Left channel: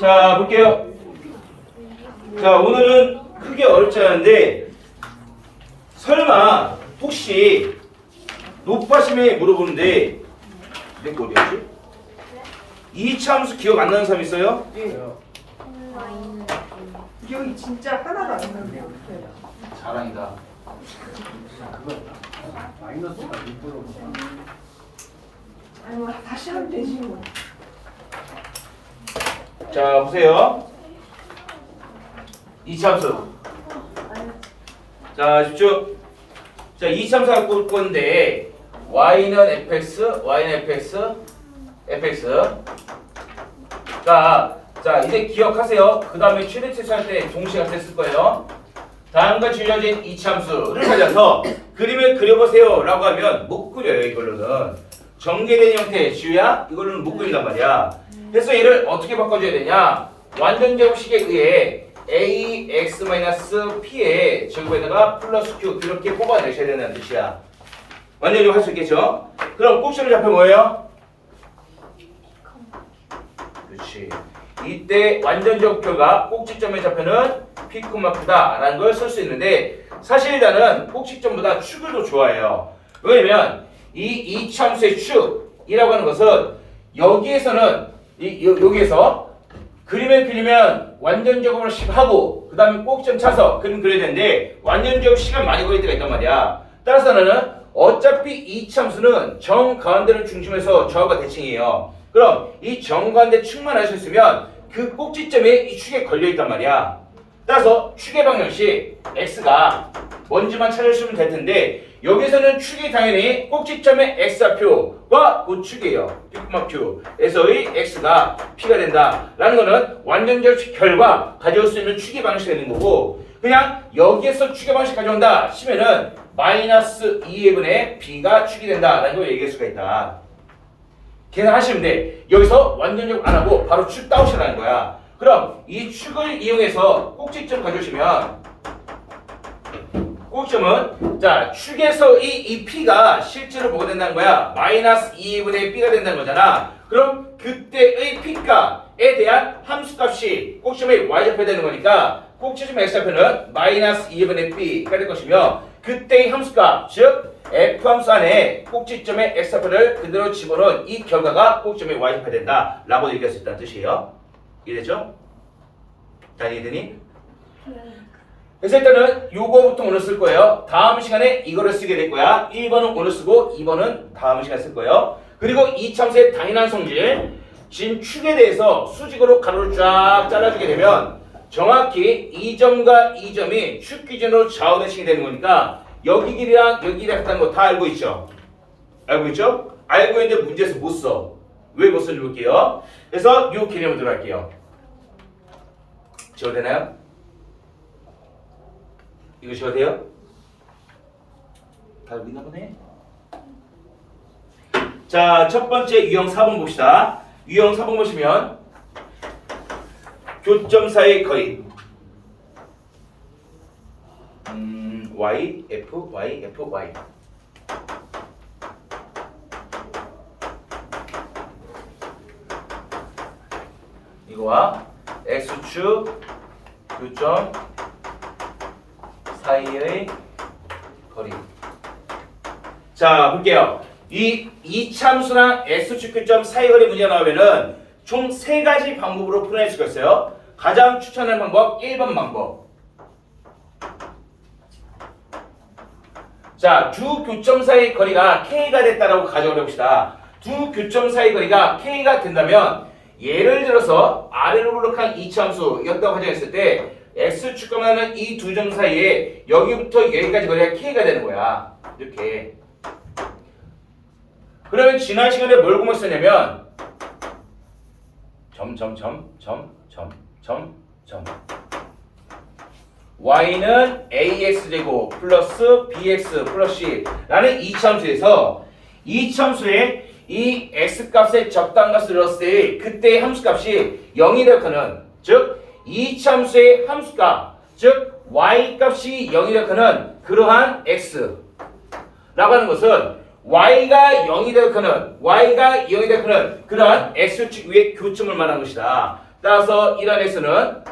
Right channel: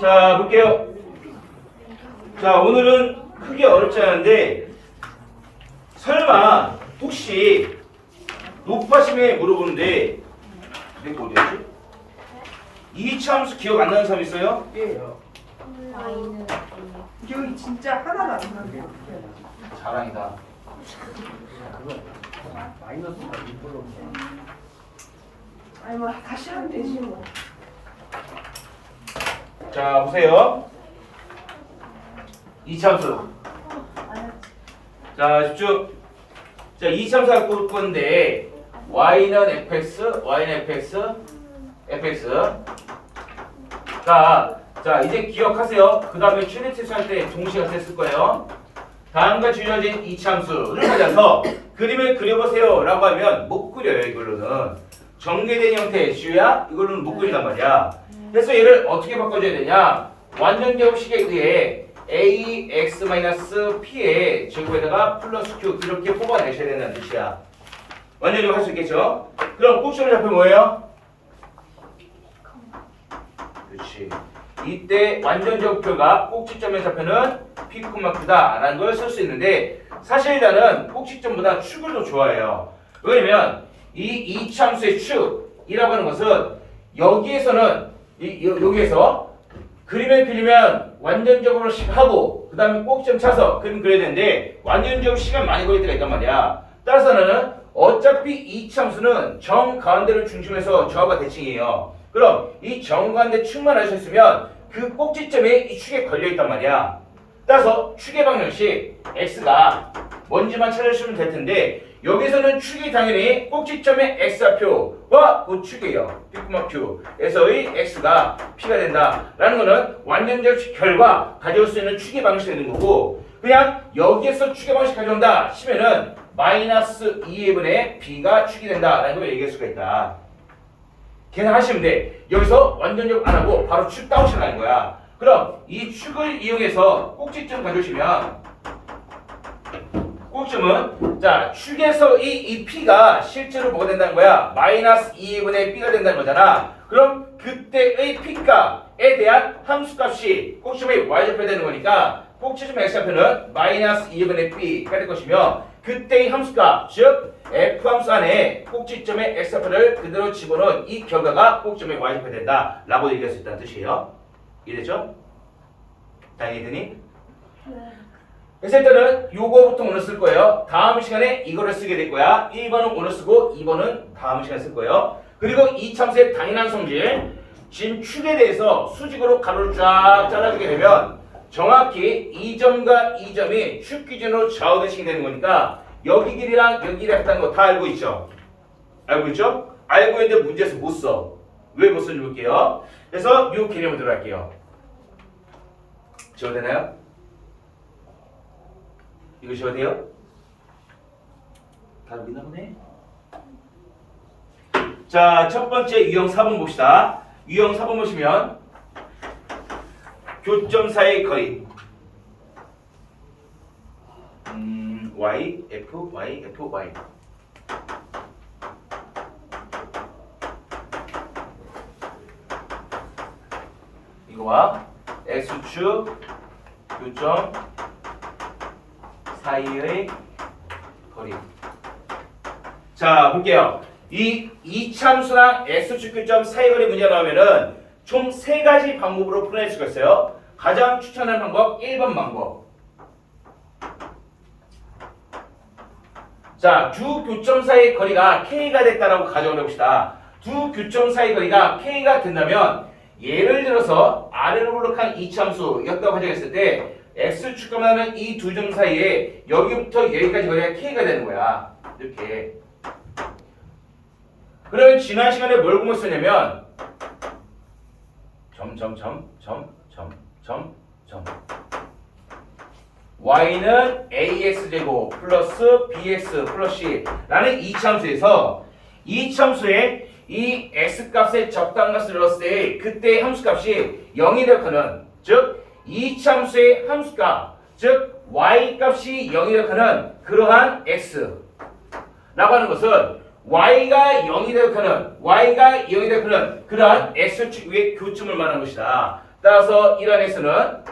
자, 볼게요. 자, 오늘은 크게 어렵지 않은데 설마 혹시 높아심에 물어보는데 내거 어디였지? 이차 함수 기억 안 나는 사람 있어요? 예. 마이너스 기억이 진짜 하나도 안 나네요. 자랑이다. 마이너스가 6으로 아니 뭐 다시 하면 되지 뭐. 자, 보세요. 이차 함수. 자, 집중. 자, 이차 함수 갖고 올 건데 y는 fx, fx. 자, 이제 기억하세요. 그 다음에 최대치수 할 때 동시에 했을 거예요. 다음과 주어진 이차함수를 찾아서 그림을 그려보세요 라고 하면 못 그려요. 이걸로는 전개된 형태의 지우야 이걸로는 못 그린단 말이야. 그래서 얘를 어떻게 바꿔줘야 되냐, 완전제곱식에 의해 ax-p의 제곱에다가 플러스 q 이렇게 뽑아내셔야 된다는 뜻이야. 완전제곱 할 수 있겠죠? 그럼 꼭지점 좌표 뭐예요? 그렇지. 이때 완전제곱표가 꼭지점의 좌표는 p, q다 라는 걸 쓸 수 있는데 사실 나는 꼭지점보다 축을 더 좋아해요. 왜냐면 이 이차함수의 축이라고 하는 것은 여기에서는 여기에서 그림을 그리면 완전제곱을 하고 그 다음에 꼭지점 차서 그림 그려야 되는데 완전제곱 시간 많이 걸릴 때가 있단 말이야. 따라서 나는 어차피 이차함수는 정 가운데를 중심해서 좌우가 대칭이에요. 그럼 이 정 가운데 축만 하셨으면 그 꼭지점이 이 축에 걸려 있단 말이야. 따라서 축의 방정식 x가 뭔지만 찾아주시면 될 텐데 여기서는 축이 당연히 꼭지점의 x좌표와 그 축이에요. Pq에서의 x가 p가 된다라는 거는 완전제곱 결과 가져올 수 있는 축의 방식이 되는 거고, 그냥 여기에서 축의 방식 가져온다 치면은 마이너스 2분의 b가 축이 된다라는 걸 얘기할 수가 있다. 계산하시면 돼. 여기서 완전제곱 안 하고 바로 축 따오시라는 거야. 그럼 이 축을 이용해서 꼭지점 가져오시면 꼭지점은 자 축에서 이 p가 실제로 뭐가 된다는 거야? 마이너스 2분의 b가 된다는 거잖아. 그럼 그때의 p값에 대한 함수값이 꼭지점의 y좌표가 되는 거니까 꼭지점 x좌표는 마이너스 2분의 b가 될 것이며 그때의 함수값 즉 f함수 안에 꼭지점의 x좌표를 그대로 집어넣은 이 결과가 꼭지점의 y좌표가 된다 라고 얘기할 수 있다는 뜻이에요. 이해됐죠? 다 이해되니? 그래서 일단은 요거부터 오늘 쓸 거예요. 다음 시간에 이거를 쓰게 될 거야. 1번은 오늘 쓰고 2번은 다음 시간에 쓸 거예요. 그리고 이 참수의 당연한 성질 진축에 대해서 수직으로 가로를 쫙 잘라주게 되면 정확히 이 점과 이 점이 축 기준으로 좌우 대칭이 되는 거니까 여기 길이랑 여기 길이랑 같다는 거 다 알고 있죠? 알고 있죠? 알고 있는데 문제에서 못 써. 왜 못 써줄 볼게요. 그래서 요 개념을 들어갈게요. 지워도 되나요? 이거 지워도 돼요? 다 보이나 보네? 자, 첫 번째 유형 4번 봅시다. 유형 4번 보시면 교점 사이의 거리 y, f, y, f, y 이거와 x축 교점 사이의 거리. 자, 볼게요. 이 이차함수나 x축 교점 사이 거리 문제가 나오면은 총 3가지 방법으로 풀어낼 수가 있어요. 가장 추천하는 방법 1번 방법. 자, 두 교점 사이의 거리가 k가 됐다라고 가정을 해봅시다. 두 교점 사이의 거리가 k가 된다면 예를 들어서 아래로 블록한 이차함수였다고 가정했을 때 x축과는 이 두 점 사이에 여기부터 여기까지 거리가 k가 되는 거야. 이렇게. 그러면 지난 시간에 뭘 공부했었냐면 y는 ax제곱 플러스 bx 플러스 c라는 이차함수에서 이차함수에 이 x값의 적당값을 넣었을 때 그때의 함수값이 0이 되거는 즉 이차함수의 함수값 즉 y값이 0이 되거는 그러한 x라고 하는 것은 y가 0이 되거는 그러한 x축 위에 교점을 말하는 것이다. 따라서 이런 x는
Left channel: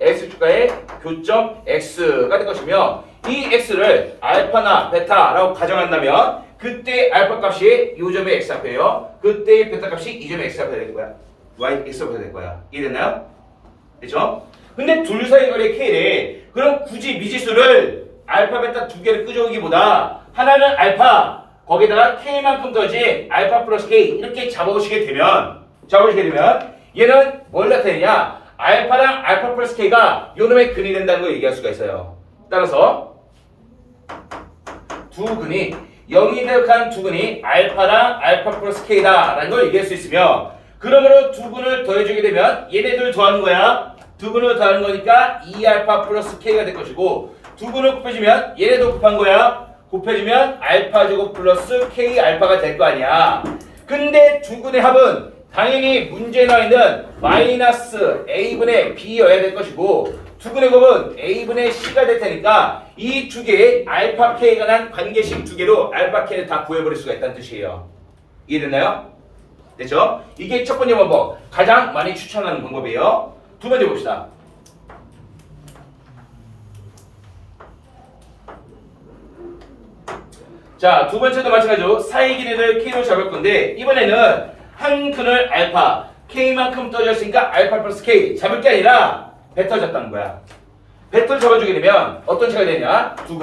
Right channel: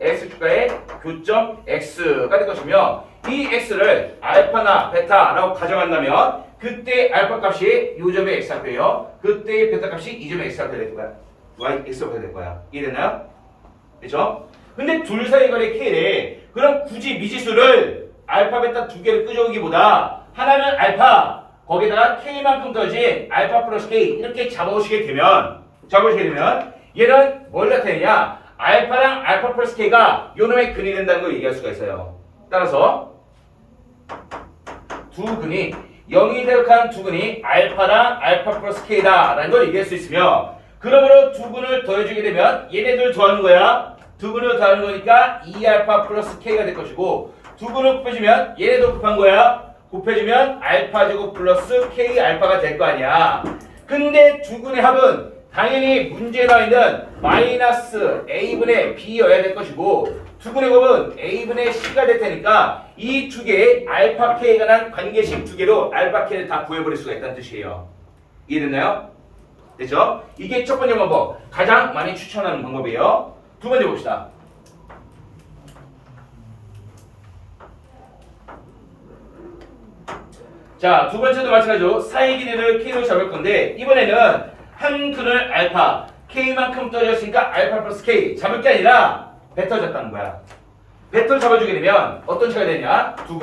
x축과의 교점 x가 될 것이며 이 x를 알파나 베타라고 가정한다면 그때 알파 값이 이 점의 x 앞이에요. 그때 베타 값이 이 점의 x 앞에 될 거야. y x 앞에 될 거야. 이해됐나요? 그렇죠? 근데 둘 사이 거리 k래. 그럼 굳이 미지수를 알파 베타 두 개를 끄적이기보다 하나는 알파 거기다가 k만큼 더해진 알파 플러스 k 이렇게 잡아보시게 되면 얘는 뭘 나타내냐? 알파랑 알파 플러스 k가 요놈의 근이 된다는 걸 얘기할 수가 있어요. 따라서 두 근이 0이 대역한 두 근이 알파랑 알파 플러스 k다라는 걸 얘기할 수 있으며 그러므로 두 근을 더해주게 되면 얘네들 더하는 거야. 두 근을 더하는 거니까 2알파 플러스 k가 될 것이고 두 근을 곱해주면 얘네도 곱한 거야. 곱해주면 알파 제곱 플러스 k 알파가 될 거 아니야. 근데 두 근의 합은 당연히 문제에 나와 있는 마이너스 a분의 b여야 될 것이고 두 근의 곱은 a분의 c가 될 테니까 이 두 개의 알파 k에 관한 관계식 두 개로 알파 k를 다 구해버릴 수가 있다는 뜻이에요. 이해됐나요? 됐죠? 이게 첫 번째 방법, 가장 많이 추천하는 방법이에요. 두 번째 봅시다. 자, 두 번째도 마찬가지로 사이 길이를 k로 잡을 건데 이번에는 한 근을 알파, k만큼 떠졌으니까 알파 플러스 k 잡을 게 아니라 베터 잡다는 거야. 베터 잡아주게 되면 어떤 차가 되냐? 두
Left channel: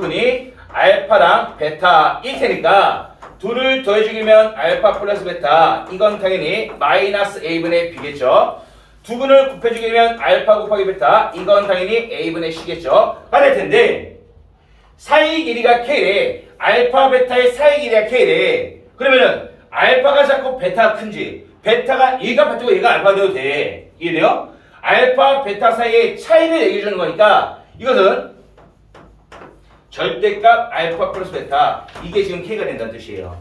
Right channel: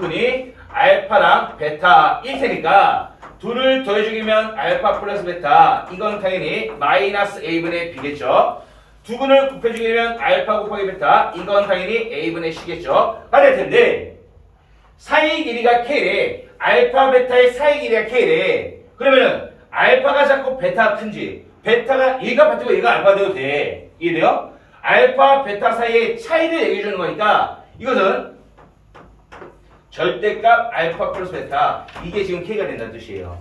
근이 알파랑 베타일 테니까 둘을 더해주기면 알파 플러스 베타 이건 당연히 마이너스 a분의 b겠죠. 두 근을 곱해주게 되면 알파 곱하기 베타 이건 당연히 a분의 c겠죠. 될 텐데 사이 길이가 k래. 알파 베타의 사이 길이가 k래. 그러면은 알파가 작고 베타가 큰지 베타가 얘가 베타고 얘가 알파 되어도 돼. 이해돼요? 알파 베타 사이의 차이를 얘기해 주는 거니까 이것은 절대값 알파 플러스 베타 이게 지금 k가 된다는 뜻이에요.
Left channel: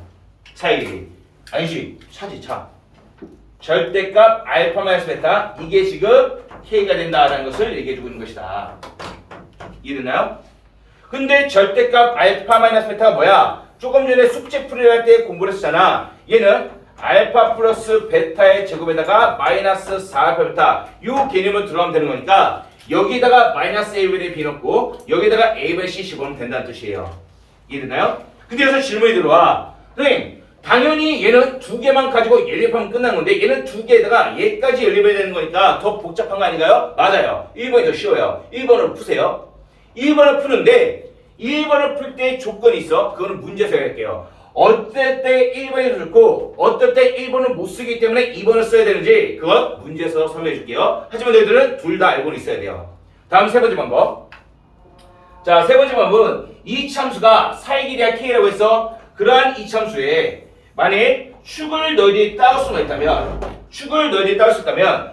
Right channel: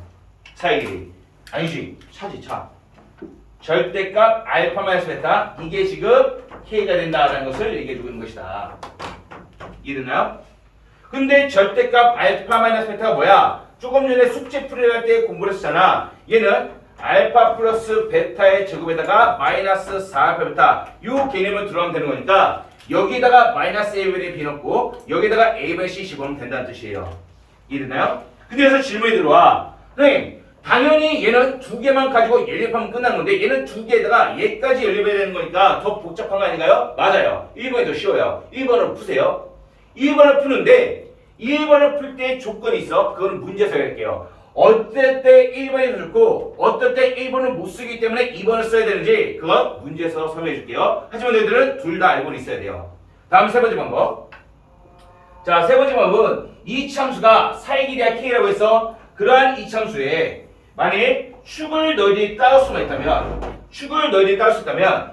사이 길이. 아니지 차지 차. 절대값 알파 마이너스 베타 이게 지금 k가 된다라는 것을 얘기해 주고 있는 것이다. 이해되나요? 근데 절대값 알파 마이너스 베타가 뭐야? 조금 전에 숙제 풀이할 때 공부를 했잖아. 얘는 알파 플러스 베타의 제곱에다가 마이너스 4알파 베타 요 개념을 들어가면 되는 거니까 여기다가 마이너스 a분의 b 넣고 여기다가 a분의 c 집어넣으면 된다는 뜻이에요. 이해되나요? 근데 여기서 질문이 들어와. 선생님 당연히 얘는 두 개만 가지고 연립하면 끝난 건데 얘는 두 개에다가 얘까지 연립해야 되는 거니까 더 복잡한 거 아닌가요? 맞아요. 1번이 더 쉬워요. 1번으로 푸세요. 1번을 푸는데 1번을 풀 때 조건이 있어. 그거는 문제에서 할게요. 어떨 때 1번이 좋고 어떨 때 1번을 못 쓰기 때문에 2번을 써야 되는지 그건 문제에서 설명해 줄게요. 하지만 너희들은 둘 다 알고는 있어야 돼요. 다음 세 번째 방법. 자, 세 번째 방법은 이 참수가 사이 길이가 k라고 해서 그러한 이 참수에 만약 축을 너희들이 따올 수가 있다면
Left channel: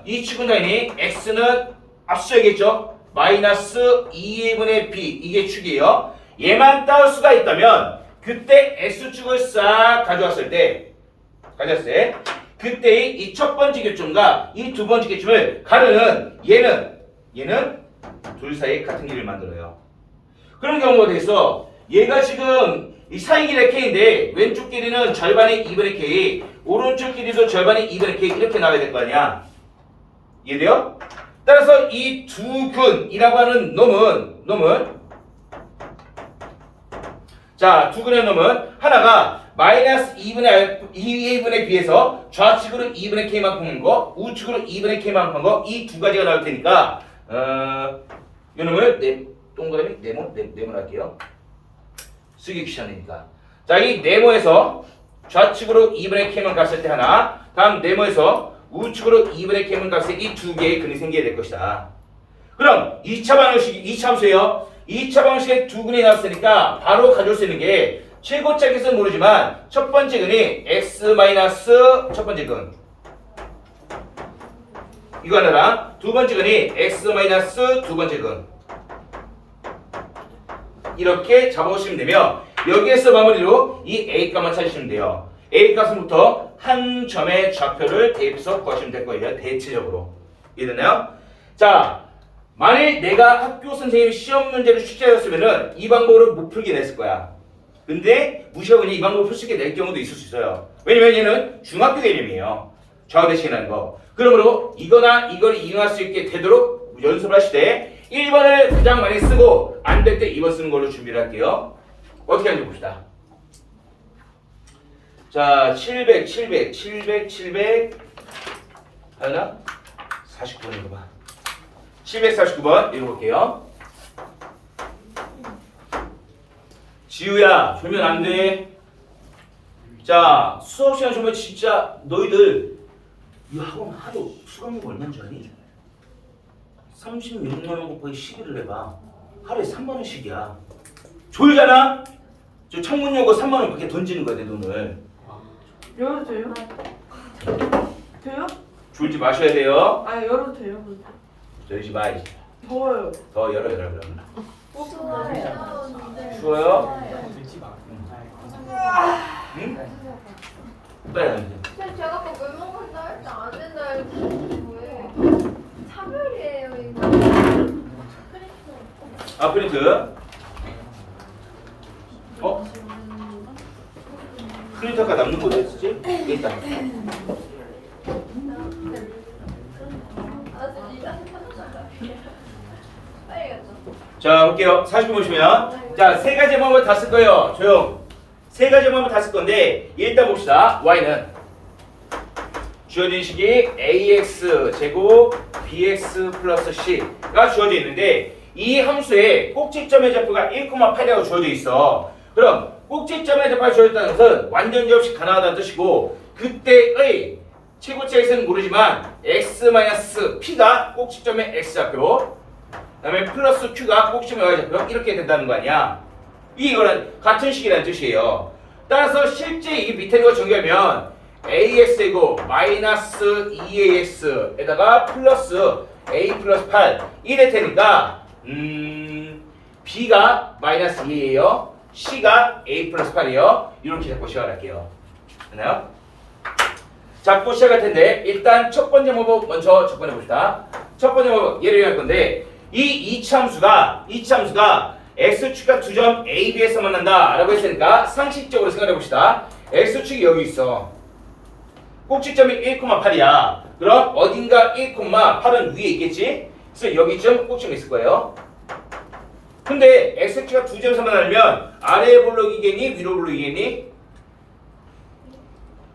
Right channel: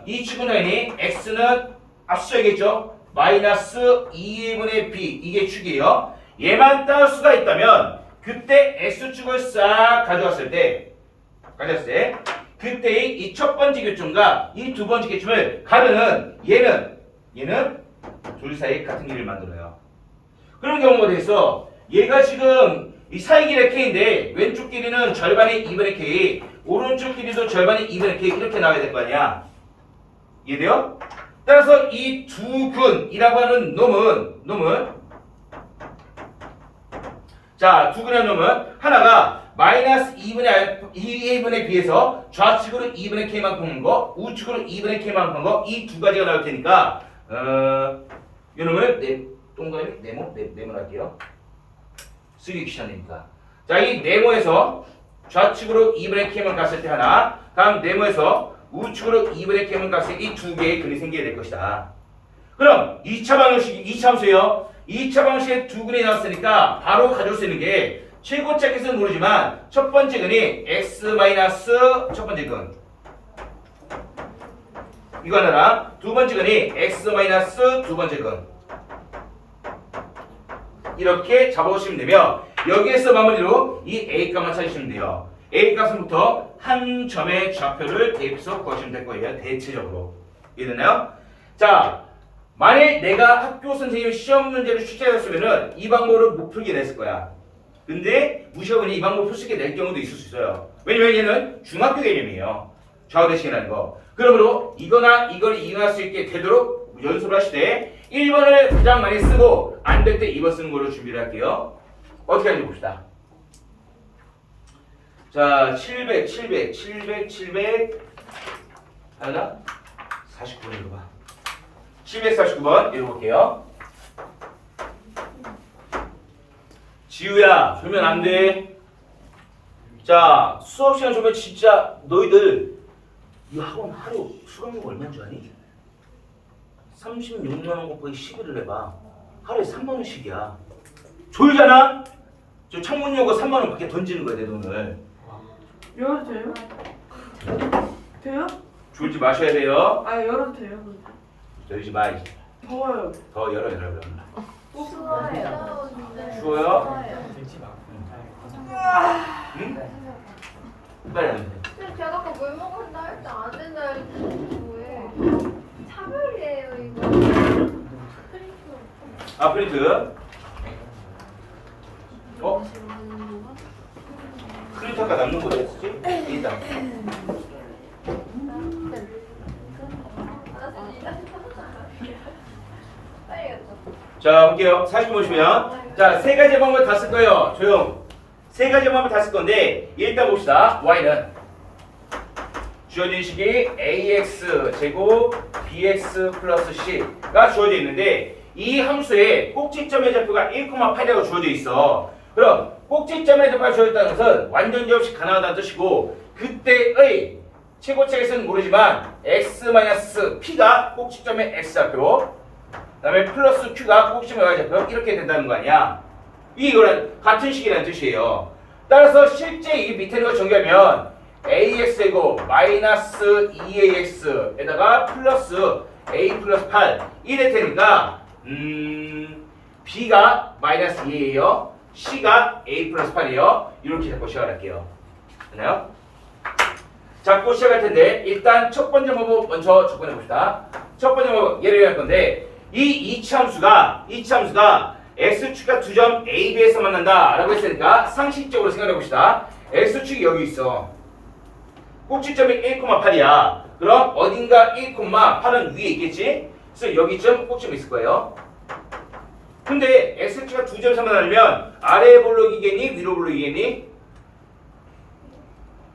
이 축은 당연히 x는 앞서야겠죠. 마이너스 2분의 b 이게 축이에요. 얘만 따올 수가 있다면 그때 x축을 싹 가져왔을 때 그때의 이 첫 번째 교점과 이 두 번째 교점을 가르는 얘는 둘 사이에 같은 길이를 만들어요. 그런 경우가 되겠어. 얘가 지금 이 사이 길이가 k인데 왼쪽 길이는 절반의 2분의 k 오른쪽 길이도 절반의 2분의 k 이렇게 나와야 될 거 아니야. 이해돼요? 따라서 이 두 근이라고 하는 놈은 자, 두 근의 놈은 하나가 마이너스 2분의 b에서 좌측으로 2분의 k만 푸는 거 우측으로 2분의 k만 푸는 거 이 두 가지가 나올 테니까 이 놈을 동그라미 네모 할게요. 쓰기 귀찮으니까. 자, 이 네모에서 좌측으로 2분의 k만 갔을 때 하나 다음 네모에서 우측으로 2분의 k만 갔을 때 이 두 개의 근이 생겨야 될 것이다. 그럼 2차 방정식 2차 함수예요. 2차 방정식에 두 근이 나왔으니까 바로 가져올 수 있는 게 최고짝에서는 모르지만 첫 번째 근이 x 마이너스 첫 번째 근 이거 하나랑 두 번째 근이 x 마이너스 두 번째 근 이렇게 잡아오시면 되며 여기에서 마무리로 이 a 값만 찾으시면 돼요. a 값은부터 한 점의 좌표를 대입해서 구하시면 될 거예요. 대체적으로 이해됐나요? 자, 만일 내가 학교 선생님이 시험 문제를 출제했으면은 이 방법으로 못 풀게 됐을 거야. 근데 무시하고 이 방법을 풀 수 있게 낼 경우도 있을 수 있어요. 왜냐면 얘는 중학교 개념이에요. 좌우대칭이라는 거. 그러므로 이거나 이걸 이용할 수 있게 되도록 연습을 하실 때 1번을 가장 많이 쓰고 안 될 때 2번 쓰는 걸로 준비를 할게요. 어떻게 하는지 봅시다. 자, 700 하나 49번인 거 봐. 749번 읽어볼게요. 지우야, 졸면 안 돼. 자, 수업 시간 졸면 진짜 너희들 이 학원 하루 수강료 얼마인 줄 아니? 36만 원 곱하기 12를 해봐. 하루에 3만 원씩이야. 졸잖아? 저 창문 열고 3만 원 밖에 던지는 거야, 내 돈을. 열어도 돼요? 돼요? 졸지 마셔야 돼요. 아 열어도 돼요? 열지 마. 더워요. 더 열어 그럼. 추워요. 추워요? 추워요. 응? 빨리 가면 돼. 선생님 제가 아까 물 먹는다 할 때 안 된다 했는데 왜? 차별이에요 이거. 프린트. 아, 프린트. 어? 프린트 아까 남는 거 어딨지? 여기 있다. 빨리 갔다. 자, 볼게요. 40분 보시면. 자, 세 가지 방법을 다 쓸 거예요. 조용. 세 가지 방법을 다 쓸 건데, 일단 봅시다. y는 주어진 식이 ax 제곱 bx 플러스 c가 주어져 있는데, 이 함수에 꼭지점의 좌표가 1,8이라고 주어져 있어. 그럼 꼭지점의 좌표가 주어졌다는 것은 완전지 없이 가능하다는 뜻이고, 그때의 최고치는 모르지만 x-p가 꼭지점의 x좌표, 그 다음에 플러스 q가 꼭지점의 y좌표 이렇게 된다는 거 아니야. 이거는 같은 식이라는 뜻이에요. 따라서 실제 이 밑에 이거 전개하면 ax제곱 마이너스 2ax에다가 플러스 a 플러스 8 이래 테니까 b가 마이너스 2예요. c가 a 플러스 8이에요. 이렇게 잡고 시작할게요. 됐나요? 잡고 시작할 텐데 일단 첫 번째 방법 먼저 접근해 봅시다. 첫 번째 방법 예를 할 건데 이 이차함수가 x축과 두 점 A, B에서 만난다 라고 했으니까 상식적으로 생각해 봅시다. x축이 여기 있어. 꼭지점이 1,8이야. 그럼 어딘가 1,8은 위에 있겠지? 그래서 여기쯤 꼭지점이 있을 거예요. 근데 x축과 두 점에서 만나면 아래 블록이겠니? 위로 블록이겠니?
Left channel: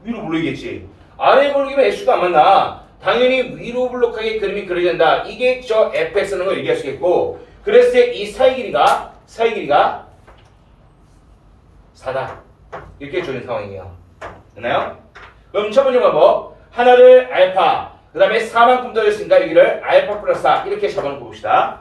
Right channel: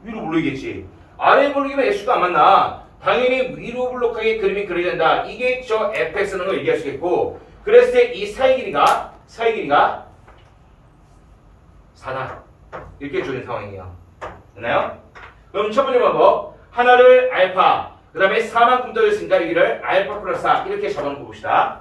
위로 블록이겠지. 아래 블록이면 x축과 안 만나. 당연히 위로 블록하게 그림이 그려야 된다. 이게 저 fx라는 걸 얘기할 수 있겠고, 그랬을 때 이 사이 길이가 4다. 이렇게 주어진 상황이에요. 됐나요? 그럼 첫 번째 방법, 하나를 알파, 그 다음에 4만큼 떨어졌으니까 여기를 알파 플러스 4 이렇게 잡아놓고 봅시다.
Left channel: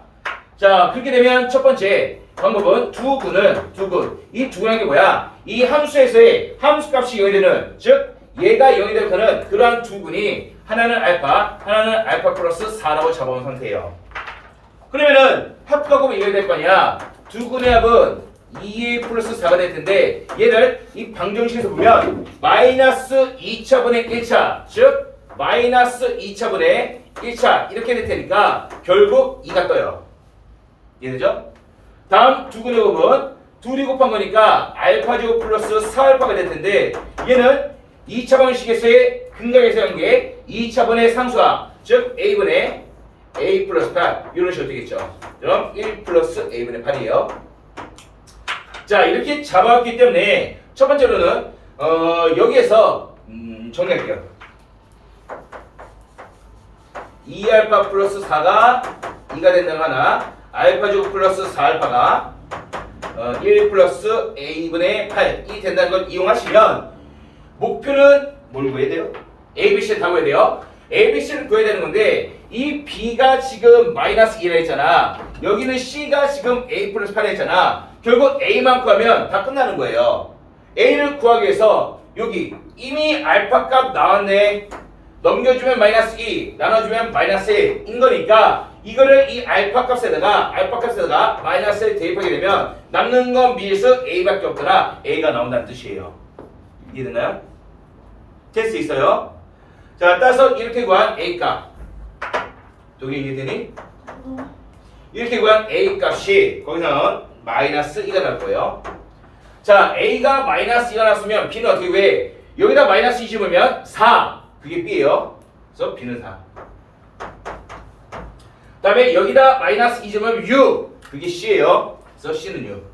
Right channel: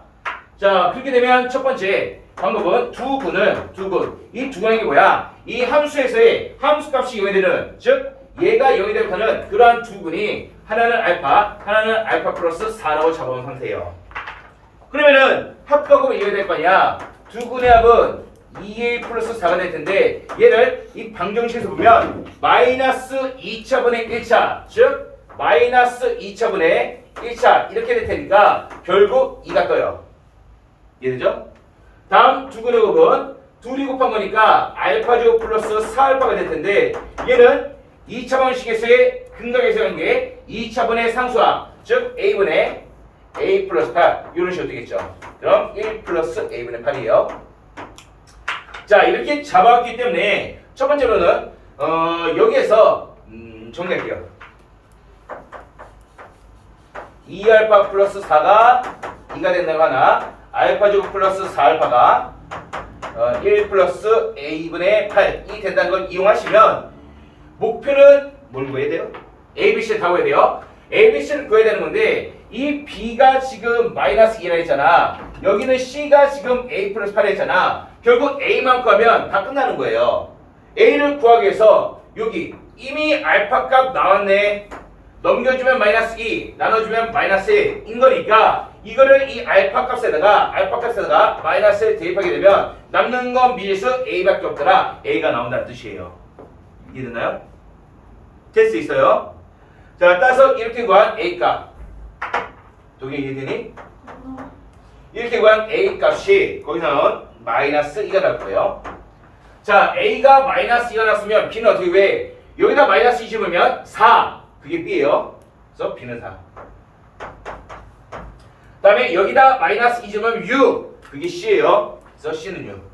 자, 그렇게 되면 첫 번째 방법은 두 군. 이 두 군이 뭐야? 이 함수에서의 함수값이 0이 되는, 즉 얘가 0이 되는 그러한 두 군이 하나는 알파 플러스 4라고 잡아온 상태예요. 그러면은 합각하면 이게 될 거 아니야. 두 군의 합은 2a 플러스 4가 될 텐데 얘를 이 방정식에서 보면 마이너스 2차분의 1차, 즉 마이너스 2차분의 1차 이렇게 될 테니까 결국 2가 떠요. 이해되죠? 다음 두 군의 곱은 둘이 곱한 거니까 알파제곱 플러스 4알파가 될 텐데 얘는 2차 방식에서의 근각에서 관계 2차분의 상수항, 즉 a분의 a 플러스 8 이런 식으로 되겠죠. 그럼 1 플러스 a분의 8이에요. 자, 이렇게 잡아왔기 때문에 첫 번째로는 여기에서 정리할게요. 2알파 플러스 4가 2가 된다고 하나, 알파제곱 플러스 4알파가 1 플러스 a분의 8이 된다는 걸 이용하시면 목표는 뭘 구해야 돼요? ABC를 다 구해야 돼요. ABC를 구해야 되는 건데 이 B가 지금 마이너스 2라 했잖아. 여기는 C가 지금 A 플러스 8라 했잖아. 결국 A만 구하면 다 끝나는 거예요. A를 구하기 위해서 여기 이미 알파 값 나왔네. 넘겨주면 마이너스 2, 나눠주면 마이너스 1인 거니까 이거를 이 알파 값에다가 마이너스를 대입하게 되면 남는 건 미에서 A밖에 없더라. A가 나온다는 뜻이에요. 이해됐나요? 테스트 있어요. 자, 따라서 이렇게 구한 A 값. 독일 이해되니? 이렇게 구한 A 값이 거기서는 마이너스 2가 나올 거예요. 자, A가 마이너스 2가 나왔으면 B는 어떻게 돼? 여기다 마이너스 2 집으면 4. 그게 B예요. 그래서 B는 4. 다음에 여기다 마이너스 2 집으면 6. 그게 C예요. 그래서 C는 6.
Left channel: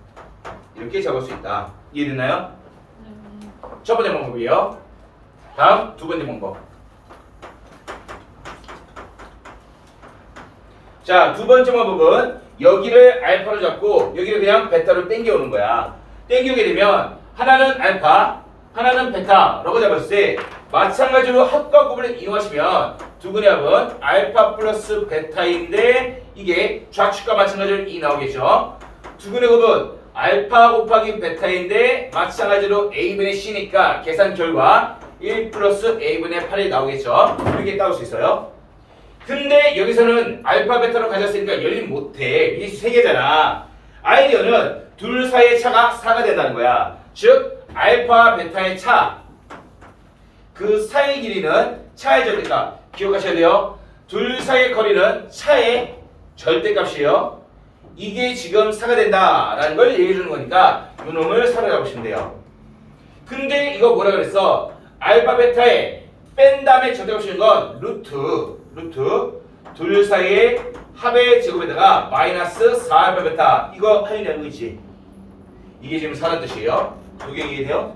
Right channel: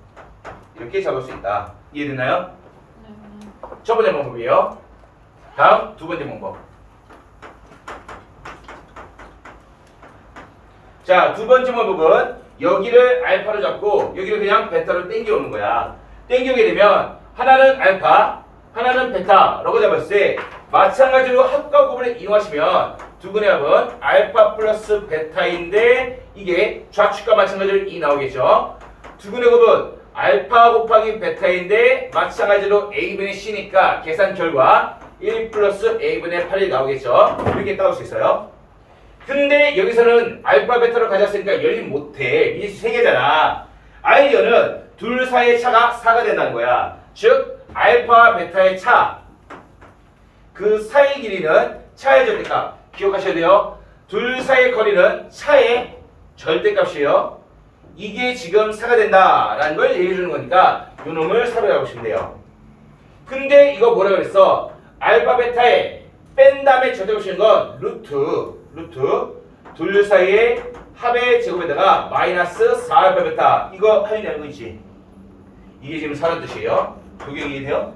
이렇게 적을 수 있다. 이해됐나요? 첫 번째 방법이에요. 다음 두 번째 방법. 자, 두 번째 방법은 여기를 알파로 잡고 여기를 그냥 베타로 땡겨오는 거야. 땡겨오게 되면 하나는 알파, 하나는 베타라고 잡았을 때 마찬가지로 합과 곱을 이용하시면 두 분의 합은 알파 플러스 베타인데 이게 좌측과 마찬가지로 2 나오겠죠. 두 분의 곱은 알파 곱하기 베타인데 마찬가지로 a분의 c니까 계산 결과 1 플러스 a분의 8이 나오겠죠. 이렇게 따올 수 있어요. 근데 여기서는 알파 베타로 가졌으니까 열림 못해. 이 세 개잖아. 아이디어는 둘 사이의 차가 4가 된다는 거야. 즉 알파 베타의 차, 그 사이의 길이는 차의 절대값. 기억하셔야 돼요. 둘 사이의 거리는 차의 절대값이에요. 이게 지금 4가 된다라는 걸 얘기해 주는 거니까 이 놈을 사로잡으시면 돼요. 근데 이거 뭐라 그랬어? 알파 베타에 뺀 다음에 절대값인 건 루트 둘 사이의 합의 제곱에다가 마이너스 4알파 베타. 이거 할인하는 거 있지? 이게 지금 4란 뜻이에요. 그게 이해돼요?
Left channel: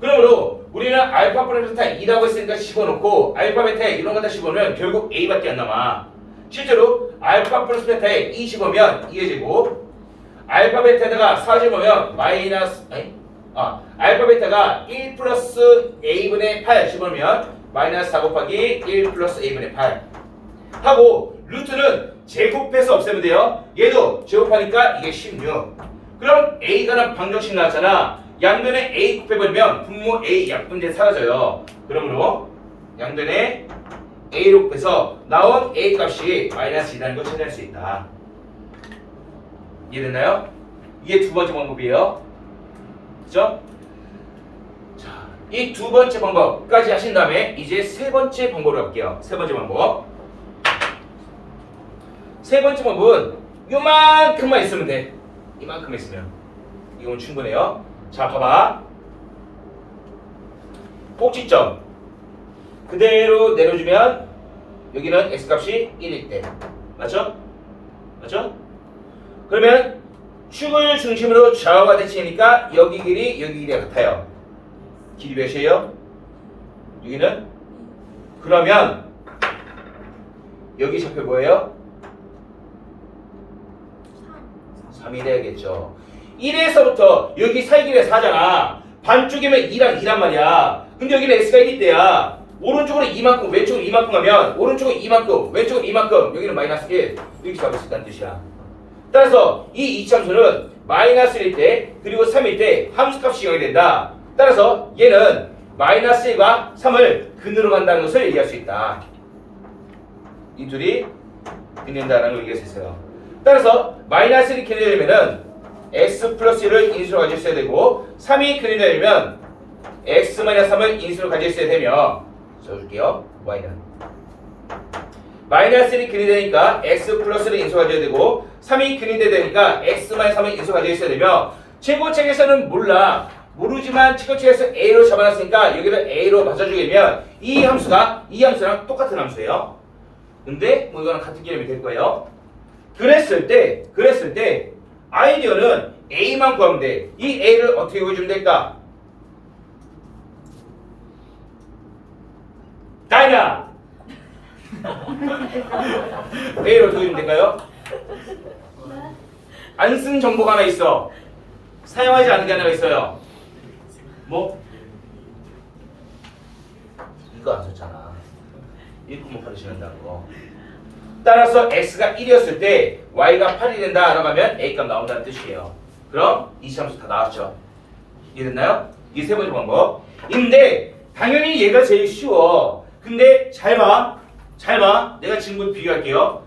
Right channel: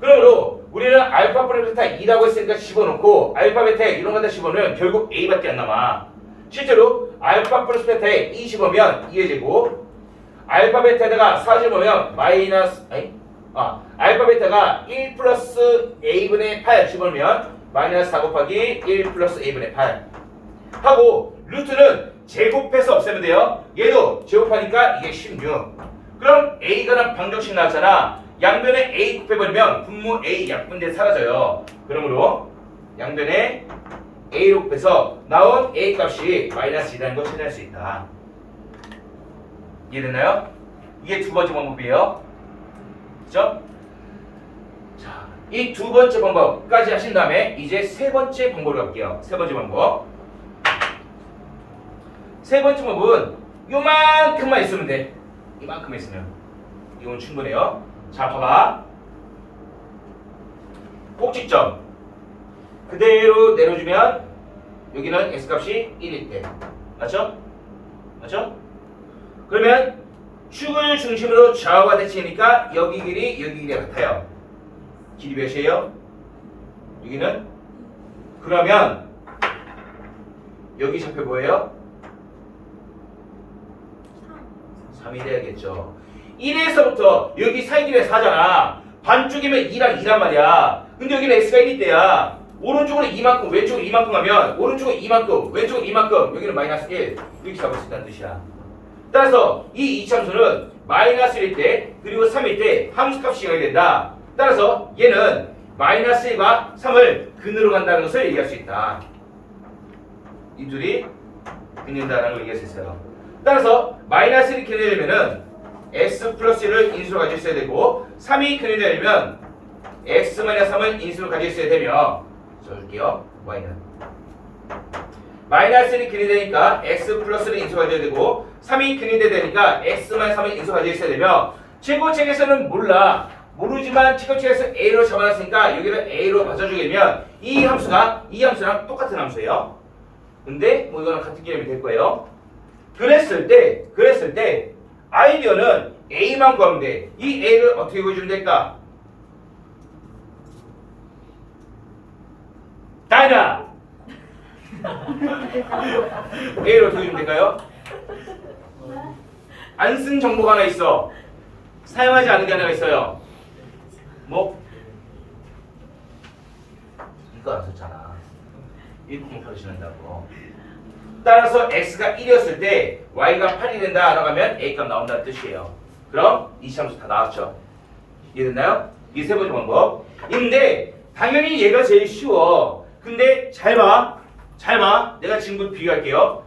그러므로 우리는 알파 플러스 베타 2라고 했으니까 집어넣고 알파 베타에 이런 거 다 집어넣으면 결국 a밖에 안 남아. 실제로 알파 플러스 베타에 2 집으면 2의 제곱, 알파 베타에다가 4 집으면 알파 베타가 1 플러스 a분의 8 집으면 마이너스 4 곱하기 1 플러스 a분의 8 하고 루트는 제곱해서 없애면 돼요. 얘도 제곱하니까 이게 16. 그럼 a가 방정식 나왔잖아. 양변에 a 곱해버리면 분모 a 약분대 사라져요. 그러므로 양변에 a로 곱해서 나온 a 값이 마이너스 2라는 걸 찾아낼 수 있다. 이해됐나요? 이게 두 번째 방법이에요. 그죠? 자, 이 두 번째 방법까지 하신 다음에 이제 세 번째 방법으로 갈게요. 세 번째 방법. 세 번째 방법은 요만큼만 있으면 돼. 이만큼만 있으면 이건 충분해요. 자, 봐봐. 꼭지점 그대로 내려주면 여기는 x값이 1일 때 맞죠? 맞죠? 그러면 축을 중심으로 좌우가 대칭이니까 여기 길이 여기 길이가 같아요. 길이 몇이에요? 여기는? 그러면 여기 좌표 뭐예요? 3이 돼야겠죠. 1에서부터 여기 사이 길이 4잖아. 반쪽이면 2랑 2란 말이야. 근데 여기는 x가 1일 때야. 오른쪽으로 이만큼 왼쪽으로 이만큼 하면 오른쪽은 이만큼 왼쪽은 이만큼 여기는 마이너스 1 이렇게 잡을 수 있다는 뜻이야. 따라서 이 이차함수는 마이너스 1일 때 그리고 3일 때 함수값이 0이 된다. 따라서 얘는 마이너스 1과 3을 근으로 간다는 것을 얘기할 수 있다. 이 둘이 근된다는 걸 얘기할 수 있어요. 따라서 마이너스 1이 근되려면은 x 플러스 1을 인수로 가지고 있어야 되고 3이 근되려면 x 마이너스 3을 인수로 가지고 있어야 되며 써줄게요. y는 마이너스 1이 근이 되니까 x 플러스를 인수 가져야 되고 3이 근이 되니까 x 마이너스 3을 인수 가져야 있어야 되며 최고책에서는 몰라. 모르지만 최고책에서 a로 잡아놨으니까 여기를 a로 맞춰주게 되면 이 함수랑 똑같은 함수예요. 근데 뭐 이거는 같은 개념이 될 거예요. 그랬을 때 아이디어는 a만 구하면 돼. 이 a를 어떻게 구해주면 될까? 다이나 A를 어떻게 주면 될까요? 안 쓴 정보가 하나 있어. 사용하지 않은 게 하나가 있어요. 뭐? 이거 안 썼잖아. 1,8을 신한다고. 따라서 x가 1이었을 때 y가 8이 된다 라고 하면 a값 나온다는 뜻이에요. 그럼 이 함수 다 나왔죠. 이해됐나요? 이게 세 번째 방법. 인데 당연히 얘가 제일 쉬워. 근데 잘 봐. 내가 지금 비교할게요.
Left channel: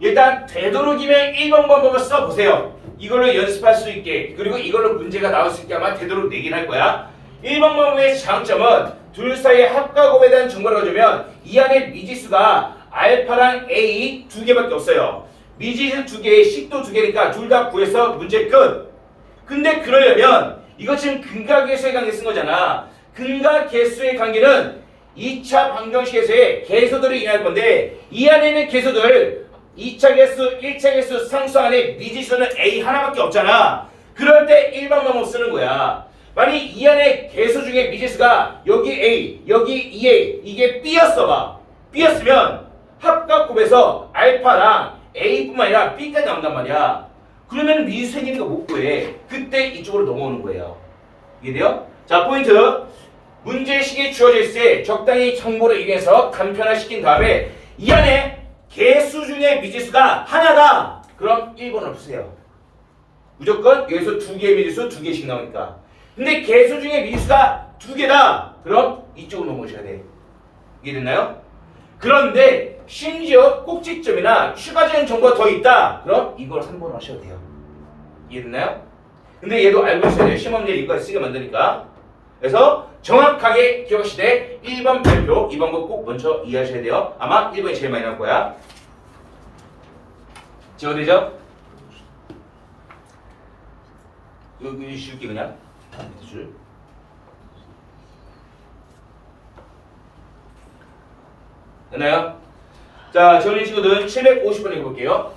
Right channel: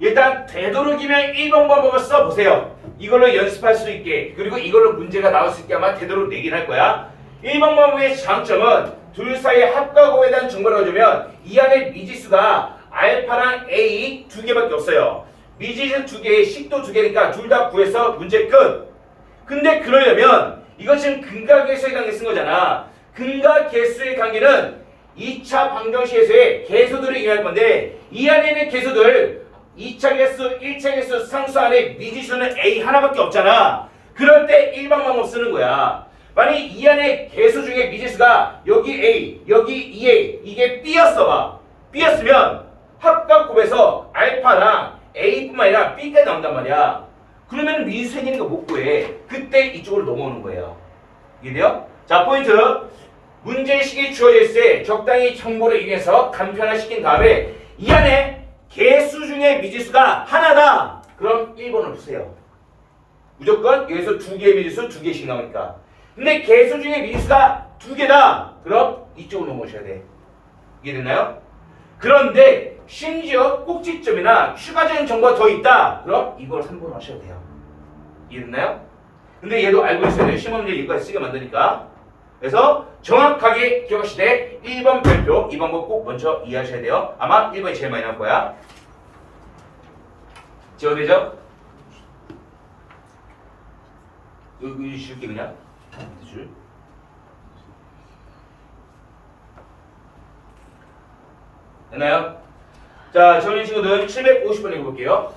일단 되도록이면 1번 방법을 써보세요. 이걸로 연습할 수 있게 그리고 이걸로 문제가 나올 수 있게 아마 되도록 내긴 할 거야. 1번 방법의 장점은 둘 사이의 합과 곱에 대한 정보를 가져오면 이 안에 미지수가 알파랑 A 두 개밖에 없어요. 미지수 두 개에 식도 두 개니까 둘 다 구해서 문제 끝. 근데 그러려면 이거 지금 근과 계수의 관계 쓴 거잖아. 근과 계수의 관계는 2차 방정식에서의 계수들을 이해할 건데 이 안에 있는 계수들 2차 계수, 1차 계수 상수 안에 미지수는 A 하나밖에 없잖아. 그럴 때 일반 방법 쓰는 거야. 만약 이 안에 계수 중에 미지수가 여기 A, 여기 2A, 이게 B였어 봐. B였으면 합각곱에서 알파랑 A뿐만 아니라 B까지 나온단 말이야. 그러면 미지수 생기는 거 못 구해. 그때 이쪽으로 넘어오는 거예요. 이해돼요? 자, 포인트. 문제식이 주어져 있을 때 적당히 정보를 이용해서 간편화시킨 다음에 이 안에 개수 중에 미지수가 하나다. 그럼 1번을 푸세요. 무조건 여기서 두 개의 미지수 두 개씩 나오니까. 근데 개수 중에 미지수가 두 개다. 그럼 이쪽으로 넘어오셔야 돼. 이해됐나요? 그런데 심지어 꼭지점이나 추가적인 정보가 더 있다. 그럼 이걸 3번으로 하셔도 돼요. 이해됐나요? 근데 얘도 알고 있어야 돼요. 시험 문제 이거까지 쓰게 만드니까. 그래서 정확하게 기억하시되 1번 별표, 2번 거 꼭 먼저 이해하셔야 돼요. 아마 1번이 제일 많이 나올 거야. 지워되죠? 여기 줄게 그냥. 밑에 줄. 됐나요? 자, 정리 친구들 750번 읽어볼게요.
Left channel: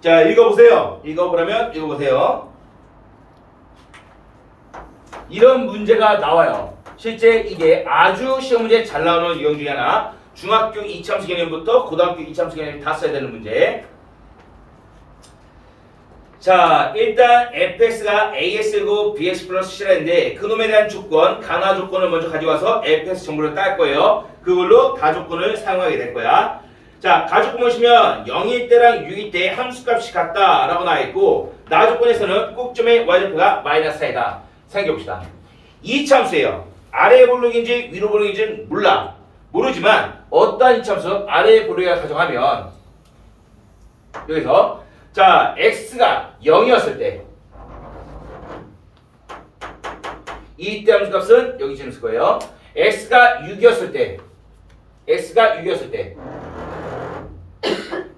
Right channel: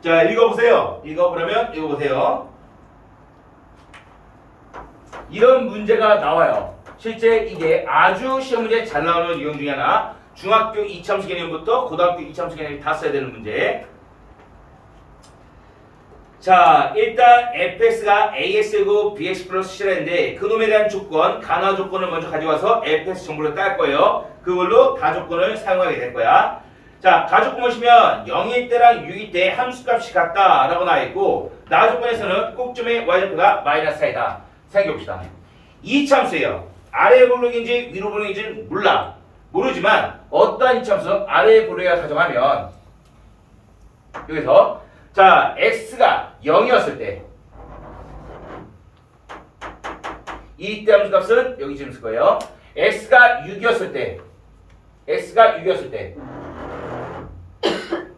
자, 읽어보세요. 읽어보라면 읽어보세요. 이런 문제가 나와요. 실제 이게 아주 시험 문제 잘 나오는 유형 중에 하나. 중학교 이참수 개념부터 고등학교 이참수 개념을 다 써야 되는 문제. 자, 일단 fx가 ax고 bx 플러스 c라는데 그놈에 대한 조건, 간화 조건을 먼저 가져와서 fx 정보를 딸 거예요. 그걸로 다조건을 사용하게 될 거야. 자, 가조건 보시면 0일 때랑 6일 때 함수값이 같다 라고 나와있고 나조건에서는 꼭점의 y좌표가 마이너스 4이다. 생각해봅시다. 이참수예요. 아래 볼록인지 위로 볼록인지 몰라. 모르지만 어떠한 이참수 아래 볼록이라 가정하면 여기서 자, x가 0이었을 때 이때 함수값은 여기 지금 쓸 거예요. x가 6이었을 때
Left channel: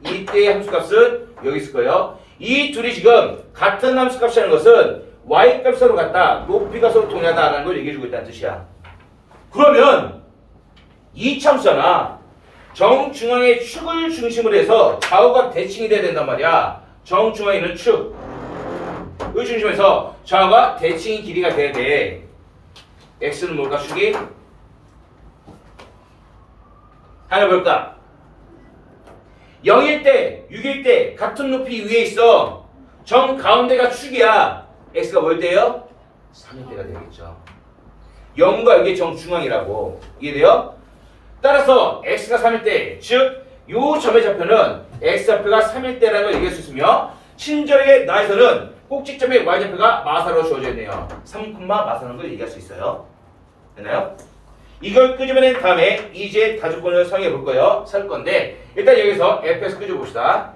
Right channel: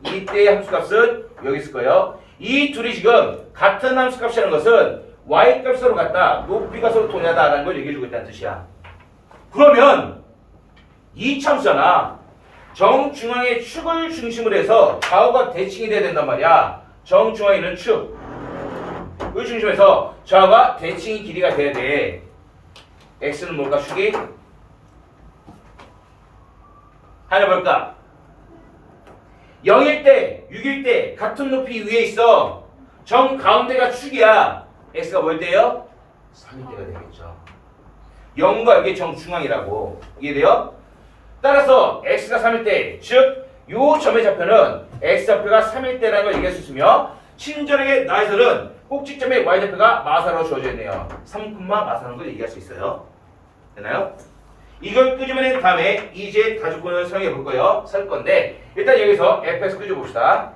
이때의 함수값은 여기 쓸 거예요. 이 둘이 지금 같은 함수값이라는 것은 y값이 서로 같다, 높이가 서로 동일하다라는 걸 얘기해주고 있다는 뜻이야. 그러면 이 참수잖아. 정중앙의 축을 중심으로 해서 좌우가 대칭이 돼야 된단 말이야. 정중앙에 있는 축을 중심에서 좌우가 대칭이 길이가 돼야 돼. x는 뭘까? 축이 하나 볼까? 0일 때, 6일 때 같은 높이 위에 있어. 정 가운데가 축이야. x가 뭘 때요? 3일 때가 되겠죠. 0과 여기 정중앙이라고. 이해돼요? 따라서 x가 3일 때, 즉 요 점의 좌표는 x좌표가 3일 때라는 걸 얘기할 수 있으며 친절하게 나에서는 꼭지점의 y좌표가 마사로 주어져 있네요. 3, 마사라는 걸 얘기할 수 있어요. 되나요? 이걸 끄집어낸 다음에 이제 다조건을 사용해 볼 거예요. 살 건데 일단 여기서 fx 끄집어 봅시다.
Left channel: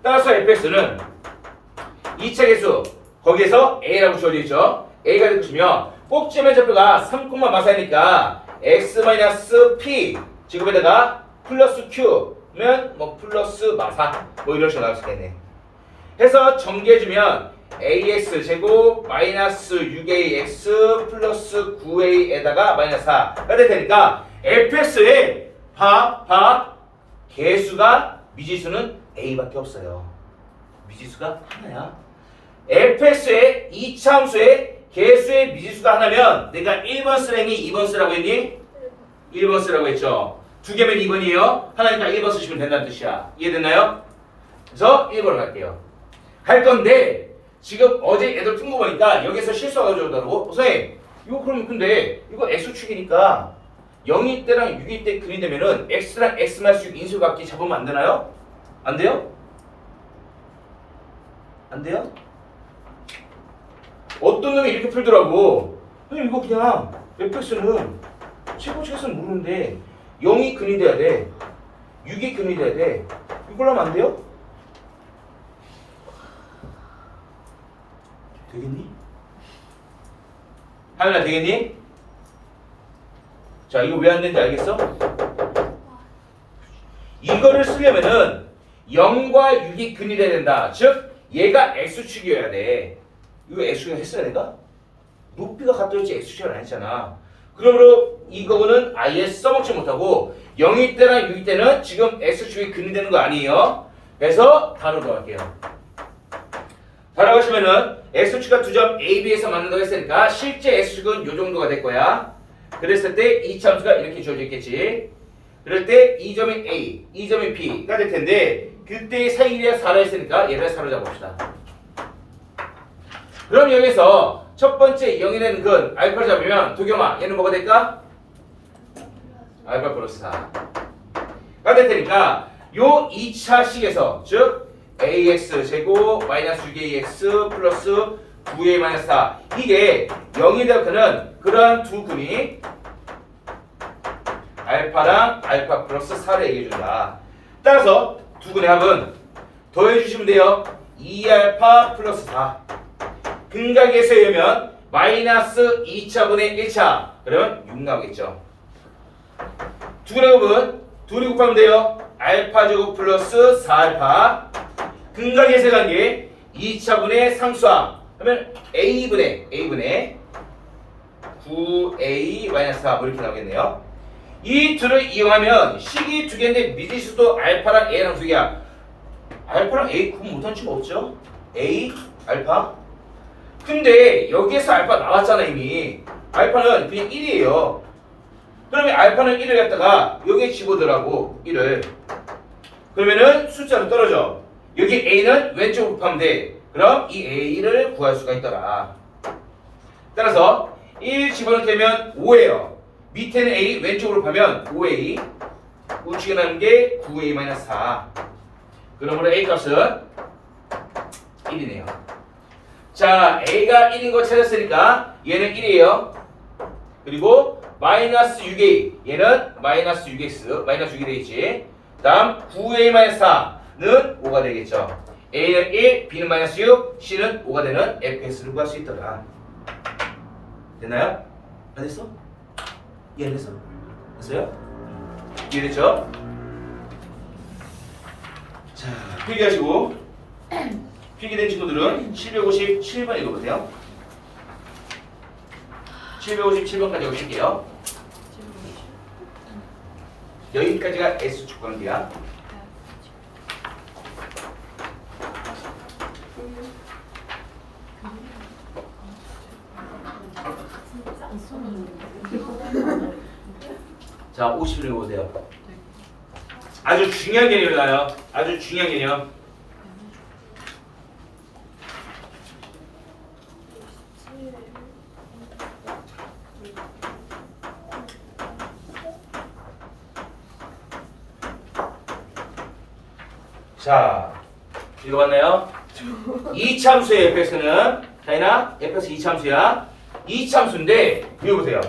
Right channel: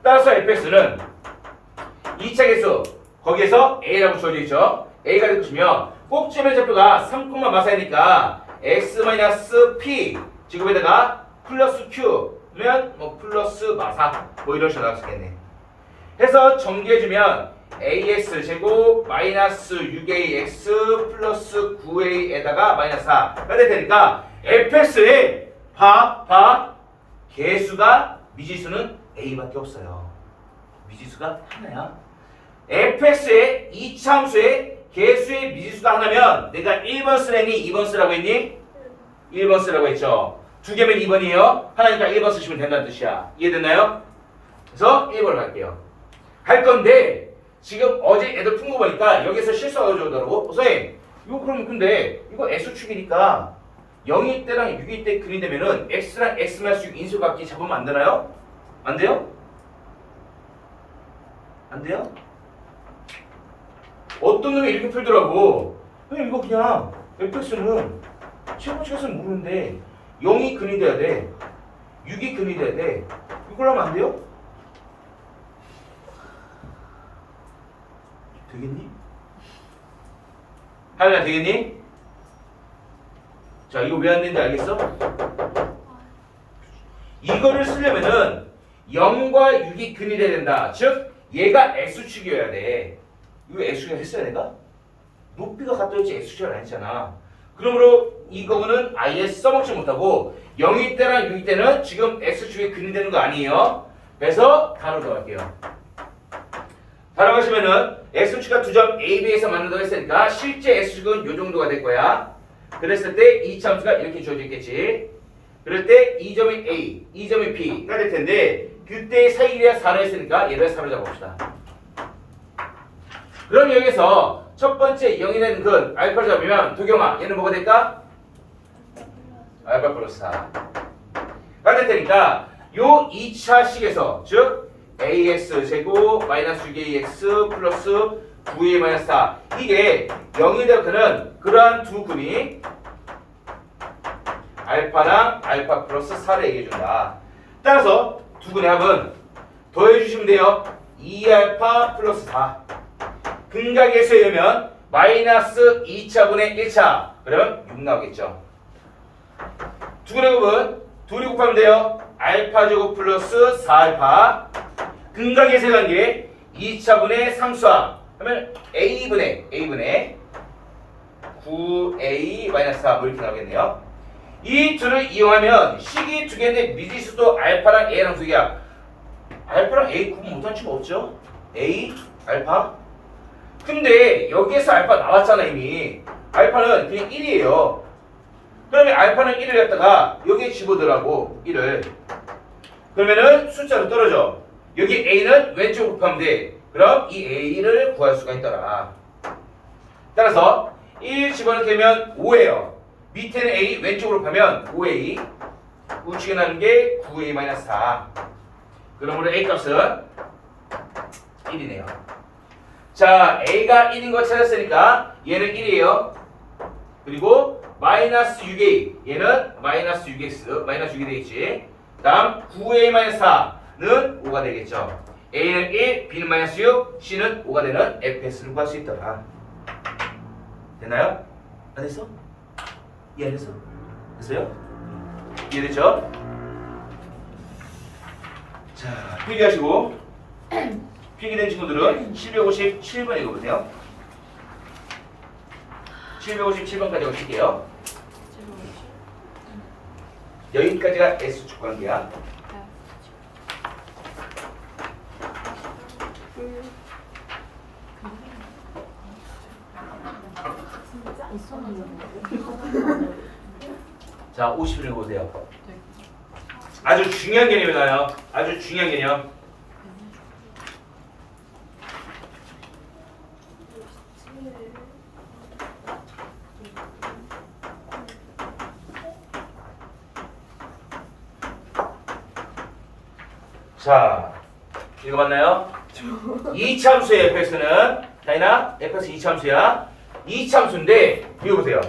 따라서 fx는 2차 계수 거기에서 a라고 주어져 있죠. a가 되시면 꼭지점의 좌표가 3, 마사이니까 x-p 지금에다가 플러스 q면 뭐 플러스 마사 뭐 이런 식으로 나올 수 있겠네. 해서 정리해주면 ax 제곱 마이너스 6ax 플러스 9a에다가 마이너스 4가 될 테니까 fx의 개수가 미지수는 a밖에 없어요. 미지수가 하나야. fx의 이차함수의 개수의 미지수가 하나면 내가 1번 쓰라니 2번 쓰라고 했니? 1번 쓰라고 했죠. 두 개면 2번이에요. 하나니까 1번 쓰시면 된다는 뜻이야. 이해됐나요? 그래서 1번을 갈게요. 할 건데 지금 어제 애들 푼 거 보니까 여기서 실수가 나오더라고. 선생님 이거 그럼 근데 이거 x축이니까 0일 때랑 6일 때 근이 되면은 x랑 x-6 인수각지 잡으면 안 되나요? 안 돼요? 안 돼요? 어떤 놈이 이렇게 풀더라고. 이거 그냥 fx는 최고치에서는 모르는데 0이 근이 돼야 돼. 6이 근이 돼야 돼. 이걸로 하면 안 돼요? 되겠니? 하연아 되겠니? 자 이거 왜 안 되는지 알겠어? 이거를 쓰려면은 0과 6이 근이 돼야 된다. 즉 얘가 x축이어야 돼. 이거 x축 했어야 내가? 높이가 같아야지 x축을 안 했잖아. 그러므로 이거는 아예 써먹지 못하고 0일 때랑 6일 때는 지금 x축이 근되는 거 아니에요. 그래서 바로 들어갈게요. 바로 가시면은 x축과 두 점 A, B에서 만난다고 했으니까 실제 x축은 요 정도가 될 거야. 그랬을 때 이 참수가 이렇게 주어져 있겠지. 그럴 때 이 점이 A, 이 점이 B가 될 텐데 그때 사이에 4를 했으니까 얘를 4로 잡읍시다. 그럼 여기서 첫 번째 0이 되는 근 알파를 잡으면 도경아 얘는 뭐가 될까? 알파 플러스 4가 될 테니까 요 2차 식에서 즉 ax 제곱 마이너스 6ax 플러스 9a 마이너스 4 이게 0이 되었다는 그러한 두 근이 알파랑 알파 플러스 4를 얘기해준다. 따라서 두 근의 합은 더해주시면 돼요. 2알파 플러스 4 근각에서 열면 마이너스 2차분의 1차 그러면 6 나오겠죠. 두 근의 합은 둘이 곱하면 돼요. 알파 제곱 플러스 4알파 근각에서 관계 2차분의 상수항 하면 a분의 9a 마이너스 4 이렇게 나오겠네요. 이 둘을 이용하면 식이 두 개인데 미지수도 알파랑 a랑 두 개야. 알파랑 a 구분 못한 친구 없죠? a 알파 근데 여기에서 알파 나왔잖아 이미. 알파는 그냥 1이에요. 그러면 알파는 1을 갖다가 여기에 집어넣으라고 1을. 그러면은 숫자로 떨어져. 여기 a는 왼쪽으로 곱하면 돼. 그럼 이 a를 구할 수가 있더라. 따라서 1 집어넣으면 5예요. 밑에는 a 왼쪽으로 곱하면 5a 우측에 나는 게 9a-4 그러므로 a 값은 1이네요. 자, a가 1인 거 찾았으니까 얘는 1이에요. 그리고 마이너스 6a 얘는 마이너스 6x 마이너스 6이 되겠지. 그 다음 9a-4는 5가 되겠죠. a는 1, b는 마이너스 6, c는 5가 되는 fx를 구할 수 있더라. 됐나요? 안 됐어? 이해 안 됐어? 됐어요? 이해됐죠? 자, 필기하시고 필기된 친구들은 757번 읽어보세요. 757번까지 읽을게요. 여기까지가 S축 관계야. 자, 50을 읽어보세요. 아주 중요한 개념이 나요. 아주 중요한 개념. 자, 읽어봤나요? 이참수의 fx는 다이나 fx 이참수야. 이참수인데 읽어보세요.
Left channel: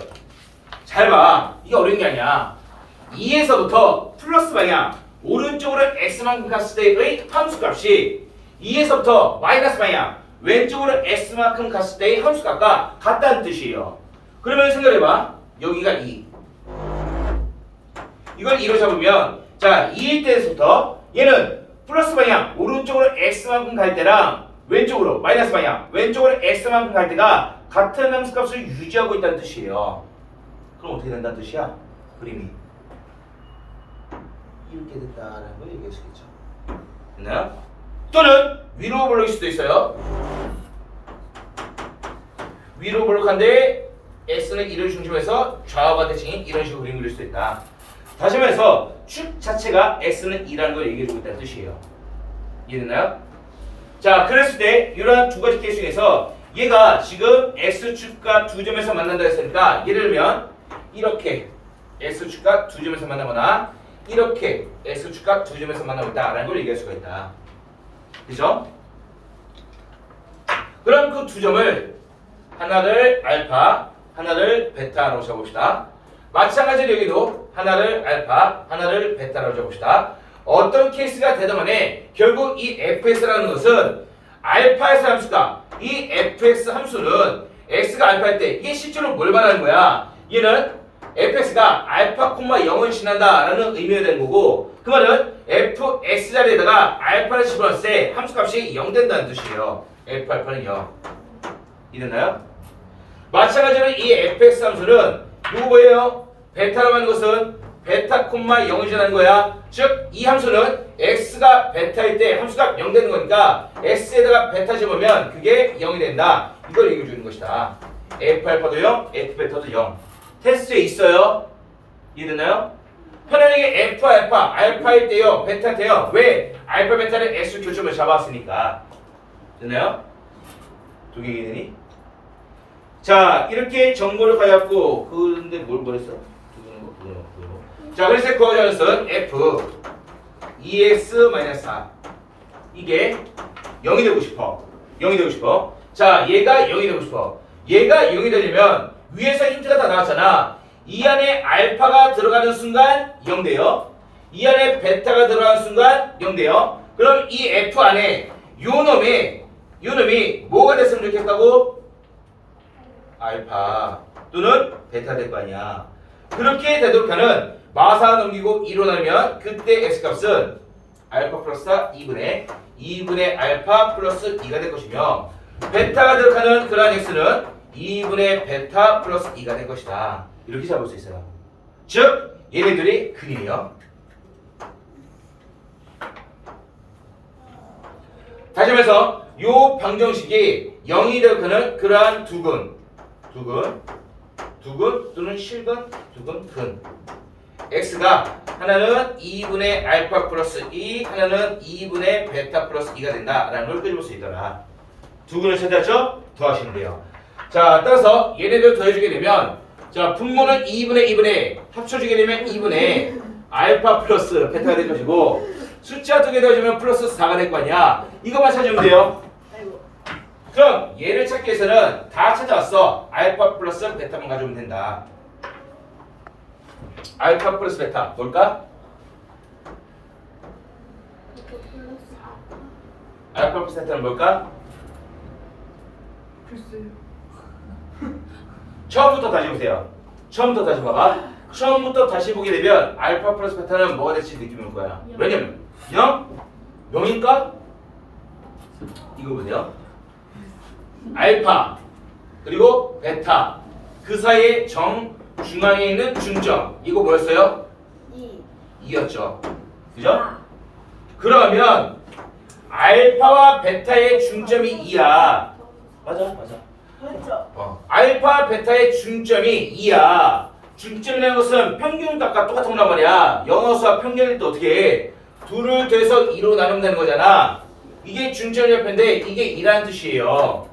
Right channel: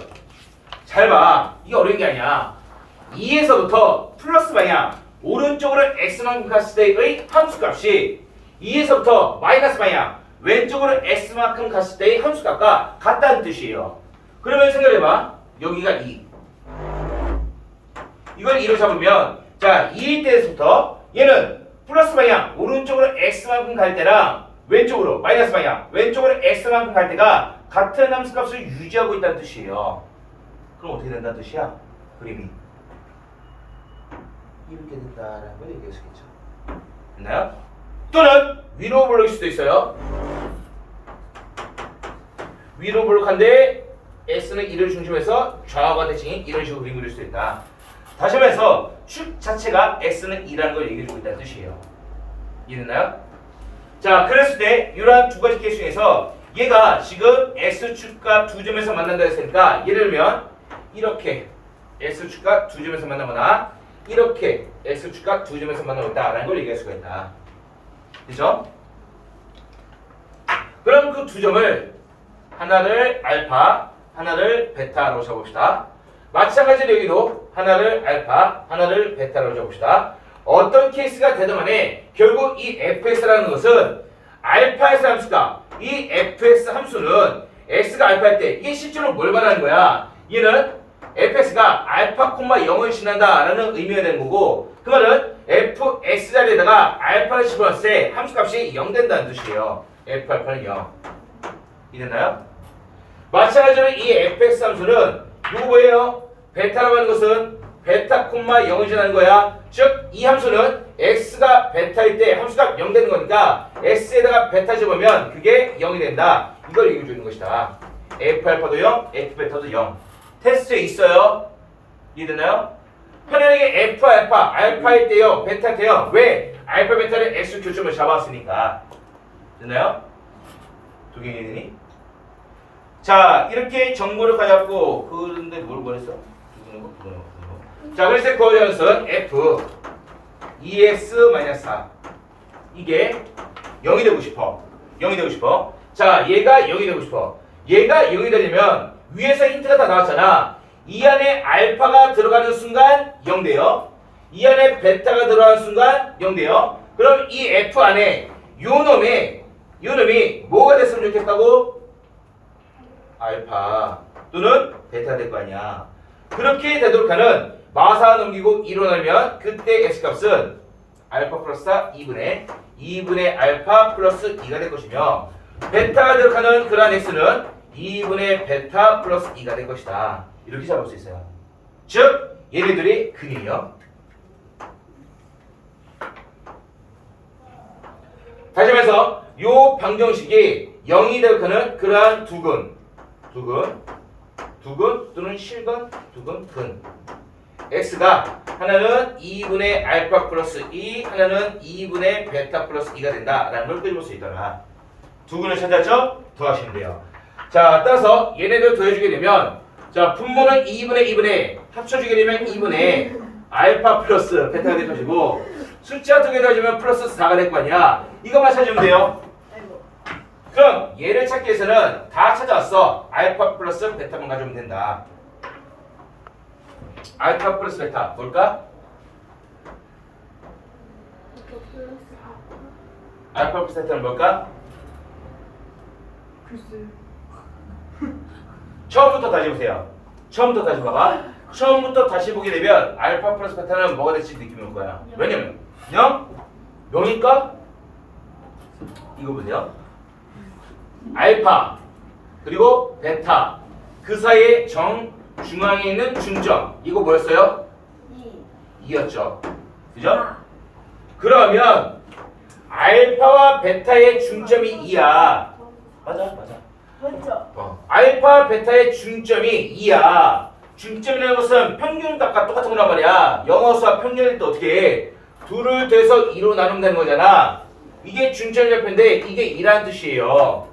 잘 봐. 이게 어려운 게 아니야. 2에서부터 플러스 방향 오른쪽으로 x만큼 갔을 때의 함수값이 2에서부터 마이너스 방향 왼쪽으로 x만큼 갔을 때의 함수값과 같다는 뜻이에요. 그러면 생각해봐. 여기가 2. 이걸 2로 잡으면 자 2일 때에서부터 얘는 플러스 방향 오른쪽으로 x만큼 갈 때랑 왼쪽으로 마이너스 방향 왼쪽으로 x만큼 갈 때가 같은 함수값을 유지하고 있다는 뜻이에요. 그럼 어떻게 된다는 뜻이야? 그림이 이렇게 됐다라는 걸 얘기할 수 있겠죠. 됐나요? 또는 위로 볼록일 수도 있어요. 위로 볼록한데 S는 1을 중심해서 좌우가 대칭인 이런 식으로 그림 그릴 수도 있다. 다시 말해서 축 자체가 S는 2라는 걸 얘기해주고 있다는 뜻이에요. 이해됐나요? 자, 그랬을 때 이러한 두 가지 케이스 중에서 얘가 지금 S축과 두 점에서 만난다 했으니까 예를 들면 이렇게 S축과 두 점에서 만나거나 이렇게 S축과 두 점에서 만나고 있다라는 걸 얘기할 수가 있다. 그죠? 그럼 그 두 점을 하나를 알파, 하나를 베타로 잡읍시다. 마찬가지로 여기도 하나를 알파, 하나를 베타로 잡읍시다. 어떤 케이스가 되든 간에 결국 이 fx라는 것은 알파에서 함수가 이 fx 함수는 x가 알파일 때 이게 실제로 뭘 말하는 거야? 얘는 fx가 알파, 0을 지난다라는 의미가 되는 거고 그 말은 fx 자리에다가 알파를 집어넣었을 때 함수값이 0 된다는 뜻이에요. f 알파는 0. 이랬나요? 마찬가지로 이 fx 함수는 이거 뭐예요? 베타라고 하는 것은 베타 콤마 0을 지나는 거야. 즉 이 함수는 x가 베타일 때 함수가 0 되는 거니까 x에다가 베타 집으면 그게 0이 된다. 이걸 얘기해 주는 것이다. f 알파도 0, f 베타도 0. 테스트에 있어요. 이해되나요? 편안하게 f 알파, 알파일 때요, 베타 때요. 왜? 알파 베타를 x 교점을 잡았으니까. 됐나요? 두 개 이해되니? 자, 이렇게 정보를 가졌고, 근데 뭘 버렸어? 자, 그래서 코어전은 f 2x-4 이게 0이 되고 싶어. 0이 되고 싶어. 자, 얘가 0이 되고 싶어. 얘가 0이 되려면 위에서 힌트가 다 나왔잖아. 이 안에 알파가 들어가는 순간 0 돼요. 이 안에 베타가 들어가는 순간 0 돼요. 그럼 이 f 안에 요 놈이 뭐가 됐으면 좋겠다고? 알파 또는 베타 될 거 아니야. 그렇게 되도록 하는 마사 넘기고 2로 나면 그때 x값은 알파 플러스 4 2분의 알파 플러스 2가 될 것이며 베타가 들어가는 그러한 x는 2분의 베타 플러스 2가 될 것이다. 이렇게 잡을 수 있어요. 즉 얘네들이 근이에요. 다시 말해서 요 방정식이 0이 들어가는 그러한 두근 또는 실근, 두근, 근 x가 하나는 2분의 알파 플러스 2 하나는 2분의 베타 플러스 2가 된다라는 걸 끄집을 수 있더라. 두근을 찾았죠? 더하시면 돼요. 자, 따라서 얘네들 더해주게 되면 자, 분모는 2분의 합쳐주게 되면 2분의 알파 플러스 베타가 될 것이고 숫자 두 개 더해주면 플러스 4가 될 거 아니야. 이것만 찾으면 돼요. 그럼 얘를 찾기 위해서는 다 찾아왔어. 알파 플러스 베타만 가져오면 된다. 알파 플러스 베타 뭘까? 알파 플러스 베타는 뭘까? 글쎄. 처음부터 다시 보세요. 처음부터 다시 봐봐. 처음부터 다시 보게 되면 알파 플러스 베타는 뭐가 될지 느낌이 올 거야. 왜냐면 0? 0일까? 이거 보세요. 알파 그리고 베타 그 사이에 중앙에 있는 중점 이거 뭐였어요? 2였죠. 그죠? 그러면 알파와 베타의 중점이 2야. 맞아. 맞죠? 알파 베타의 중점이 2야. 중점이라는 것은 평균값과 똑같은 거란 말이야. 영어수와 평균일 때 어떻게 해? 둘을 더해서 2로 나누면 되는 거잖아. 이게 중점 좌표인데 이게 2라는 뜻이에요.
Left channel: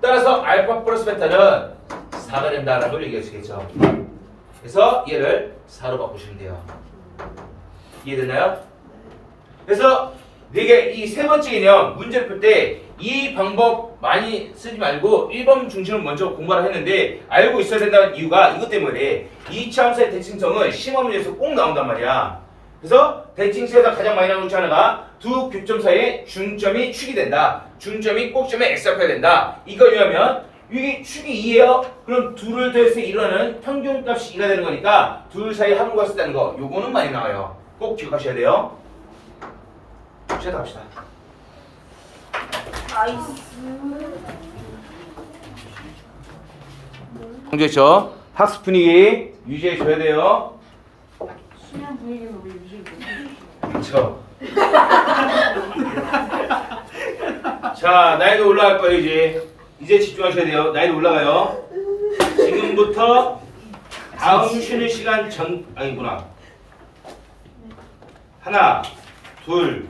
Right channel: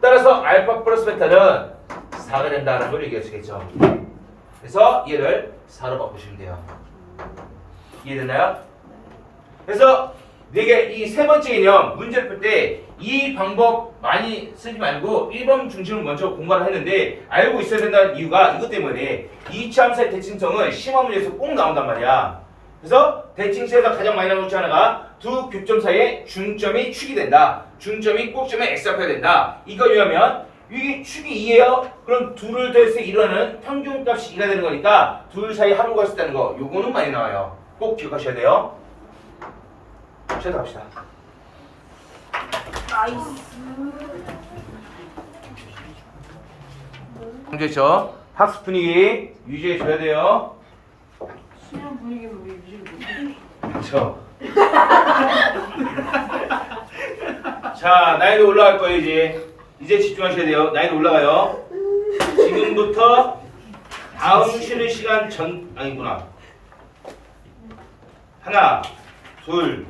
따라서 알파 플러스 베타는 4가 된다라는 걸 얘기할 수 있겠죠. 그래서 얘를 4로 바꾸시면 돼요. 이해됐나요? 그래서 이게 이 세 번째 개념 문제를 풀 때 이 방법 많이 쓰지 말고 1번 중심을 먼저 공부를 했는데 알고 있어야 된다는 이유가 이것 때문에 이차함수의 대칭성은 시험 문제에서 꼭 나온단 말이야. 그래서 대칭식에서 가장 많이 나오는 것 중 하나가 두 교점 사이에 중점이 축이 된다. 중점이 꼭점에 x좌표가 된다. 이거 왜냐면 이게 축이 2예요. 그럼 둘을 더해서 이루는 평균값이 2가 되는 거니까 둘 사이 합을 구할 수 있다는 거. 요거는 많이 나와요. 꼭 기억하셔야 돼요. 시작 갑시다. 나이스. 강조했죠? 학습 분위기 유지해 줘야 돼요. 수면 분위기가 왜 이래? 그렇죠. 자, 나이도 올라갈 거예요 이제. 이제 집중하셔야 돼요. 나이도 올라가요. 지금부터 다음 쉬는 시간 아니구나. 하나, 둘,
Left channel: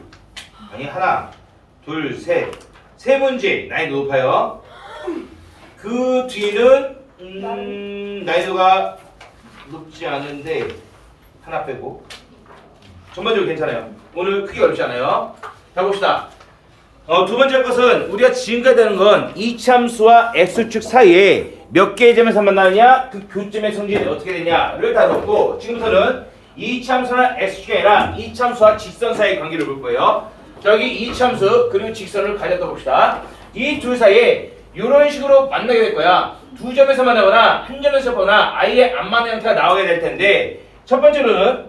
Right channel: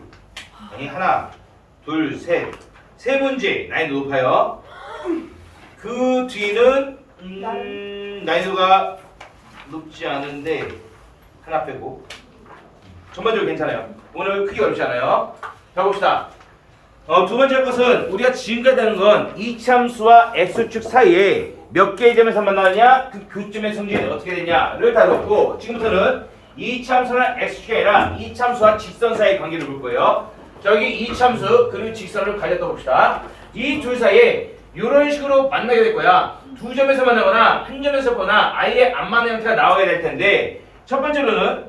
셋. 세 문제 나이도 높아요. 그 뒤는 나이도가 높지 않은데 하나 빼고 전반적으로 괜찮아요. 오늘 크게 어렵지 않아요. 자 봅시다. 두 번째 것은 우리가 지금까지 하는 건 이차함수와 x축 사이에 몇 개의 점에서 만나느냐 그 교점의 성질이 어떻게 되냐를 다뤘고 지금부터는 이차함수나 x축이 아니라 이차함수와 직선 사이의 관계를 볼 거예요. 자 여기 이차함수 그리고 직선을 가졌다 봅시다. 이 둘 사이에 이런 식으로 만나게 될 거야. 두 점에서 만나거나 한 점에서 보나 아예 안 만나는 형태가 나와야 될 텐데 첫 번째로는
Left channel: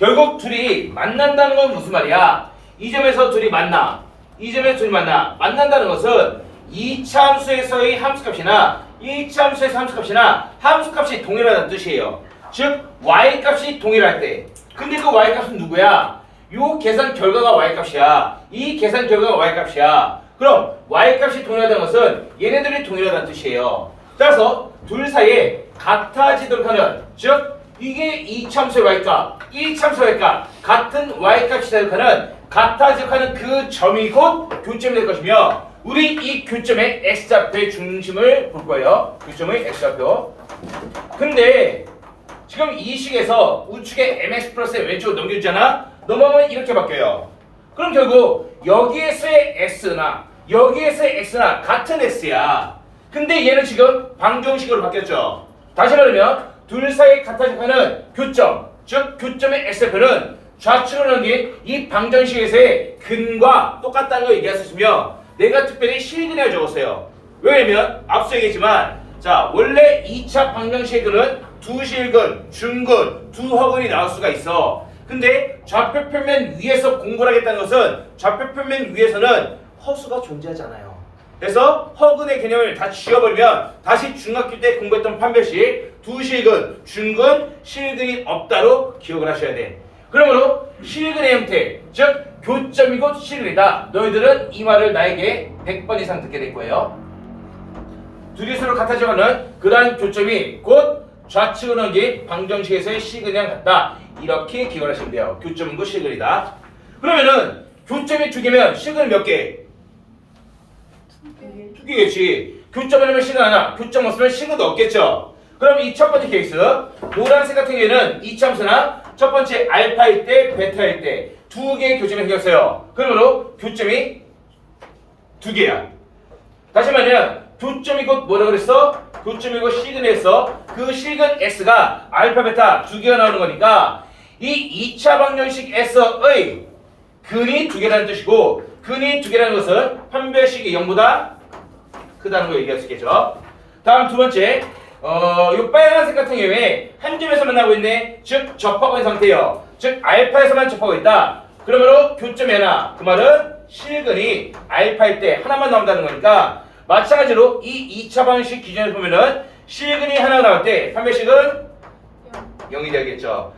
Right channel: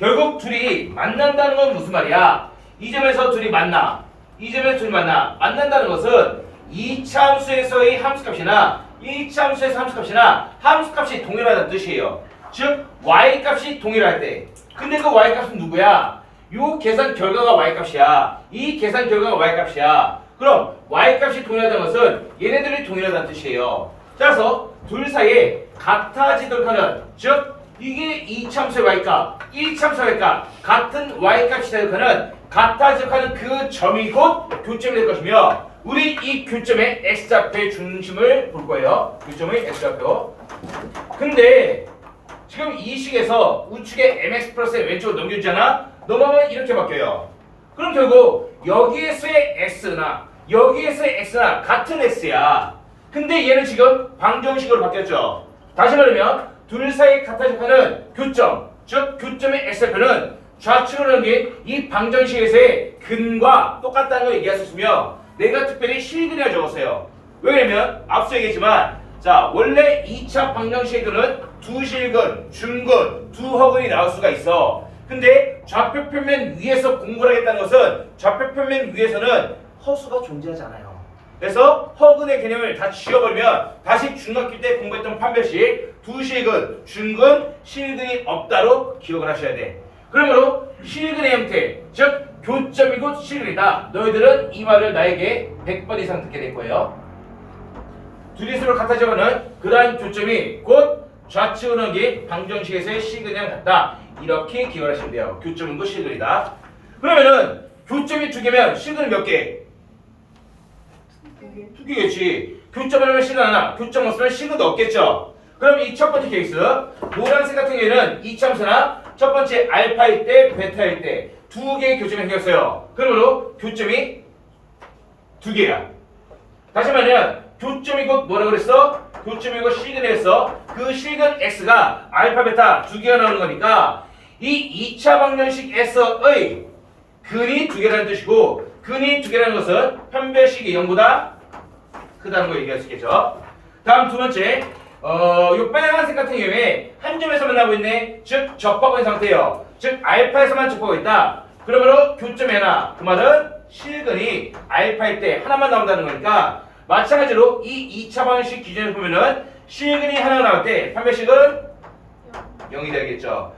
결국 둘이 만난다는 건 무슨 말이야? 이 점에서 둘이 만나. 이 점에서 둘이 만난다는 것은 이차함수에서의 함수값이나 이차함수에서 함수값이나 함수값이 동일하다는 뜻이에요. 즉 y값이 동일할 때. 근데 그 y값은 누구야? 요 계산 결과가 y값이야. 이 계산 결과가 y값이야. 그럼 y값이 동일하다는 것은 얘네들이 동일하다는 뜻이에요. 따라서 둘 사이에 같아지도록 하는, 즉 이게 이차함수의 y값, 이차함수의 y값, 같은 y값이 되도록 하는, 같아지도록 하는 그 점이 곧 교점이 될 것이며, 우리 이 교점의 x좌표의 중심을 볼 거예요. 교점의 x좌표. 근데 지금 이 식에서 우측에 mx 플러스의 왼쪽으로 넘겨주잖아. 넘어가면 이렇게 바뀌어요. 그럼 결국 여기에서의 x나 여기에서의 x나 같은 x야. 근데 얘는 지금 방정식으로 바뀌었죠. 다시 말하면 둘 사이에 같아지는 교점, 즉 교점의 x좌표는 좌측으로 넘긴 이 방정식에서의 근과 똑같다는 걸 얘기했었으며, 내가 특별히 실근에 적었어요. 왜냐면 앞서 얘기했지만, 자 원래 2차 방정식의 근은 두 실근, 중근, 두 허근이 나올 수가 있어. 근데 좌표 평면 위에서 공부를 하겠다는 것은 좌표 평면 위에서는 허수가 존재하지 않아요. 그래서 허근의 개념을 다 지워버리면 다시 중학교 때 공부했던 판별식 두 실근, 중근, 실근이 없다로 기억을 하셔야 돼. 그러므로 실근의 형태, 즉 교점이 곧 실근이다. 너희들은 이 말을 나에게 100번 이상 듣게 될 거예요. 둘이 서로 같아져가는 그러한 교점이 곧 좌측으로 넘긴 방정식에서의 실근이랑 같다. 이렇게 기억을 하시면 돼요. 교점은 곧 실근이다. 그러면은 교점이 두 개면 실근은 몇 개? 두 개겠지. 교점을 하면 실근 하나, 교점 없으면 실근도 없겠죠. 그럼 이 첫 번째 케이스, 노란색 같은 경우에는 이차함수나 첫 번째 알파일 때, 베타일 때 두 개의 교점이 생겼어요. 그러므로 교점이 두 개야. 다시 말하면 교점이 곧 뭐라 그랬어? 교점이 곧 실근에서 그 실근 x가 알파, 베타 두 개가 나오는 거니까 이 2차 방정식에서의 근이 두 개라는 뜻이고, 근이 두 개라는 것은 판별식이 0보다 크다는 거 얘기할 수 있겠죠. 다음 두 번째, 요 빨간색 같은 경우에 한 점에서 만나고 있네. 즉 접하고 있는 상태예요. 즉 알파에서만 접하고 있다. 그러므로 교점이 하나. 그 말은 실근이 알파일 때 하나만 나온다는 거니까, 마찬가지로 이 2차 방정식 기준에서 보면은 실근이 하나가 나올 때 판별식은 0이 되겠죠.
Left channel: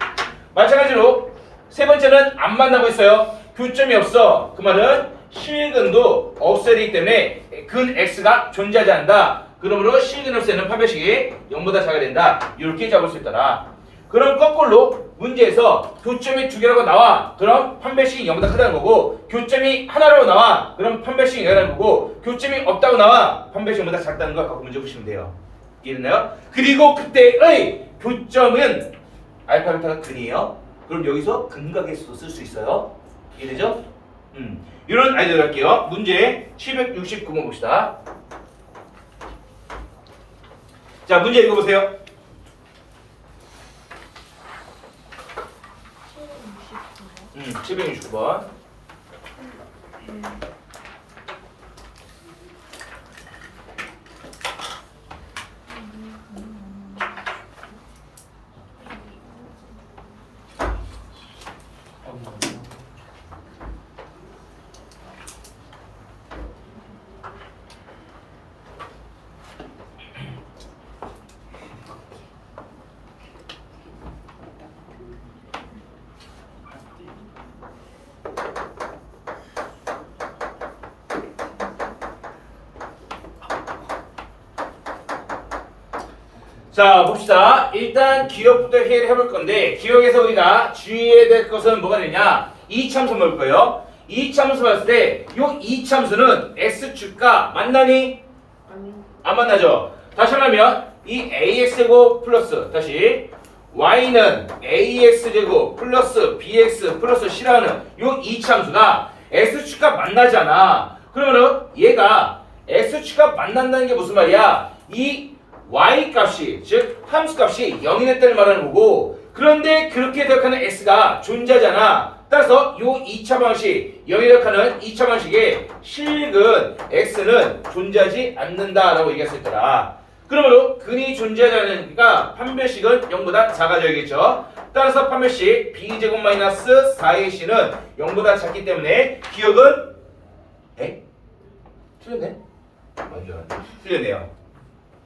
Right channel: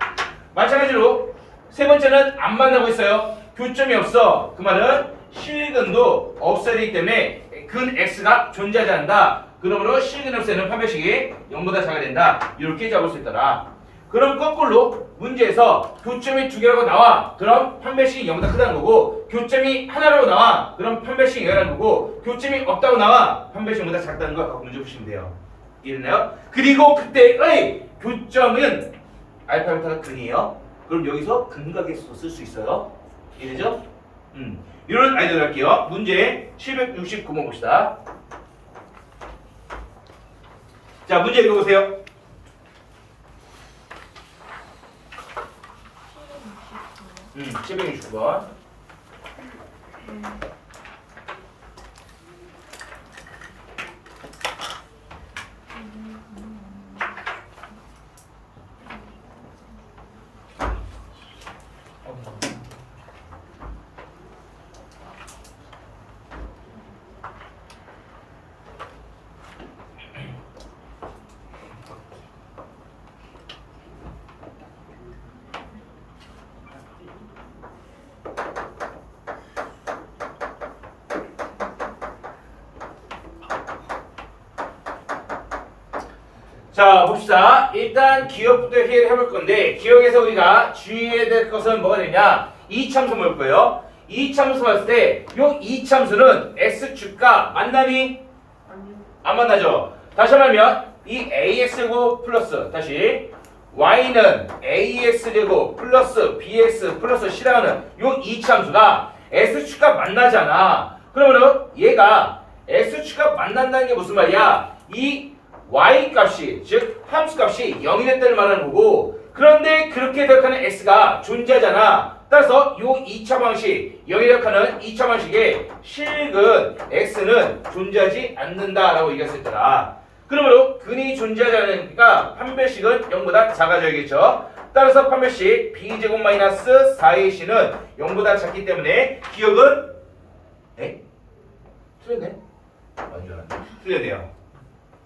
마찬가지로 세 번째는 안 만나고 있어요. 교점이 없어. 그 말은 실근도 없어야 되기 때문에 근 x가 존재하지 않는다. 그러므로 실근을 없애는 판별식이 0보다 작아야 된다. 이렇게 잡을 수 있더라. 그럼 거꾸로 문제에서 교점이 두 개라고 나와. 그럼 판별식이 0보다 크다는 거고, 교점이 하나라고 나와. 그럼 판별식이 0이라는 거고, 교점이 없다고 나와. 판별식이 0보다 작다는 걸 갖고 문제 보시면 돼요. 이해됐나요? 그리고 그때의 교점은 알파, 베타가 근이에요. 그럼 여기서 근과 계수도 쓸 수 있어요. 이해되죠? 이런 아이디어 할게요. 문제 769번 봅시다. 자, 문제 읽어보세요. 769번. 자, 봅시다. 일단 기억부터 해결해 볼 건데, 기억에서 우리가 주의해야 될 것은 뭐가 되냐? 이차함수 볼 거예요. 이차함수 봤을 때, 요 이차함수는 x축과 만나니? 안 만나죠? 다시 말하면, 이 ax제곱 플러스, 다시, y는 ax제곱 플러스 bx 플러스 c라는 요 이차함수가 x축과 만나잖아. 그러면 얘가 x축과 만난다는 게 무슨 말이야? 이 y값이, 즉 함수값이 0이 됐다는 말하는 거고, 그런데 그렇게 대역하는 x가 존재하잖아. 따라서 요 2차 방식, 0이 대역하는 2차 방식의 실근 x는 존재하지 않는다라고 얘기할 수 있더라. 그러므로 근이 존재하지 않으니까 판별식은 0보다 작아져야겠죠. 따라서 판별식 b제곱 마이너스 4ac는 0보다 작기 때문에 기억은 틀렸네. 틀렸네요.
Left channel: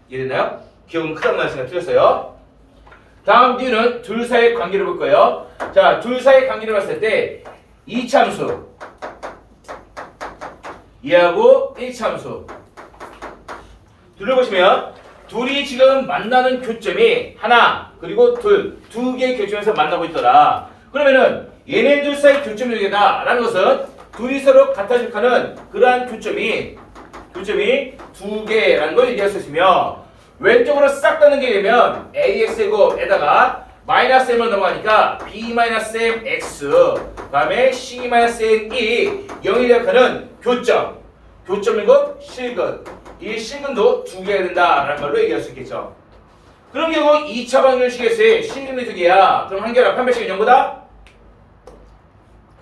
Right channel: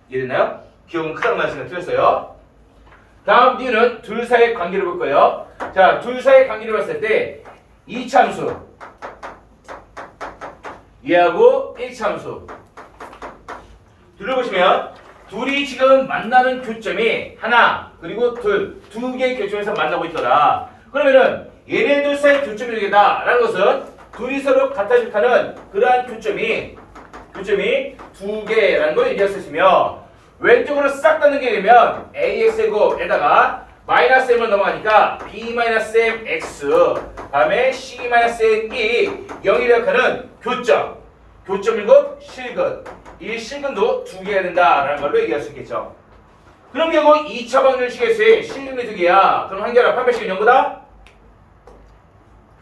이해됐나요? 기억은 크다는 말씀이 틀렸어요. 다음 D는 둘 사이의 관계를 볼 거예요. 자, 둘 사이의 관계를 봤을 때 이참수 얘하고 1참수 둘을 보시면 둘이 지금 만나는 교점이 하나 그리고 두 개의 교점에서 만나고 있더라. 그러면은 얘네들 사이 교점이 되겠다 라는 것은 둘이 서로 같아질하는 그러한 교점이 두 개라는 걸 얘기할 수 있으며 왼쪽으로 싹 닫는 게 되면 AX이고 에다가 마이너스 M으로 넘어가니까 B-MX 다음에 C-N이 0이 되어가는 교점이고 실근 이 실근도 두 개가 된다라는 걸로 얘기할 수 있겠죠. 그럼 결국 2차 방정식에서의 실근이 두 개야. 그럼 한 개랑 판별식은 0보다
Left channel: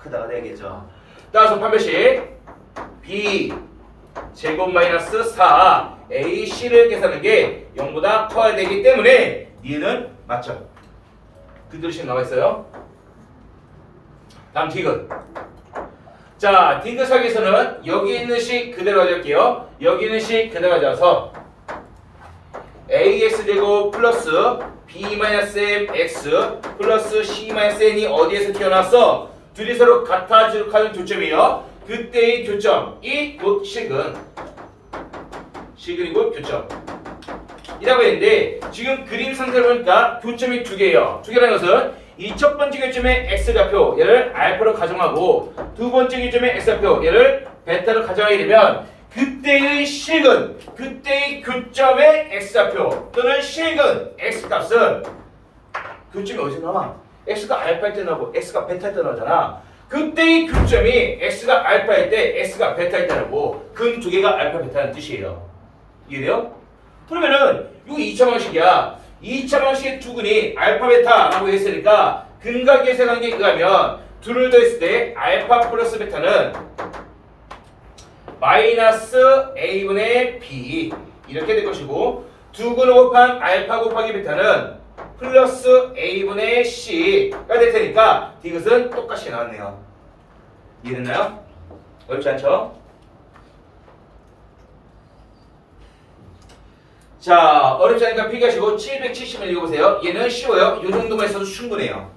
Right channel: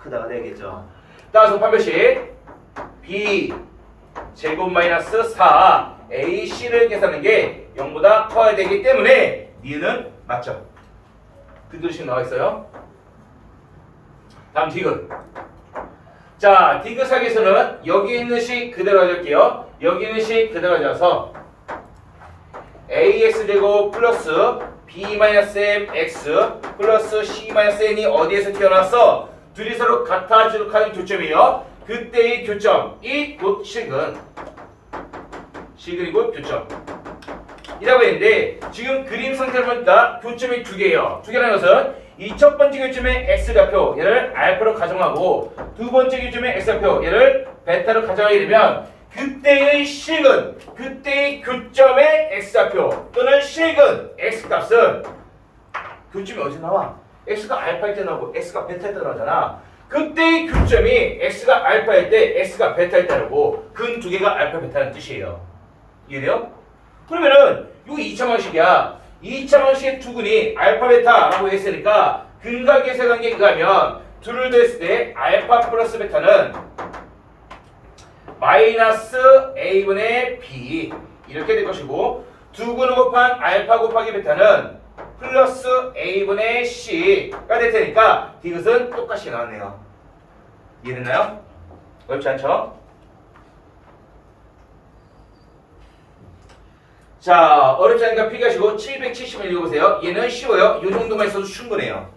크다가 되겠죠. 따라서 판별식 B 제곱 마이너스 4 AC를 계산하는 게 0보다 커야 되기 때문에 니은 맞죠. 그대로씩 나와 있어요. 다음 디귿. 자, 디귿 사기에서는 여기 있는 식 그대로 가져올게요. 여기 있는 식 그대로 가져와서 AX제곱 플러스 B-MX 플러스 C-N이 어디에서 튀어나왔어? 둘이 서로 같아지도록 하는 교점이에요. 그때의 교점이 곧 실근이 곧 교점 이라고 했는데 지금 그림 상태로 보니까 교점이 두 개예요. 두 개라는 것은 이 첫 번째 교점의 x좌표 얘를 알파로 가정하고 두 번째 교점의 x좌표 얘를 베타로 가정하게 되면 그때의 실근, 그때의 교점의 x좌표 또는 실근 x값은 교점이 어디서 나와? x가 알파일 때 나오고 x가 베타일 때 나오잖아. 그때의 교점이 x가 알파일 때 x가 베타일 때라고 근 두 개가 알파 베타는 뜻이에요. 이해돼요? 그러면은 이거 2차 방식이야. 2차 방식의 두 근이 알파 베타라고 했으니까 근각계세 관계에 의하면 둘을 더했을 때 알파 플러스 베타는 마이너스 a분의 b 이렇게 될 것이고 두 근을 곱한 알파 곱하기 베타는 플러스 a분의 c가 될 테니까 디귿은 똑같이 나왔네요. 이해됐나요? 어렵지 않죠? 자, 어렵지 않으니까 필기하시고 770을 읽어보세요. 얘는 쉬워요. 이 정도만 있어도 충분해요.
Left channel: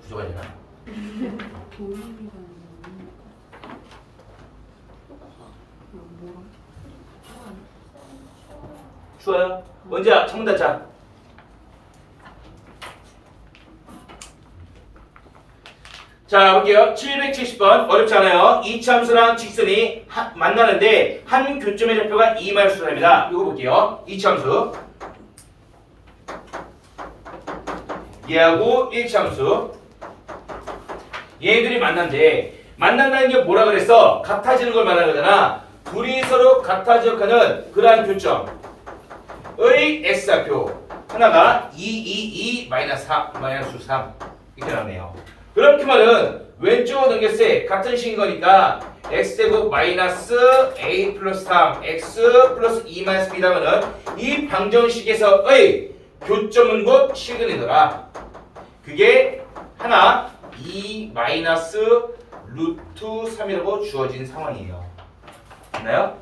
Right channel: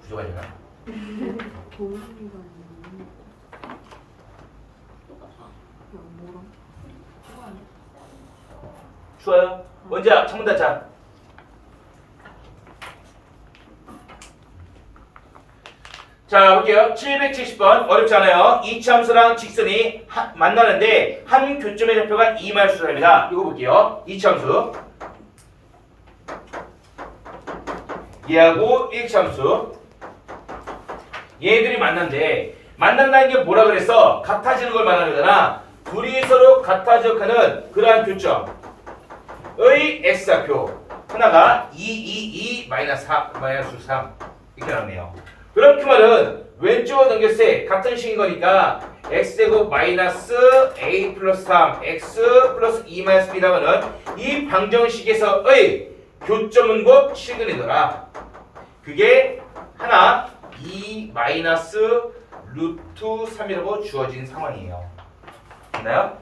구조가 되나? 쉬워요? 언제야? 창문 닫자. 자, 볼게요. 770번 어렵지 않아요. 이차함수랑 직선이 만나는데 한 교점의 좌표가 2마이너스랍니다. 이거 볼게요. 이차함수 얘하고 1차함수 얘들이 만난대. 만난다는 게 뭐라 그랬어? 같아지는 걸 말하는 거잖아. 둘이 서로 같아져가는 그러한 교점의 x좌표 하나가 2, 마이너스 3 이렇게 나오네요. 그럼 그 말은 왼쪽으로 넘겼을 때 같은 식인 거니까 x제곱 마이너스 a 플러스 3 x 플러스 2 마이너스 b라는 이 방정식에서의 교점은 곧 실근이더라. 그게 하나 2 마이너스 루트 3이라고 주어진 상황이에요. 됐나요?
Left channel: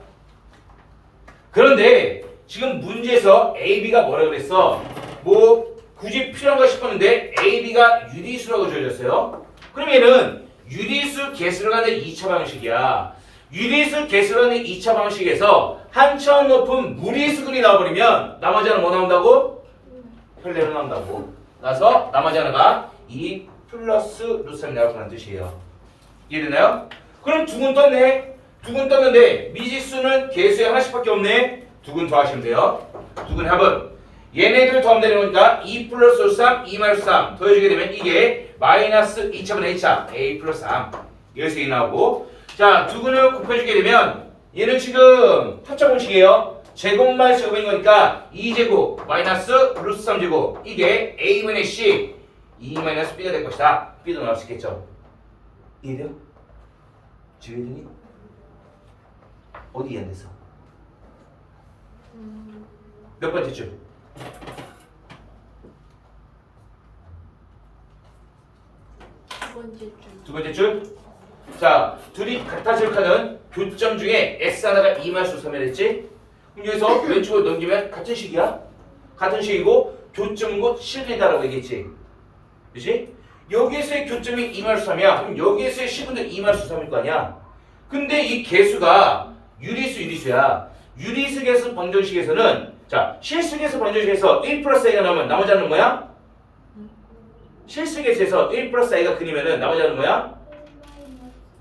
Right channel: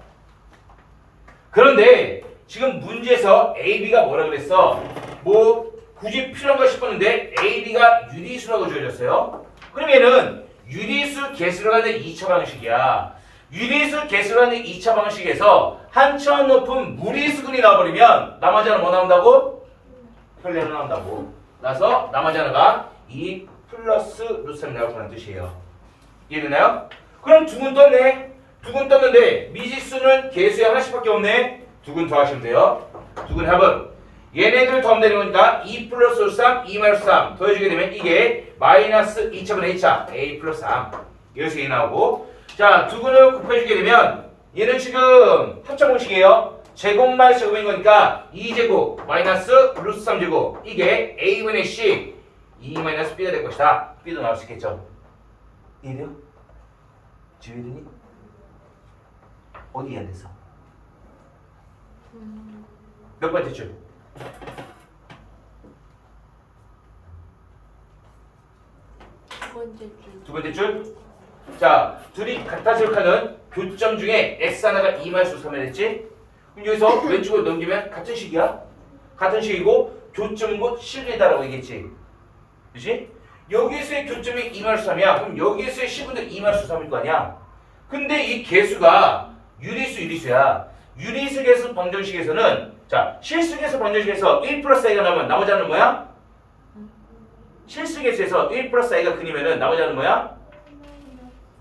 그런데 지금 문제에서 AB가 뭐라 그랬어? 뭐 굳이 필요한가 싶었는데 AB가 유리수라고 주어졌어요. 그러면은 유리수 개수로 가는 2차 방식이야. 유리수 개수로 가는 2차 방식에서 한 차원 높은 무리수근이 나와버리면 나머지 하나 뭐 나온다고? 혈례로 나온다고. 나서 나머지 하나가 2 플러스 루트 3이 나올 거라는 뜻이에요. 이해됐나요? 그럼 두 근 떴네. 두 근 떴는데 미지수는 개수에 하나씩밖에 없네. 두 근 더하시면 돼요. 두 근 합은 얘네들 더하면 되는 거니까 2 플러스 루트 3, 2 마이너스 3 더해주게 되면 이게 마이너스 2차분의 2차 a 플러스 3 여기서 이 나오고 자, 두 근을 곱해주게 되면 얘는 지금 합차 공식이에요. 제곱 마이너스 제곱인 거니까 2제곱 마이너스 루트 3제곱 이게 a분의 c 2 마이너스 b가 될 것이다. b도 나올 수 있겠죠. 이해돼요? 지우더니 어디 해야 됐어? 몇 번째 줄? 두 번째 줄. 두 번째 줄? 자, 둘이 같아지도록 하는 교점 중에 x 하나가 2마이너스 3을 했지? 그럼 여기서 왼쪽으로 넘기면 같은 식이야. 같은 식이고 교점은 곧 실이다라고 얘기했지. 그렇지? 여기에서의 교점이 2마이너스 3이야. 그럼 여기에서의 식분도 2마이너스 3일 거 아니야. 근데 이 개수가 유리수 유리수야. 유리수 개수 방정식에서는 자, 실수 개수 방정식에서 1 플러스 i가 나오면 나머지 하는 뭐야? 실수 개수에서 1 플러스 i가 근이면은 나머지 하는 뭐야?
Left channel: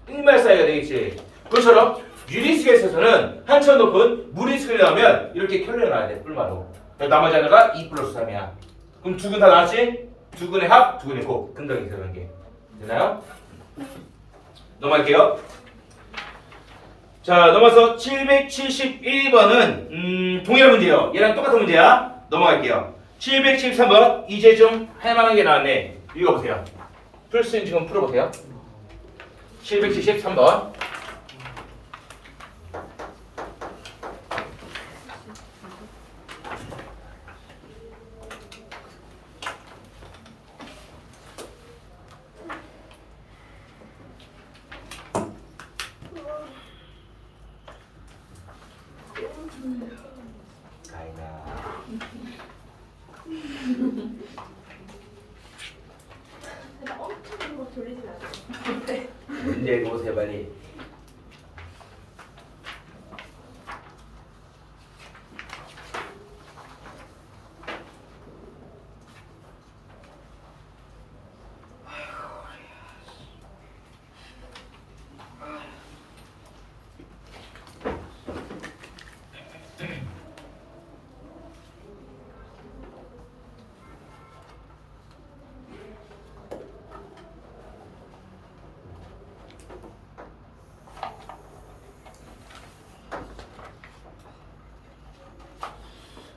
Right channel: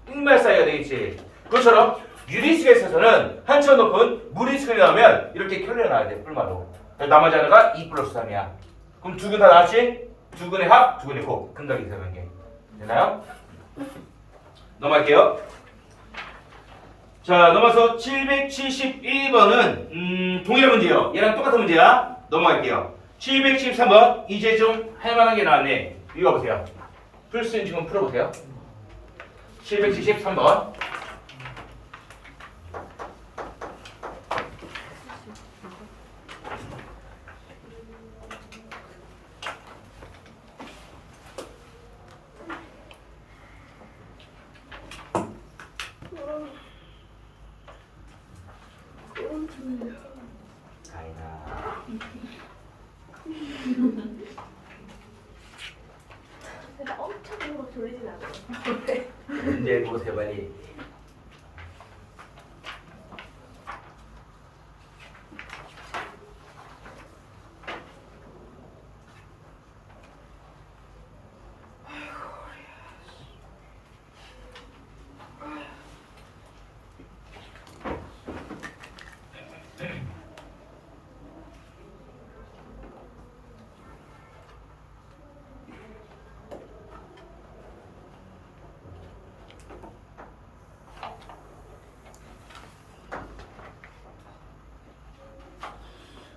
1 마이너스 i가 되겠지. 그것처럼 유리수 개수에서는 한참 높은 무리수가 나오면 이렇게 켜려 놔야 돼. 뿔마로. 나머지 하나가 2 플러스 3이야. 그럼 두 근 다 나왔지? 두 근의 합, 두 근의 곱. 근각이 설명계. 되나요? 넘어갈게요. 자, 넘어서 771번은 동일한 문제예요. 얘랑 똑같은 문제야. 넘어갈게요. 773번 이제 좀 할만한 게 나왔네. 읽어보세요. 풀 수 있는 지금 풀어보세요. 773번. 내가 엄청 이거 돌리진 않아. 문제 보세요 빨리.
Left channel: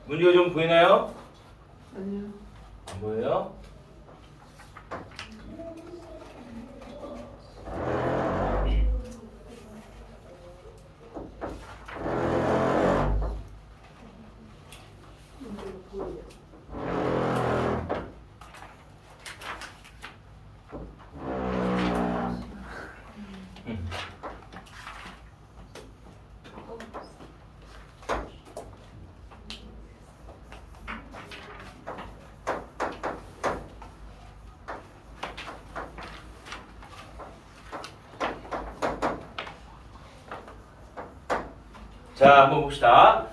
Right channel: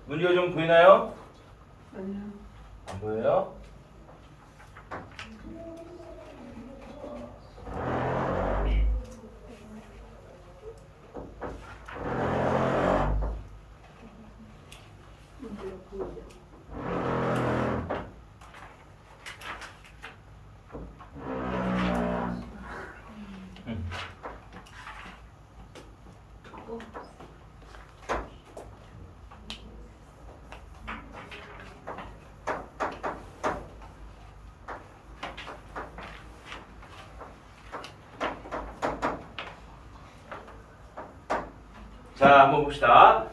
문제가 좀 보이나요? 아니요. 안 보여요? 자, 한번 봅시다.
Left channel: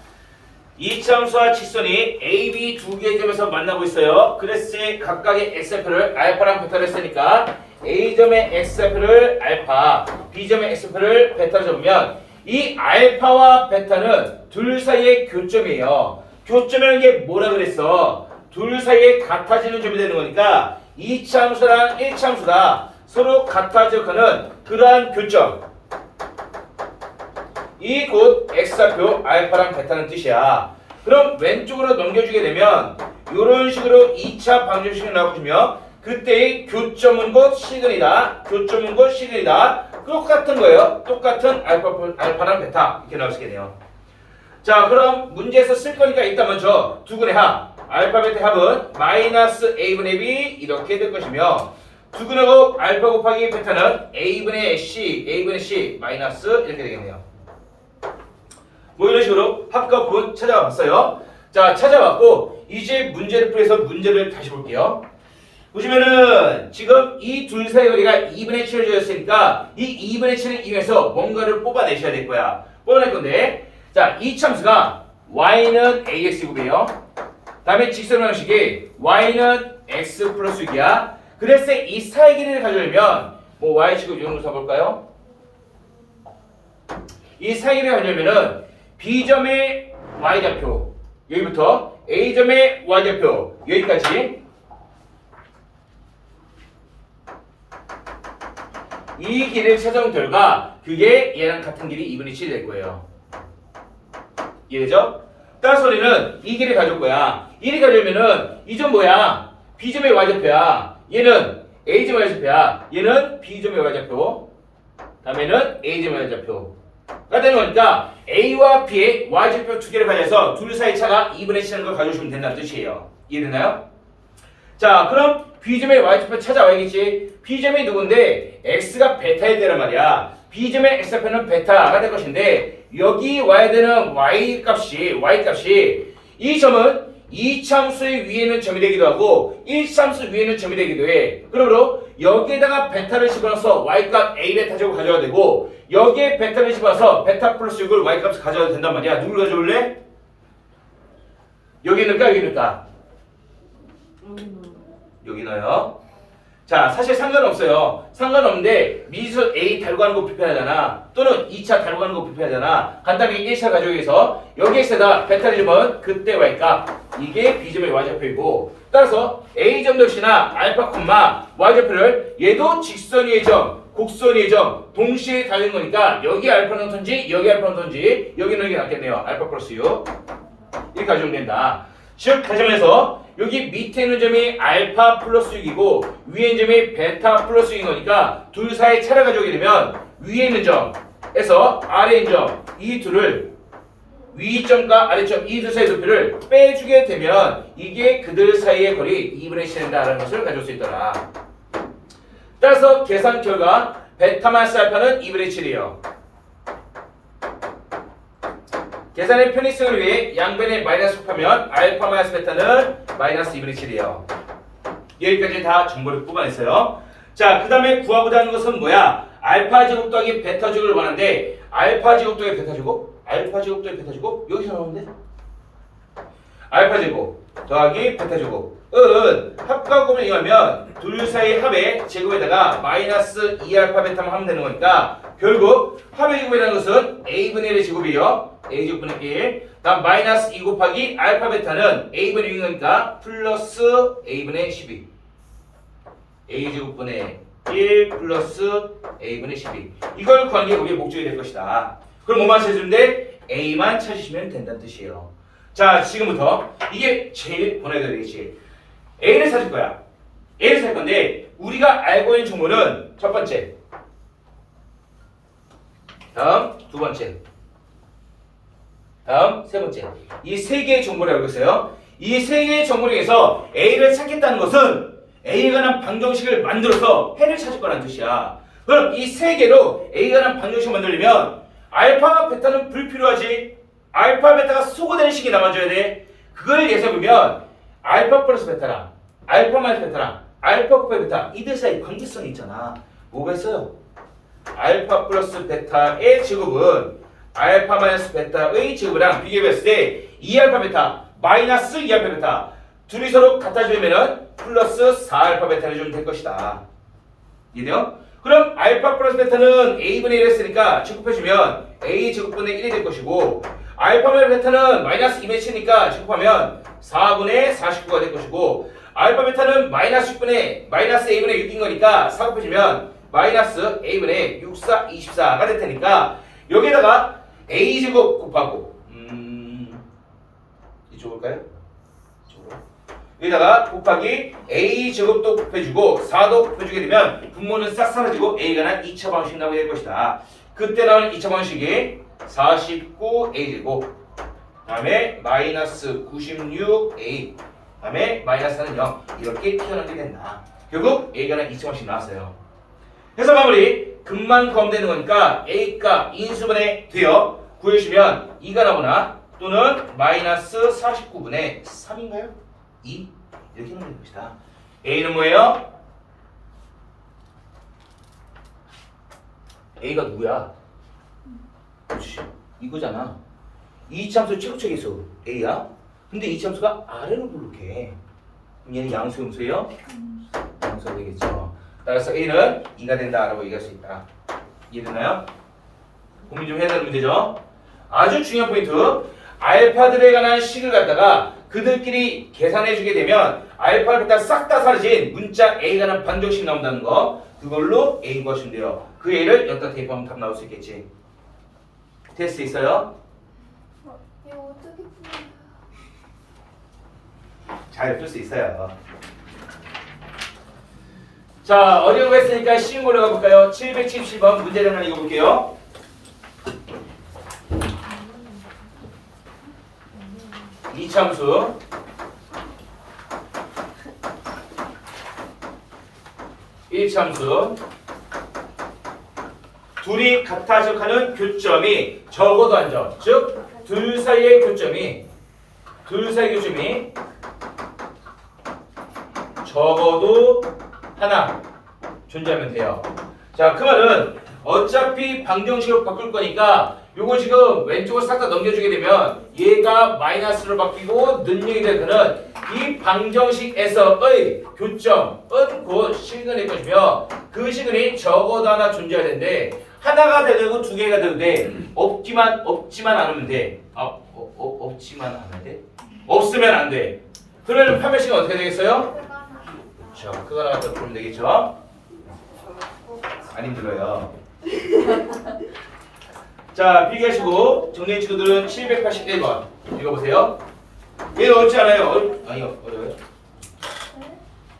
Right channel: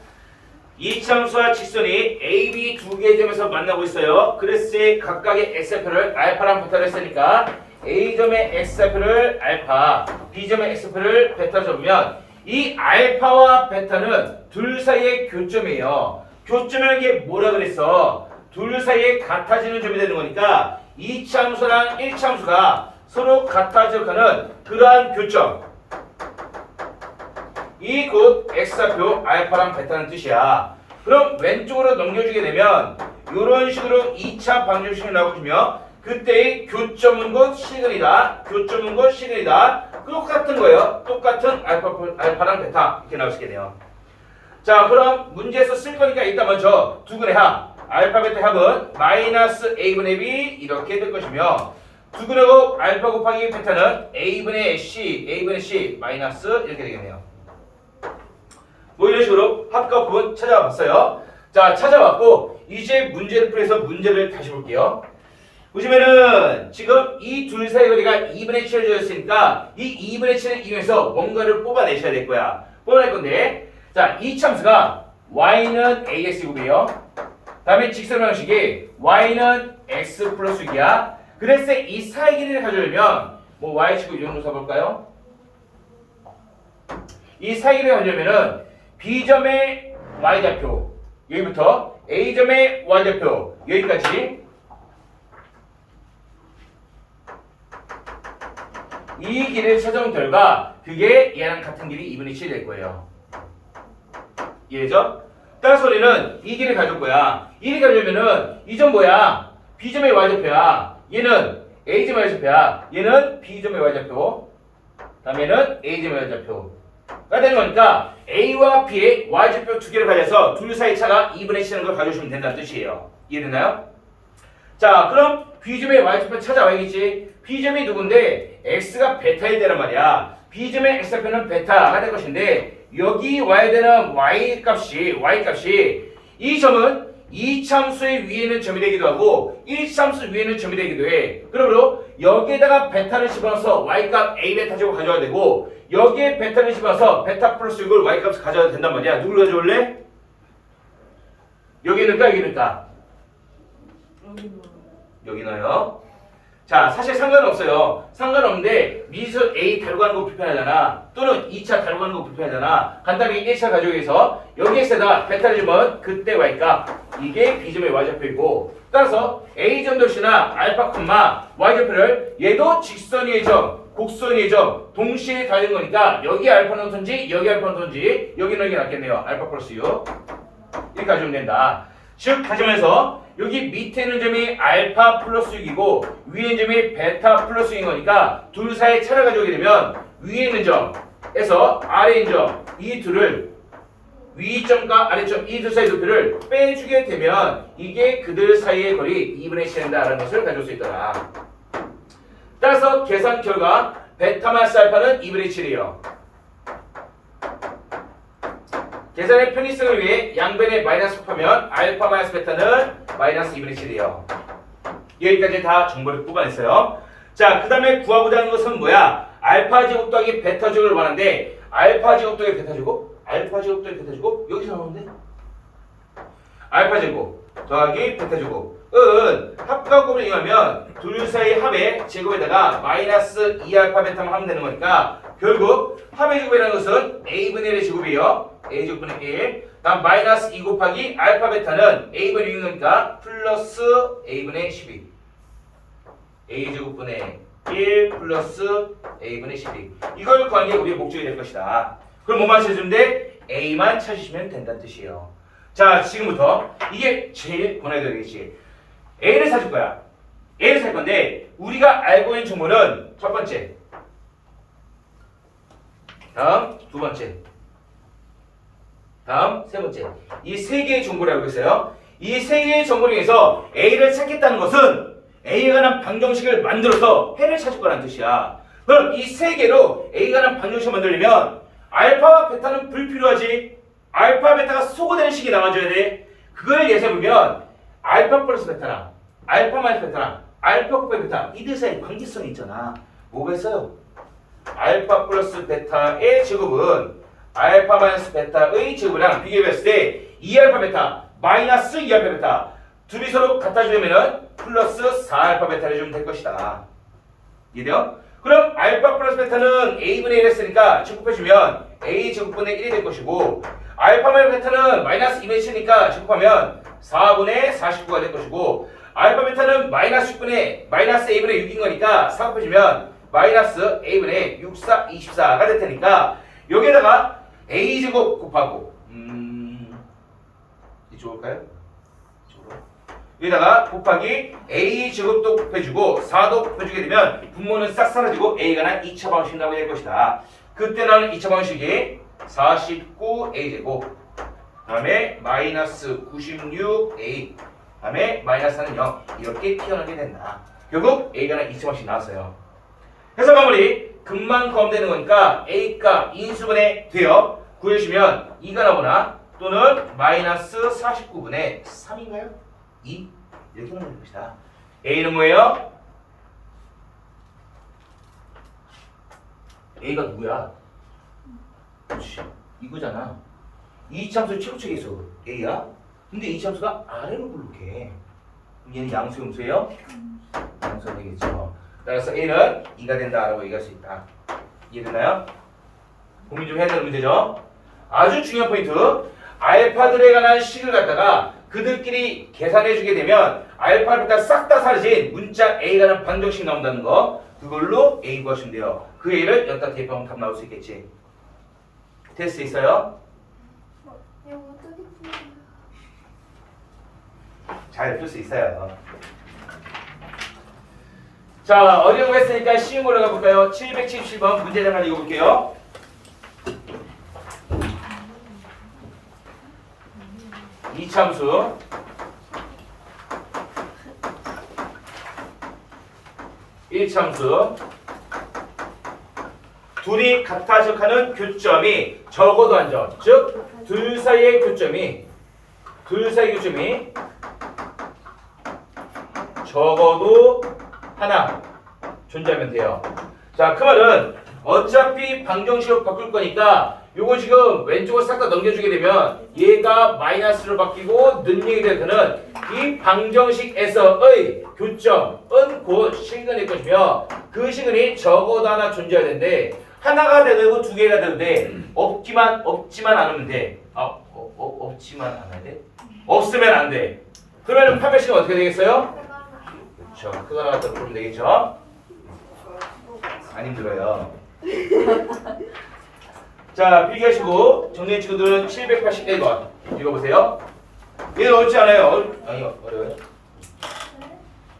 이차함수와 직선이 A, B 두 개의 점에서 만나고 있어요. 그래서 각각의 x좌표를 알파랑 베타를 했으니까 A점의 x좌표를 알파, B점의 x좌표를 베타로 잡으면 이 알파와 베타는 둘 사이의 교점이에요. 교점이라는 게 뭐라 그랬어? 둘 사이에 같아지는 점이 되는 거니까 2차 함수랑 1차 함수가 서로 같아지고 하는 그러한 교점. 이 곧 x좌표 알파랑 베타는 뜻이야. 그럼 왼쪽으로 넘겨주게 되면 이런 식으로 2차 방정식이 나오거든요. 그때의 교점은 곧 시근이다. 교점은 곧 시근이다. 똑같은 거예요. 똑같은 알파랑 베타 이렇게 나올 수 있겠네요. 자, 그럼 문제에서 쓸 거니까 일단 먼저 두 근의 합 알파 베타 합은 마이너스 a분의 b 이렇게 될 것이며 두 근의 합 알파 곱하기 베타는 a분의 c 마이너스 이렇게 되겠네요. 뭐 이런 식으로 합과 분 찾아와 봤어요. 자, 찾아왔고 이제 문제를 풀어서 문제를 다시 볼게요. 보시면은 지금 이 둘 사이 거리가 2분의 7을 주었으니까 이 2분의 7을 이용해서 뭔가를 뽑아내셔야 될 거야. 뽑아낼 건데 자, 이 참수가 y는 ax제곱이에요. 다음에 직선 방식이 y는 x 플러스 6이야. 그래서 이 사이 길이를 가져오려면 뭐 y축을 이 정도 잡을까요? 이 사이 길이를 가져오면은 B점의 y좌표 여기부터 A점의 y좌표 여기까지 이 길이를 찾아온 결과 그게 얘랑 같은 길이 2분의 7이 될 거예요. 이해되죠? 따라서 우리는 이 길을 가져올 거야. 이 길을 가져오면은 이 점 뭐야? B점의 y좌표야. 얘는 A점의 y좌표야. 얘는 B점의 y좌표. 다음에는 A점의 y좌표. 가 되는 거니까 A와 B의 y좌표 두 개를 가져서 둘 사이 차가 2분의 7인 걸 가져오시면 된다는 뜻이에요. 이해되나요? 자, 그럼 B점의 Y좌표 찾아와야겠지. B점이 누군데 X가 베타일 때란 말이야. B점의 X좌표는 베타가 될 것인데 여기 와야 되는 Y값이 이 점은 이참수의 위에는 점이 되기도 하고 1참수 위에는 점이 되기도 해. 그러므로 여기에다가 베타를 집어넣어서 Y값 A 베타 제곱 가져와야 되고 여기에 베타를 집어넣어서 베타 플러스 6을 Y값을 가져와야 된단 말이야. 누굴 가져올래? 여기 넣을까? 여기 넣을까? 여기 넣어요. 자, 사실 상관은 없어요. 상관없는데 미지수 A 달고 가는 거 불편하잖아. 또는 2차 달고 가는 거 불편하잖아. 간단하게 1차 가져오기 위해서 여기에다가 베타를 주면 그때 Y값 이게 B점의 Y좌표이고 따라서 A점 도시나 알파 콤마 Y좌표를 얘도 직선 위의 점, 곡선 위의 점 동시에 달리는 거니까 여기 알파는 어떤지 여기 알파는 어떤지 여기 넣는 게 낫겠네요. 알파 플러스 6 이렇게 가져오면 된다. 즉 다시 말해서 여기 밑에 있는 점이 알파 플러스 6이고 위에 있는 점이 베타 플러스 6인 거니까 둘 사이에 차를 가져오게 되면 위에 있는 점에서 아래에 있는 점 이 둘을 위점과 아래점 이 둘 사이의 도표를 빼주게 되면 이게 그들 사이의 거리 2분의 1이 된다라는 것을 가져올 수 있더라. 따라서 계산 결과 베타 마이너스 알파는 2분의 7이에요. 계산의 편의성을 위해 양변에 마이너스 곱하면 알파 마이너스 베타는 마이너스 2분의 7이에요. 여기까지 다 정보를 뽑아냈어요. 자, 그 다음에 구하고자 하는 것은 뭐야? 알파 제곱 더하기 베타 제곱을 원하는데 알파 제곱 더하기 베타 제곱? 알파 제곱 더하기 베타 제곱? 여기서 나오면 돼? 알파 제곱 더하기 베타 제곱은 합과 곱을 이용하면 둘 사이 합의 제곱에다가 마이너스 2알파 베타만 하면 되는 거니까 결국 합의 제곱이라는 것은 a분의 1의 제곱이에요. a제곱분의 1 다음 마이너스 2 곱하기 알파 베타는 a분의 6인 거니까 플러스 a분의 12 a제곱분의 1 플러스 a분의 12 이걸 구하는 게 우리의 목적이 될 것이다. 그럼 뭐만 찾으는데 a만 찾으시면 된다는 뜻이에요. 자, 지금부터 이게 제일 고난이도 되겠지. a를 찾을 거야. a를 찾을 건데 우리가 알고 있는 정보는 첫 번째 다음 두 번째 다음 세 번째 이 세 개의 정보를 알고 있어요. 이 세 개의 정보 중에서 A를 찾겠다는 것은 A에 관한 방정식을 만들어서 해를 찾을 거라는 뜻이야. 그럼 이 세 개로 A에 관한 방정식을 만들려면 알파와 베타는 불필요하지. 알파 베타가 소거되는 식이 나와줘야 돼. 그걸 예상해보면 알파 플러스 베타랑 알파 마이너스 베타랑 알파 곱하기 베타 이들 사이 관계성이 있잖아. 뭐가 있어요? 알파 플러스 베타의 제곱은 알파 마이너스 베타의 제곱이랑 비교해봤을 때 2알파 베타 마이너스 2알파 베타 둘이 서로 갖다 주면은 플러스 4알파 베타를 주면 될 것이다. 이해돼요? 그럼 알파 플러스 베타는 a분의 1 했으니까 제곱해주면 a 제곱분의 1이 될 것이고 알파 마이너스 베타는 마이너스 2분의 7이니까 제곱하면 4분의 49가 될 것이고 알파 베타는 마이너스 6분의 마이너스 a분의 6인 거니까 4 곱해주면 마이너스 a분의 6, 4, 24가 될 테니까 여기에다가 a제곱 곱하고 이쪽일까요? 이쪽으로 여기다가 곱하기 a제곱도 곱해주고 4도 곱해주게 되면 분모는 싹 사라지고 a가 난 2차 방식이 나오게 될 것이다. 그때 나오는 2차 방식이 49a제곱 다음에 마이너스 96a 다음에 마이너스는 0 이렇게 튀어나오게 된다. 결국 a가 난 2차 방식 나왔어요. 그래서 마무리 금방 구하면 거니까 a가 인수분해 되어 구해주시면 2가 나오나 또는 마이너스 49분의 3인가요? 2 이렇게 하면 되는 것이다. a는 뭐예요? a가 누구야? 그렇지 이거잖아. 이차함수 최고책에서 a야. 근데 이차함수가 아래로 불룩해. 그럼 얘는 양수 음수예요? 양수가 되겠죠. 따라서 a는 2가 된다라고 얘기할 수 있다. 이해되나요? 고민 좀 해야 되는 문제죠. 아주 중요한 포인트. 알파들에 관한 식을 갖다가 그들끼리 계산해주게 되면 알파, 베타 싹 다 사라진 문자 A에 관한 방정식 나온다는 거. 그걸로 A 구하시면 돼요. 그 A를 여기다 대입하면 답 나올 수 있겠지. 테스트 있어요? 이거 어떻게 풀어요? 잘 풀 수 있어요. 자, 어려운 거 했으니까 쉬운 걸로 가볼까요? 777번 문제 잠깐 읽어볼게요. 이참수 1참수 둘이 같아질하는 교점이 적어도 한 점, 즉 둘 사이의 교점이 적어도 하나 존재하면 돼요. 자, 그 말은 어차피 방정식으로 바꿀 거니까 요거 지금 왼쪽으로 싹 다 넘겨주게 되면 얘가 마이너스로 바뀌고 능력이 될 때는 이 방정식에서의 교점은 곧 시그널일 것이며 그 시그널이 적어도 하나 존재해야 되는데 하나가 되고 두 개가 되도 돼. 없지만 않으면 돼. 없지만 않아야 돼? 없으면 안 돼. 그러면 판별식은 어떻게 되겠어요? 그렇죠. 그거 나왔다 그러면 되겠죠? 안 힘들어요. 자, 필기하시고 정리해 친구들은 781번 읽어보세요. 얘는 어렵지 않아요. 아니요, 어려워요.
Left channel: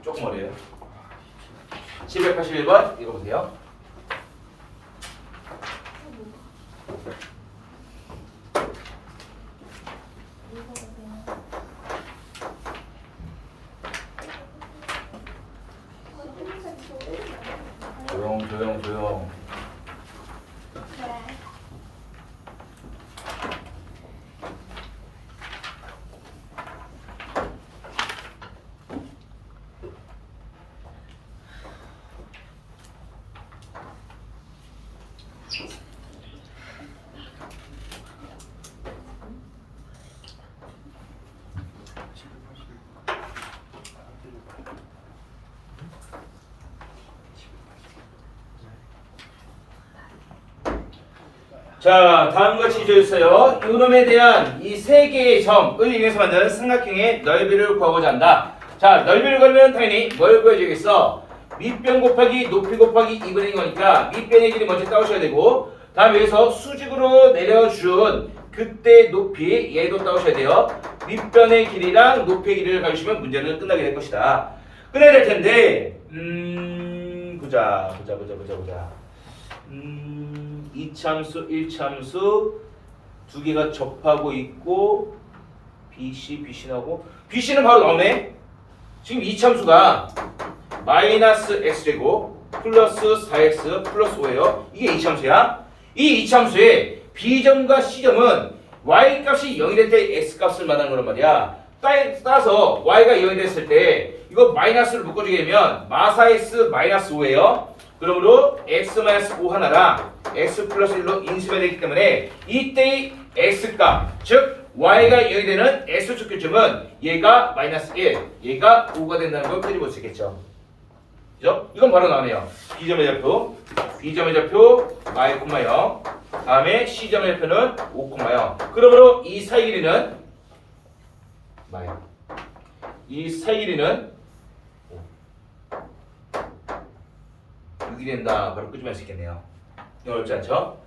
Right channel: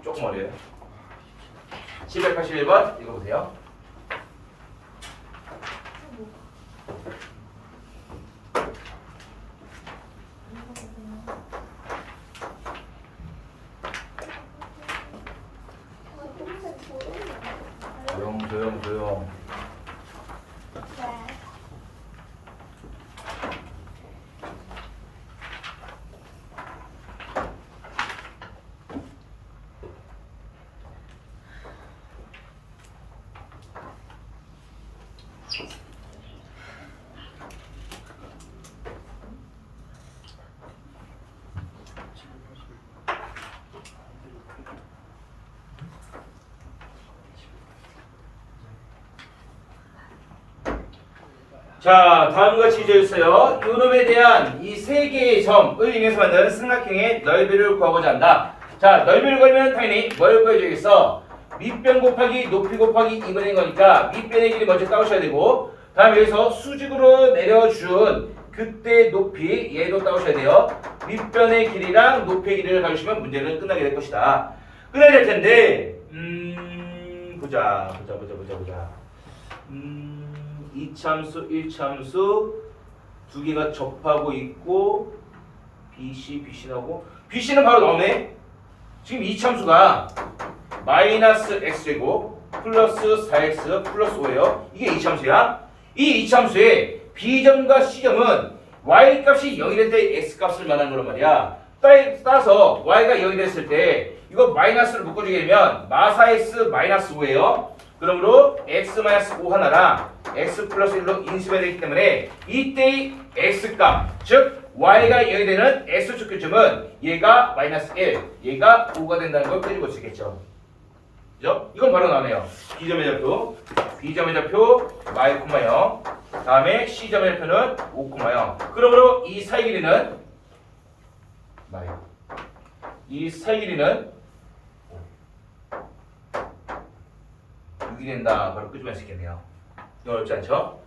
조금 어려워요. 781번 읽어보세요. 조용. 자, 다음과 같이 주어있어요. 요놈에 대한 이 세 개의 점을 이용해서 만든 삼각형의 넓이를 구하고자 한다. 자, 넓이를 구하면 당연히 뭘 구해줘야겠어? 밑변 곱하기 높이 곱하기 2분의 거니까 밑변의 길이 먼저 따오셔야 되고 다음 여기서 수직으로 내려준 그때 높이 얘도 따오셔야 돼요. 밑변의 길이랑 높이의 길이를 가주시면 문제는 끝나게 될 것이다. 끝나게 될 텐데 보자. 2참수, 1참수 두 개가 접하고 있고 BC나오고 BC는 바로 나오네. 지금 2참수가 마이너스 x제곱 플러스 4x 플러스 5예요. 이게 2참수야. 이 2참수의 B점과 C점은 y 값이 0이 될 때 x 값을 말하는 거란 말이야. 따라서 y가 0이 됐을 때 이거 마이너스를 묶어주게 되면 마사x 마이너스 5예요. 그러므로 x 마이너스 5 하나랑 x 플러스 1로 인수가 되기 때문에 이때의 x값 즉 y가 0이 되는 x축 교점은 얘가 마이너스 1 얘가 5가 된다는 걸 펴볼 수 있겠죠. 그죠? 이건 바로 나오네요. B점의 좌표 y, 0 다음에 C점의 좌표는 5, 0 그러므로 이 사이 길이는 뭐예요? 이 사이 길이는 6이 된다. 바로 끄집어낼 수 있겠네요. 이건 어렵지 않죠?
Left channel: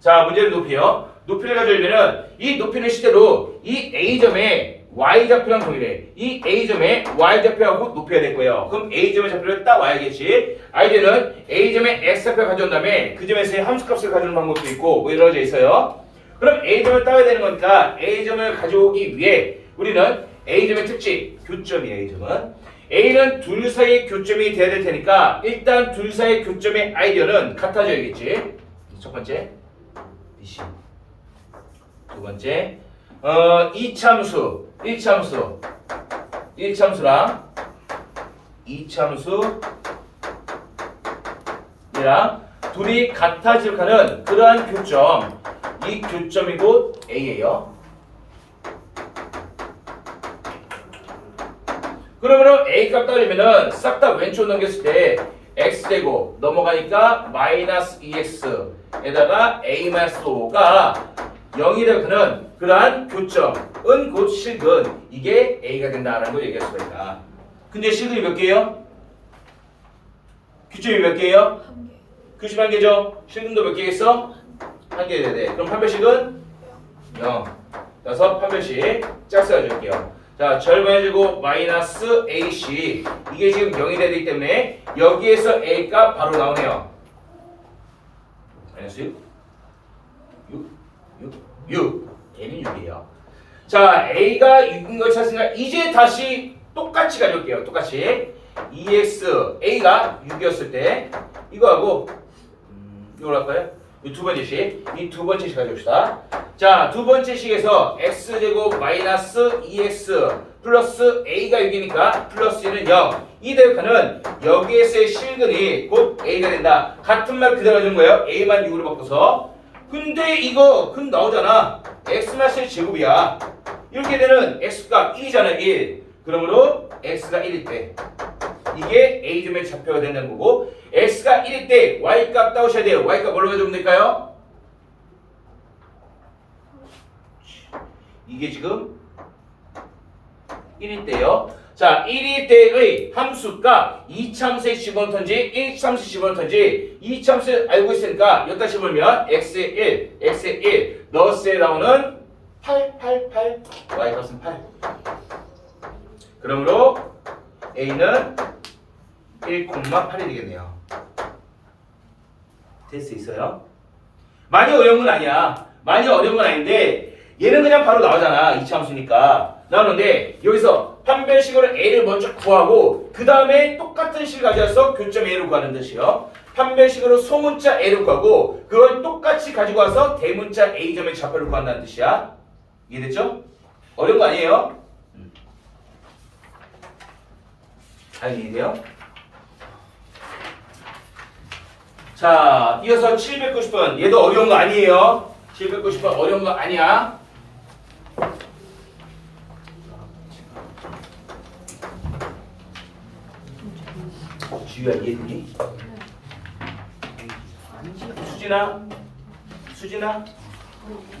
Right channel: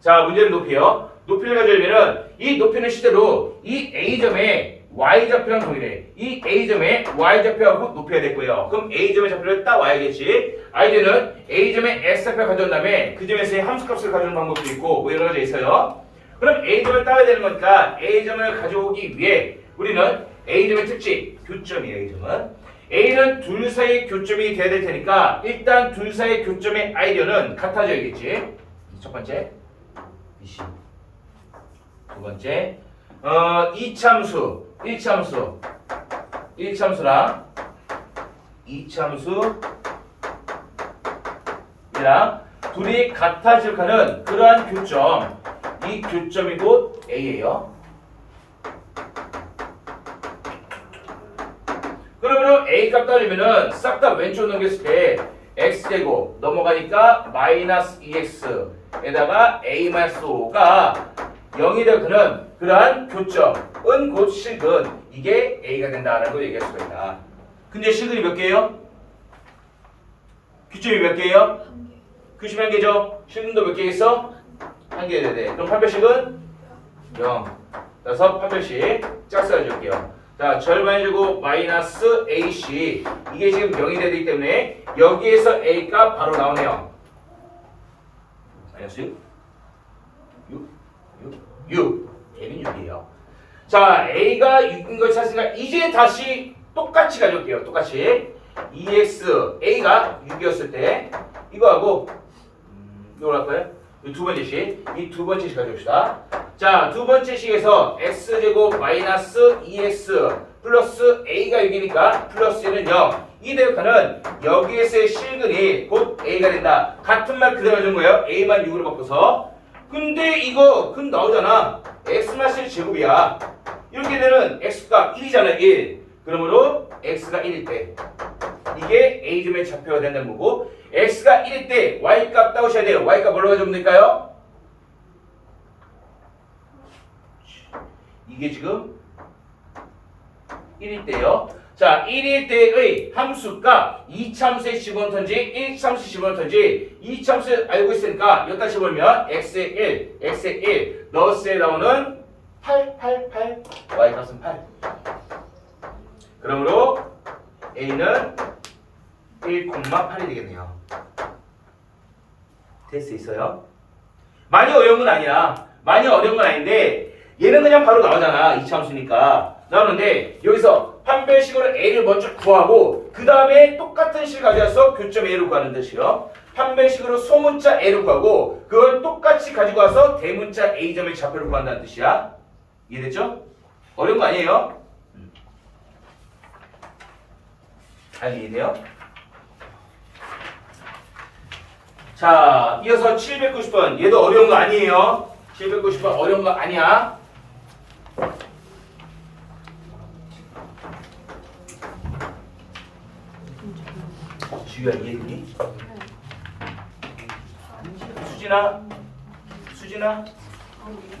자, 문제는 높이요. 높이를 가져오면은 이 높이는 실제로 이 A점의 Y좌표랑 동일해. 이 A점의 Y좌표하고 높이가 됐고요. 그럼 A점의 좌표를 딱 와야겠지. 아이들은 A점의 X좌표 가져온 다음에 그 점에서의 함수값을 가져오는 방법도 있고 뭐 여러 가지 있어요. 그럼 A점을 따야 되는 거니까 A점을 가져오기 위해 우리는 A점의 특징, 교점이에요. A점은. A는 둘 사이의 교점이 돼야 될 테니까 일단 둘 사이의 교점의 아이디어는 같아져야겠지. 첫 번째 BC 두 번째 1참수랑 2참수이랑 둘이 같아질 하는 그러한 교점 이 교점이 곧 A예요. 그러면 A값 따르면은 싹 다 왼쪽으로 넘겼을 때 X제곱 넘어가니까 마이너스 2X에다가 A-5가 0이 되는 그러한 교점은 곧 실근 이게 A가 된다는 걸 얘기할 수가 있다. 근데 실근이 몇 개예요? 교점이 몇 개예요? 교점이 한 개죠? 실근도 몇 개겠어? 한 개 돼야 돼. 그럼 판별식은 0. 따라서 판별식 짝수 가져올게요. 자, 절반의 제곱 마이너스 AC 이게 지금 0이 되기 때문에 여기에서 A가 바로 나오네요. 마이너스 6 A는 6이에요. 자, A가 6인 걸 찾으니까 이제 다시 똑같이 가져올게요. 똑같이 EX A가 6이었을 때 이거하고 이걸 할까요? 이 두 번째 식, 이 두 번째 식 가져옵시다. 자, 두 번째 식에서 x제곱 마이너스 2x 플러스 a가 6이니까 플러스 1은 0. 이 대역하는 여기에서의 실근이 곧 a가 된다. 같은 말 그대로 하는 거예요. a만 6으로 바꿔서. 근데 이거 근 나오잖아. x-1 제곱이야. 이렇게 되는 x가 1이잖아. 1. 그러므로 x가 1일 때 이게 a점의 좌표가 된다는 거고, x가 1일 때 y값 따오셔야 돼요. y값 뭘로 가져오면 될까요? 이게 지금 1일 때요. 자, 1일 때의 함수가 2참수에 집어넣던지 1참수 집어넣던지 2참수 알고 있으니까 여기다 집어넣으면 x의 1, x의 1 넣었을 때 나오는 8, y값은 8. 그러므로 a는 1,8이 되겠네요. 될 수 있어요? 많이 어려운 건 아니야. 많이 어려운 건 아닌데 얘는 그냥 바로 나오잖아. 이차함수니까 나오는데 여기서 판별식으로 a를 먼저 구하고 그 다음에 똑같은 식을 가져와서 교점 a를 구하는 뜻이요. 판별식으로 소문자 a를 구하고 그걸 똑같이 가지고 와서 대문자 a점의 좌표를 구한다는 뜻이야. 이해됐죠? 어려운 거 아니에요? 잘 이해돼요? 자, 이어서 790번. 얘도 어려운 거 아니에요. 790번 어려운 거 아니야. 주희야 이해되니? 수진아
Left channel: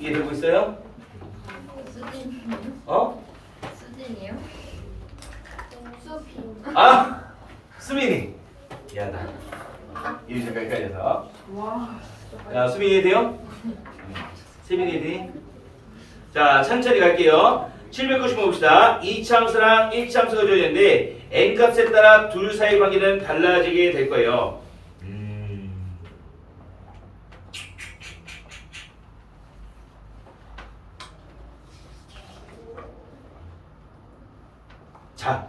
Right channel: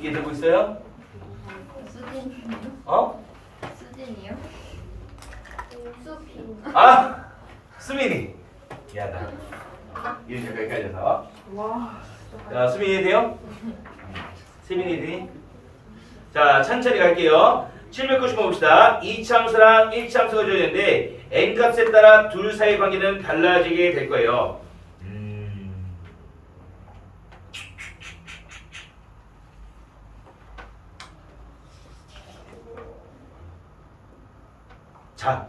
이해되고 있어요? 수진. 어? 수진이요? 수빈. 아! 수민이 미안하다. 이해 잠깐 헷갈려서. 와. 자, 수빈이 이해돼요? 세빈이 이해되니? 자, 천천히 갈게요. 790번 봅시다. 2참수랑 1참수가 주어졌는데 n값에 따라 둘 사이 관계는 달라지게 될 거예요. 자,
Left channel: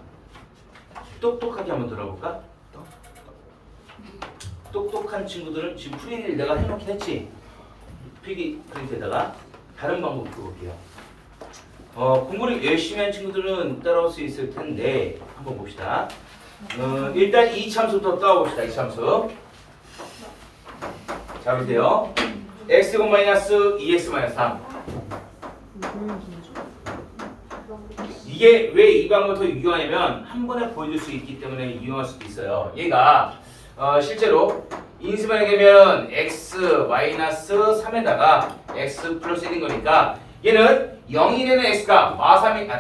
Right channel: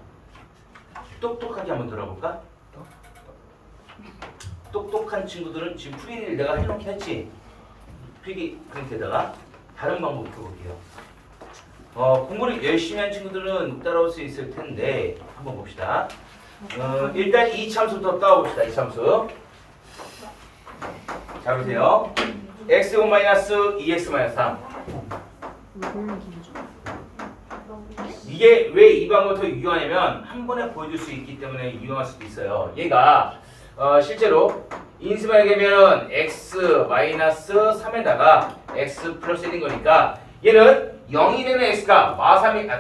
똑똑하게 한번 들어볼까? 똑똑한 친구들은 지금 프린트를 내가 해놓긴 했지. 필기 프린트에다가 다른 방법 풀어볼게요. 공부를 열심히 한 친구들은 따라올 수 있을 텐데 한번 봅시다. 일단 이 참수부터 떠봅시다. 이 참수 잡으세요. x 제곱 마이너스 2x 마이너스 3. 이게 왜 이 방법을 더 유용하냐면 한 번에 보여줄 수 있기 때문에 유용할 수도 있어요. 얘가 실제로 인수분해하게 되면 x 마이너스 3에다가 x 플러스 1인 거니까 얘는 0이 되는 x가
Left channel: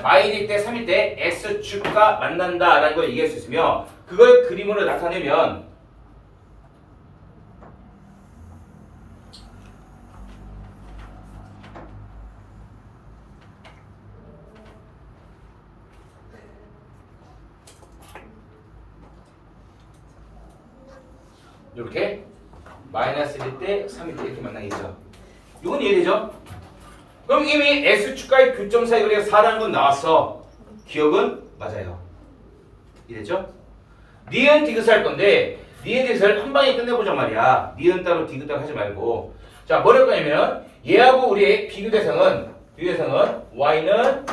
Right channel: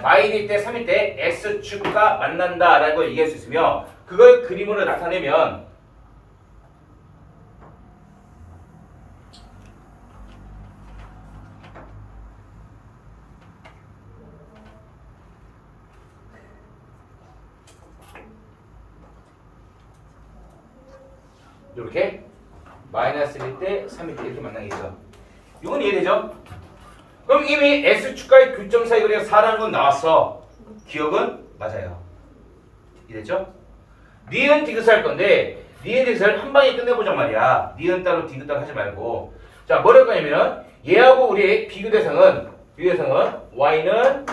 마일일 때 3일 때 x축과 만난다라는 걸 얘기할 수 있으며 그걸 그림으로 나타내면 이렇게 마이너스 1일 때 3일 때 이렇게 만나겠죠. 이건 이해되죠? 그럼 이미 S축과의 교점 사이 거리가 4라는 건 나왔어. 기억은 맞아요. 이해됐죠? 니은 디귿을 할 건데 니은 디귿을 한 방에 끝내보자 말이야. 니은 따로 디귿 따로 하지 말고. 자, 뭘 할 거냐면 얘하고 우리의 비교 대상은 y는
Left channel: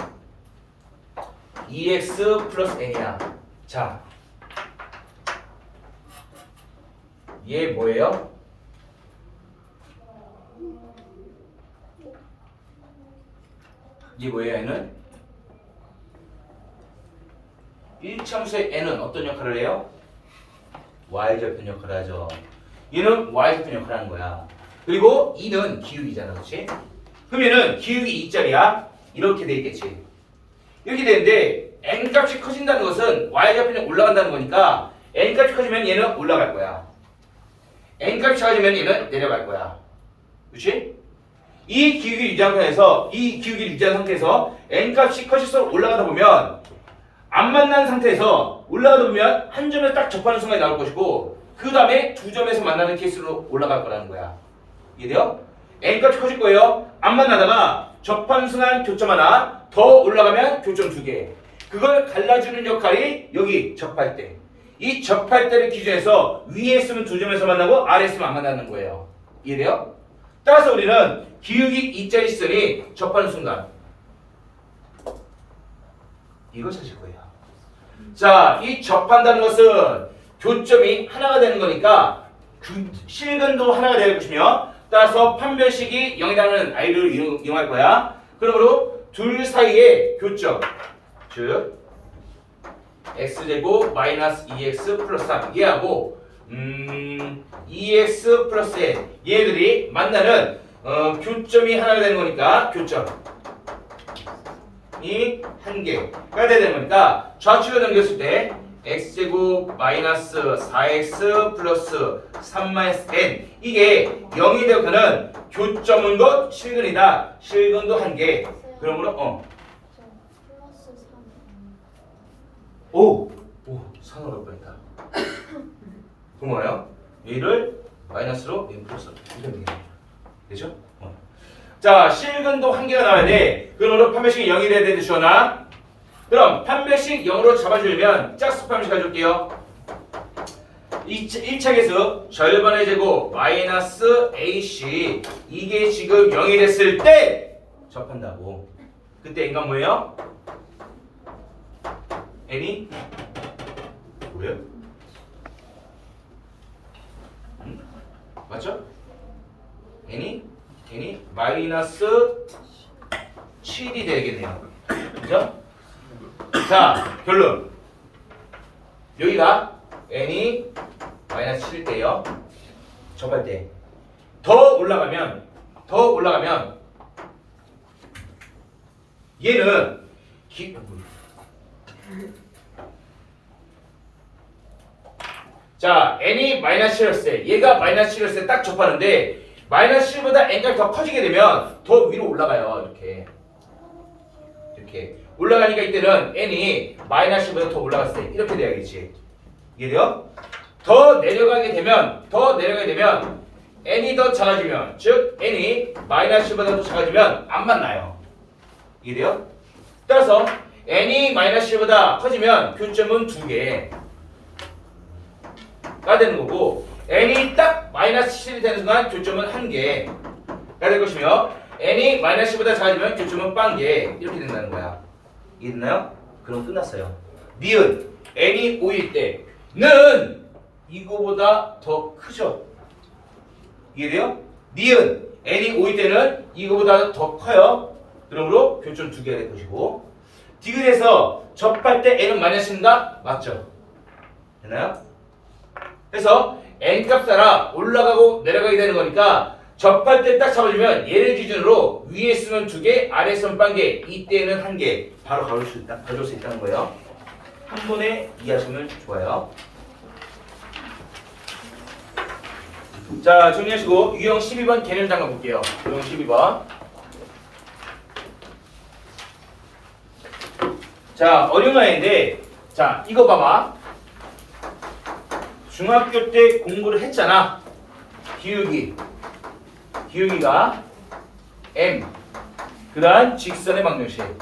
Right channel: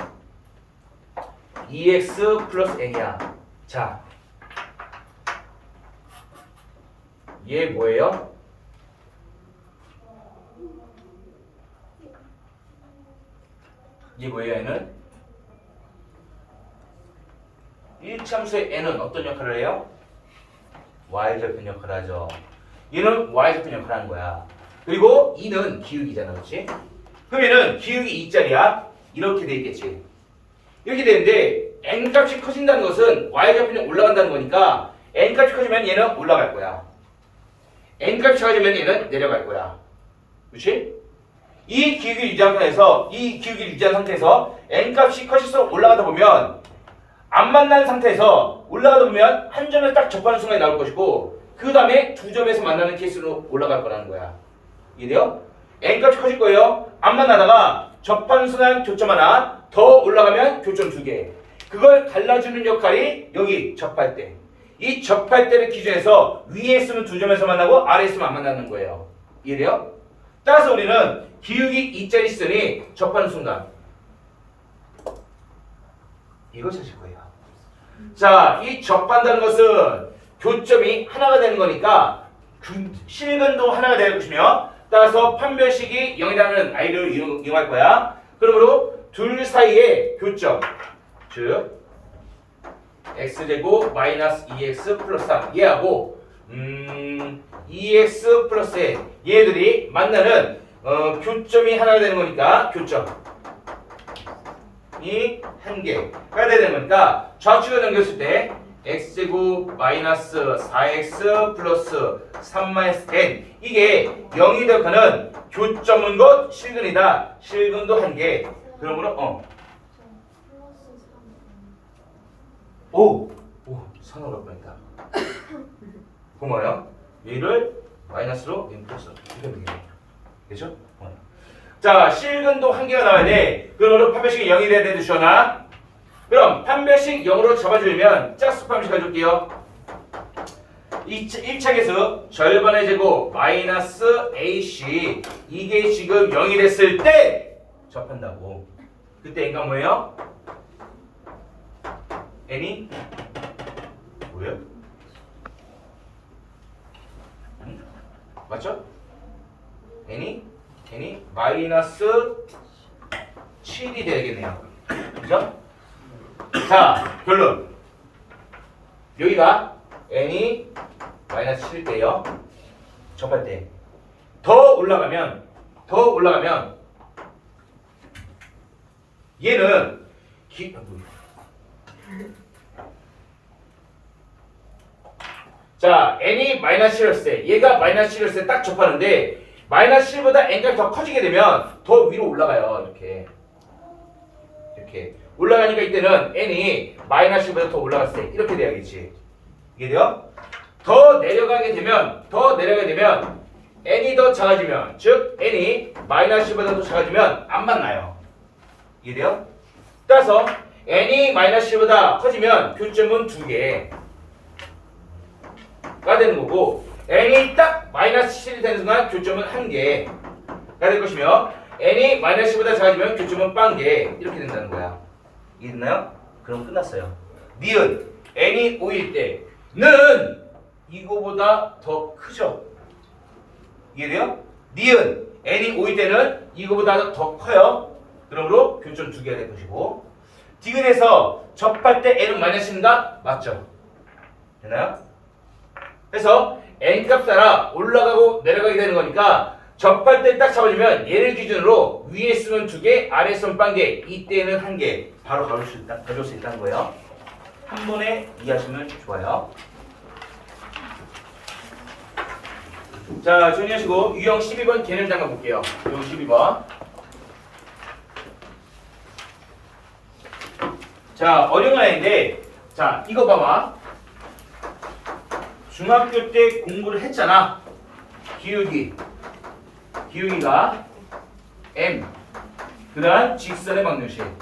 2x 플러스 n이야. 자, 얘 뭐예요? 이 뭐예요? 얘는 1참수의 n은 어떤 역할을 해요? y절편 역할을 하죠. 얘는 y절편 역할을 하는 거야. 그리고 2는 기울기잖아. 그렇지? 그러면은 기울기 2짜리야. 이렇게 돼 있겠지. 이렇게 되는데 n값이 커진다는 것은 y절편이 올라간다는 거니까 n값이 커지면 얘는 올라갈 거야. n값이 작아지면 얘는 내려갈 거야. 그렇지? 이 기울기를 유지한 상태에서 n값이 커질수록 올라가다 보면 안 만난 상태에서 올라가다 보면 한 점에 딱 접하는 순간에 나올 것이고 그 다음에 두 점에서 만나는 케이스로 올라갈 거라는 거야. 이해돼요? n값이 커질 거예요. 안 만나다가 접하는 순간 교점 하나 더 올라가면 교점 2개. 그걸 갈라주는 역할이 여기 접할 때 이 접할 때를 기준해서 위에 있으면 두 점에서 만나고 아래에 있으면 안 만나는 거예요. 이해돼요? 따라서 우리는 기울기 2짜리 시선이 접하는 순간 이걸 찾을 거예요. 자, 이 접한다는 것은 교점이 하나가 되는 거니까 실근도 하나가 될 것이며 따라서 판별식이 0이라는 아이를 이용할 거야. 그러므로 둘 사이의 교점 즉 x제곱 마이너스 2x 플러스 3 얘하고 2x 플러스 n 얘들이 만나는 교점이 하나가 되는 거니까 교점이 한 개가 되는 거니까 좌측을 넘겼을 때 x제곱 마이너스 4x 플러스 3 마이너스 n 이게 0이 되어가는 교점은 것 실근이다. 실근도 한 개. 그러므로 오! 산으로 갈 뻔했다. 고마워요. 얘를 마이너스로 플러스 이런 얘기네. 되죠? 자, 실근도 한 개가 나와야 돼. 그러므로 판별식이 0이 돼야 되는데 주어나 그럼 판별식 0으로 잡아주려면 짝수 판별식 가져올게요. 1차계에서 절반의 제곱 마이너스 AC 이게 지금 0이 됐을 때 접한다고. 그때 n가 뭐예요? n이 뭐예요? 맞죠? n이 마이너스 7이 되겠네요. 그죠? 자, 결론. 여기가 n이 마이너스 7일 때요. 접할 때. 더 올라가면 얘는 자, n이 마이너스 7이었을 때 얘가 마이너스 7이었을 때 딱 접하는데 마이너스 7보다 n값이 더 커지게 되면 더 위로 올라가요. 이렇게 올라가니까 이때는 n이 마이너스 7보다 더 올라갔을 때 이렇게 돼야겠지. 이해돼요? 더 내려가게 되면 n이 더 작아지면 즉 n이 마이너스 7보다 더 작아지면 안 만나요. 이해돼요? 따라서 n이 마이너스 7보다 커지면 교점은 2개가 되는 거고 n이 딱 마이너스 7이 되는 순간 교점은 1개가 될 것이며 n이 마이너스 10보다 작아지면 교점은 빵개 이렇게 된다는 거야. 이해됐나요? 그럼 끝났어요. 니은 n이 5일 때는 이거보다 더 크죠? 이해돼요? 니은 n이 5일 때는 이거보다 더 커요. 그러므로 교점 2개가 될 것이고 디귿에서 접할 때 n은 마이너스인가? 맞죠? 되나요? 그래서 n값 따라 올라가고 내려가게 되는 거니까 접할 때 딱 잡아주면 얘를 기준으로 위에 쓰면 2개, 아래 쓰면 빵개, 이때는 1개 바로 가져올 수 있다는 거예요. 한 번에 이해하시면 좋아요. 자, 정리하시고 유형 12번 개념 잠깐 볼게요. 유형 12번. 자, 어려운 아이인데 자, 이거 봐봐. 중학교 때 공부를 했잖아. 기울기가 m 그다음 직선의 방정식을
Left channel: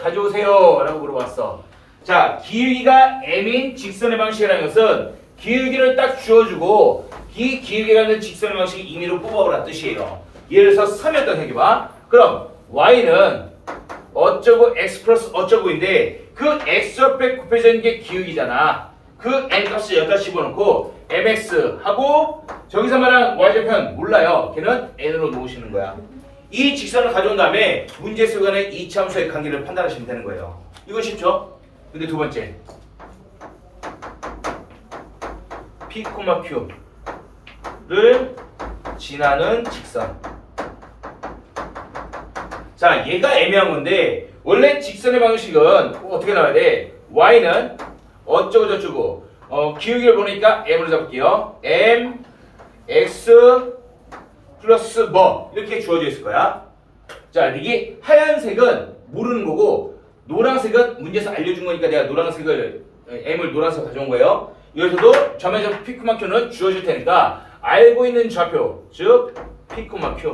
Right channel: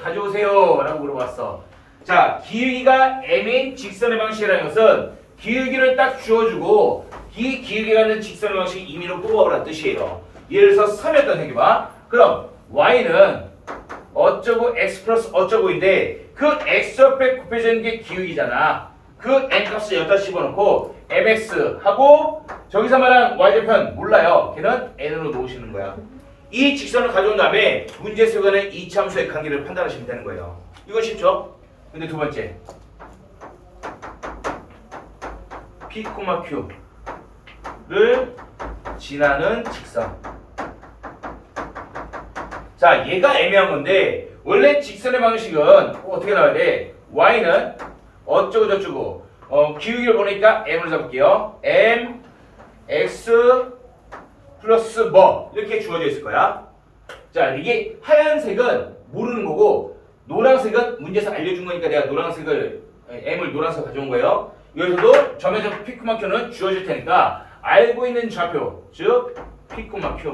가져오세요 라고 물어봤어. 자, 기울기가 m인 직선의 방식이라는 것은 기울기를 딱 주어주고 이 기울기라는 직선의 방식 임의로 뽑아보라 뜻이에요. 예를 들어서 3이었던 생각해봐. 그럼 y는 어쩌고 x 플러스 어쩌고인데 그 x 옆에 곱해지는 게 기울기잖아. 그 n값을 여기다 집어넣고 mx 하고 저기서 말한 y절편 몰라요. 걔는 n으로 놓으시는 거야. 이 직선을 가져온 다음에 문제 속에는 이차함수의 관계를 판단하시면 되는 거예요. 이거 쉽죠? 근데 두 번째 P, Q를 지나는 직선. 자, 얘가 애매한 건데 원래 직선의 방식은 어떻게 나와야 돼? y는 어쩌고 저쩌고 기울기를 보니까 m으로 잡을게요. m x 플러스 뭐 이렇게 주어져 있을 거야. 자, 이게 하얀색은 모르는 거고 노란색은 문제에서 알려준 거니까 내가 노란색을 m을 노란색 가져온 거예요. 여기서도 점에서 P, Q는 주어질 테니까 알고 있는 좌표 즉 P, Q.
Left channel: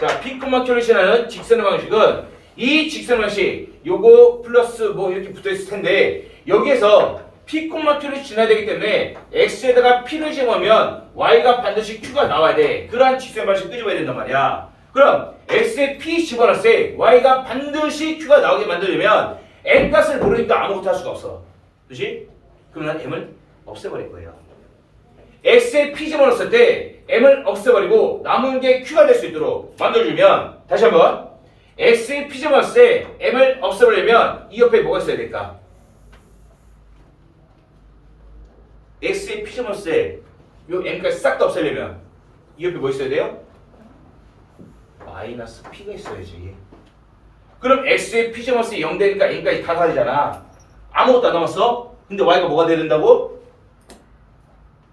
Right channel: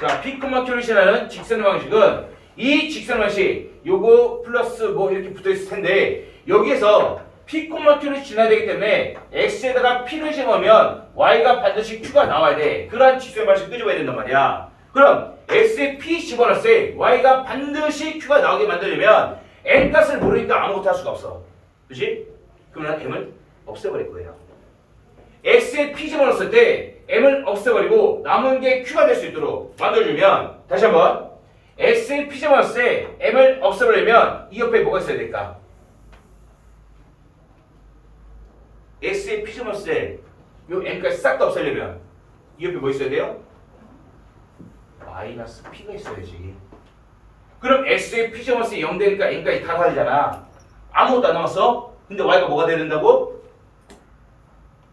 자, P, Q를 지나는 직선의 방식은 이 직선의 방식 요거 플러스 뭐 이렇게 붙어 있을 텐데 여기에서 P, Q를 지나야 되기 때문에 X에다가 P를 집어넣으면 Y가 반드시 Q가 나와야 돼. 그러한 지수의 방식 끄집어야 된단 말이야. 그럼 X에 P 집어넣을 때 Y가 반드시 Q가 나오게 만들려면 M 값을 모르니까 아무것도 할 수가 없어. 그렇지? 그러면 M을 없애버릴 거예요. X에 P 집어넣었을 때 M을 없애버리고 남은 게 Q가 될 수 있도록 만들어주면 다시 한번 X에 P 집어넣었을 때 M을 없애버리면 이 옆에 뭐가 있어야 될까? X에 P 집어넣었을 때 이 M까지 싹 다 없애려면 이 옆에 뭐 있어야 돼요? 마이너스 P가 있어야지. 그럼 X에 P 집어넣었을 때 0 되니까 M까지 다 사라지잖아. 아무것도 안 남았어? 근데 Y가 뭐가 돼야 된다고?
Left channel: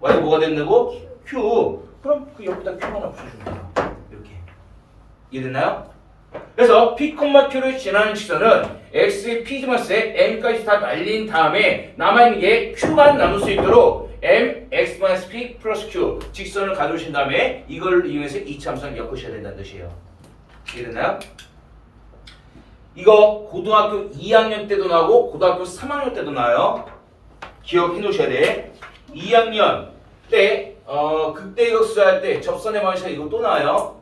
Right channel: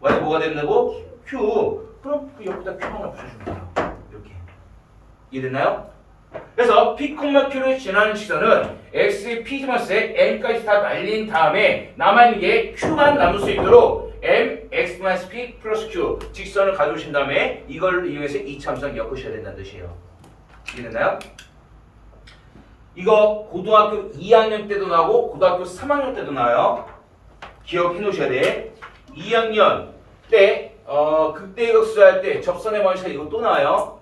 Y가 뭐가 된다고? Q. 그럼 그 옆에다 Q 하나 붙여주면 돼요. 이렇게. 이해됐나요? 그래서 P, Q를 지나는 직선은 X의 P 집어넣을 때 M까지 다 날린 다음에 남아있는 게 Q만 남을 수 있도록 M, X-P 플러스 Q 직선을 가져오신 다음에 이걸 이용해서 이차함수랑 엮으셔야 된다는 뜻이에요. 이해됐나요? 이거 고등학교 2학년 때도 나오고 고등학교 3학년 때도 나와요. 기억해 놓으셔야 돼. 2학년 때 극대극수 할 때 접선의 방식 이거 또 나와요.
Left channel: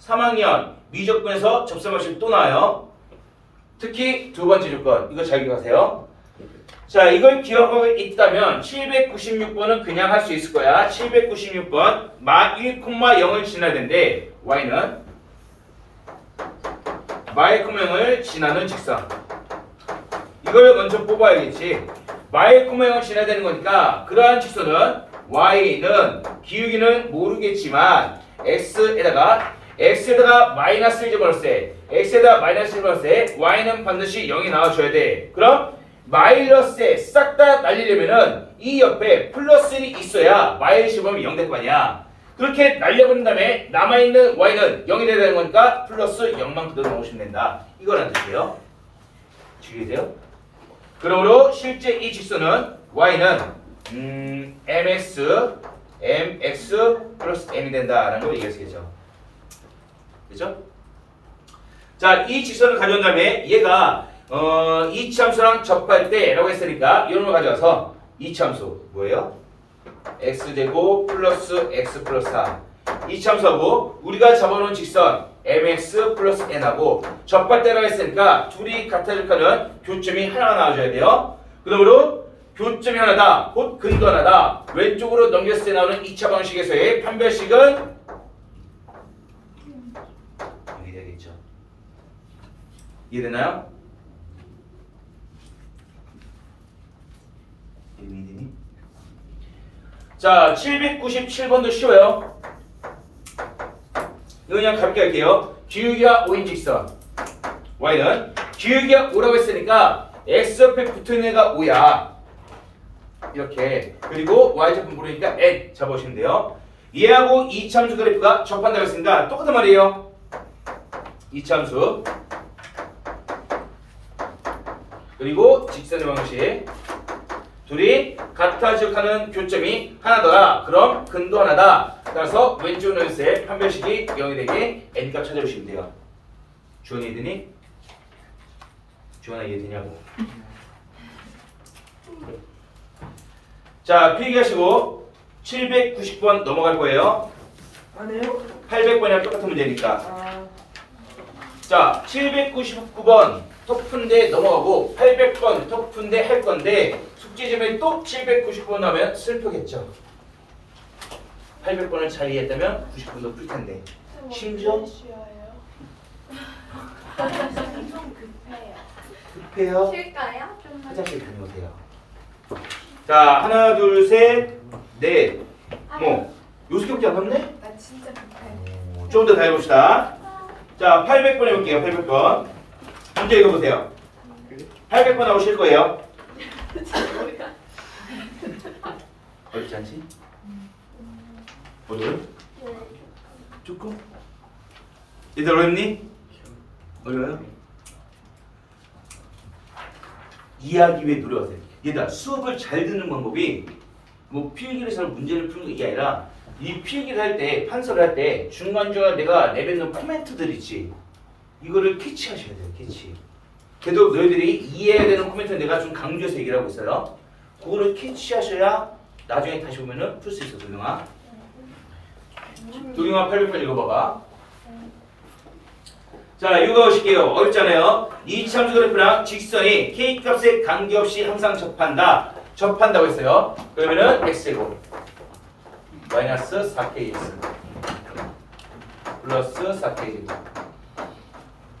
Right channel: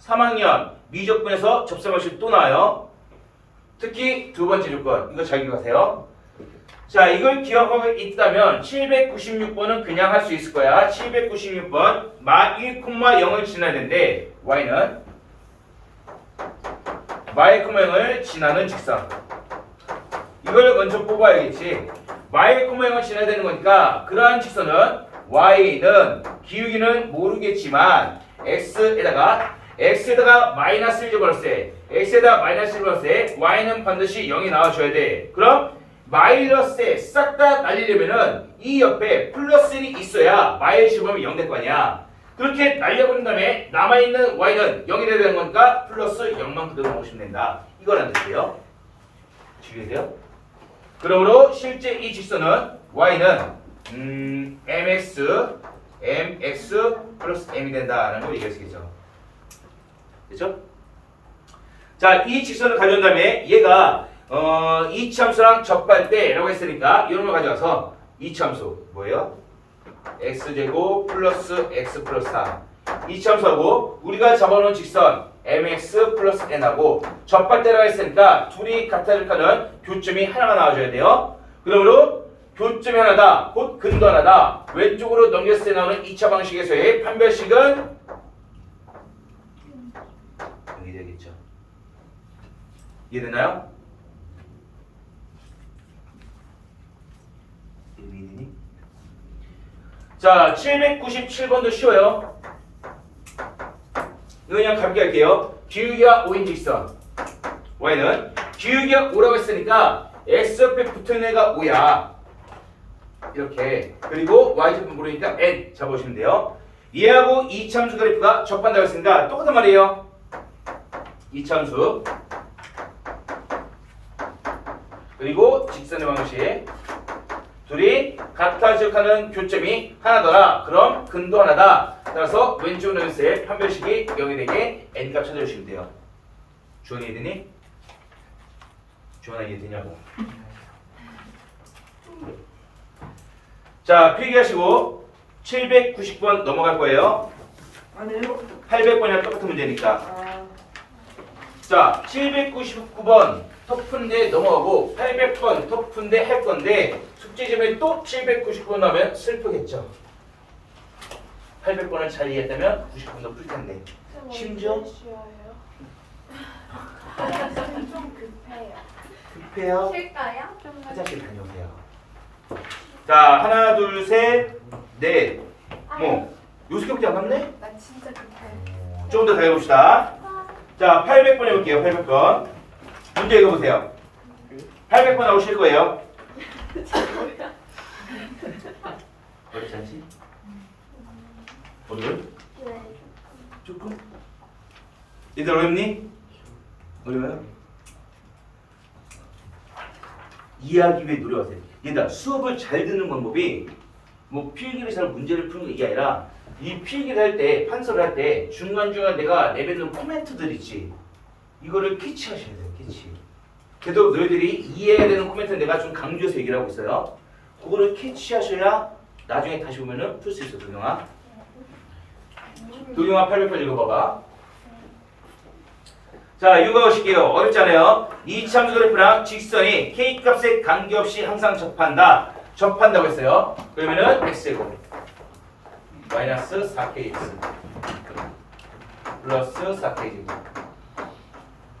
3학년 미적분에서 접선 방식 또 나와요. 특히 두 번째 조건 이거 잘 기억하세요. 자, 이걸 기억하고 있다면 796번은 그냥 할 수 있을 거야. 796번 마 1,0을 지나야 되는데 y는 마 1,0을 지나는 직선. 이걸 먼저 뽑아야겠지. 마 1,0을 지나야 되는 거니까 그러한 직선은 y는 기울기는 모르겠지만 x에다가 마이너스를 집어넣을 때 x에다가 마이너스를 집어넣을 때 y는 반드시 0이 나와줘야 돼. 그럼 마이너스에 싹 다 날리려면은 이 옆에 플러스 1이 있어야 y를 집으면 0 될 거 아니야. 그렇게 날려버린 다음에 남아있는 y는 0이 돼야 되는 거니까 플러스 0만 그대로 넣으시면 된다. 이거란 뜻이에요. 주의해야 돼요. 그러므로 실제 이 직선은 y는 mx 플러스 m이 된다라는 걸 얘기하시겠죠. 그죠? 자, 이 직선을 가져온 다음에 얘가 이차함수랑 접할 때라고 했으니까 이런 걸 가져와서 이차함수 뭐예요? x제곱 플러스 x 플러스 4 이차함수하고 우리가 잡아놓은 직선 mx 플러스 n하고 접할 때라고 했으니까 둘이 같아질 하는 교점이 하나가 나와줘야 돼요. 그러므로 교점이 하나다, 곧 근도 하나다. 왼쪽으로 넘겼을 때 나오는 2차 방식에서의 판별식은 여기 되겠죠. 이해되나요? 자, 797번도 쉬워요. 이거 그냥 가볍게 할게요. 기울기와 5인 직선 y는 기울기가 5라고 했으니까 x 옆에 붙어있는 애가 5야. 이렇게. 그리고 y좌표 모르니까 n 잡아오시면 돼요. 얘하고 이차함수 그래프가 접한다고 했으니까 똑같은 말이에요. 이차함수 그리고 직선의 방식 둘이 같아지는 교점이 하나더라. 그럼 근도 하나다. 따라서 왼쪽 넷의 판별식이 0이 되게 n값 찾아주시면 돼요. 주원이 이해되니? 주원아 이해되냐고. 자, 필기하시고 790번 넘어갈 거예요. 안 해요? 800번이랑 똑같은 문제니까. 아, 자, 799번 터프인데 넘어가고 800번 터프인데 할 건데 숙제점에 또 799번 나오면 슬프겠죠. 800번을 잘 이해했다면 90번도 풀 텐데. 심지어 좀 급해요. 급해요. 쉴까요? 좀 화장실 다녀오세요. 자, 하나, 둘, 셋, 넷. 뭐, 요새밖에 안 남네? 나 진짜 급해. 좀 더 더 해봅시다. 자, 800번 해볼게요. 800번. 문제 읽어보세요. 800번 나오실 거예요. 어렵지 않지? 어려워? 네. 조금? 얘들 어렵니? 어려워요? 이해하기 위해 노력하세요. 얘들아, 수업을 잘 듣는 방법이 뭐 필기에서 문제를 푸는 게 아니라 이 필기를 할 때, 판서를 할 때 중간중간 내가 내뱉는 코멘트들 있지. 이거를 캐치하셔야 돼요. 캐치. 그래도 너희들이 이해해야 되는 코멘트는 내가 좀 강조해서 얘기를 하고 있어요. 그거를 캐치하셔야 나중에 다시 보면은 풀 수 있어. 도경아 800번 읽어봐봐. 자, 이거 보실게요. 어렵잖아요. 이 참수 그래프랑 직선이 K값에 관계없이 항상 접한다고 했어요. 그러면은 X제곱 마이너스 4KX 플러스 4K제곱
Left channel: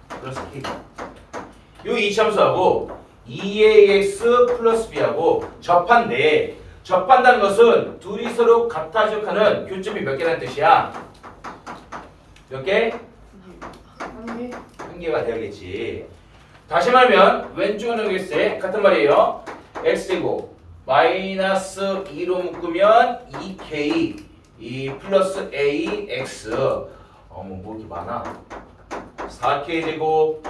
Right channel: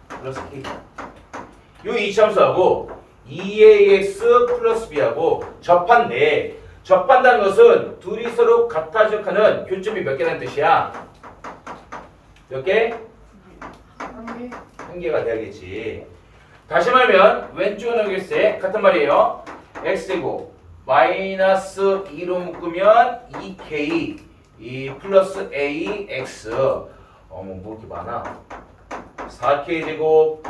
플러스 K. 요 이참수하고 2AX 플러스 B하고 접한다는 것은 둘이 서로 같아 지역하는 교점이 몇 개라는 뜻이야? 몇 개? 한 개가 돼야겠지. 다시 말하면 왼쪽은 넘겼을 때 같은 말이에요. X제곱 마이너스 2로 묶으면 2K 이 플러스 AX 뭐 이렇게 많아. 4K제곱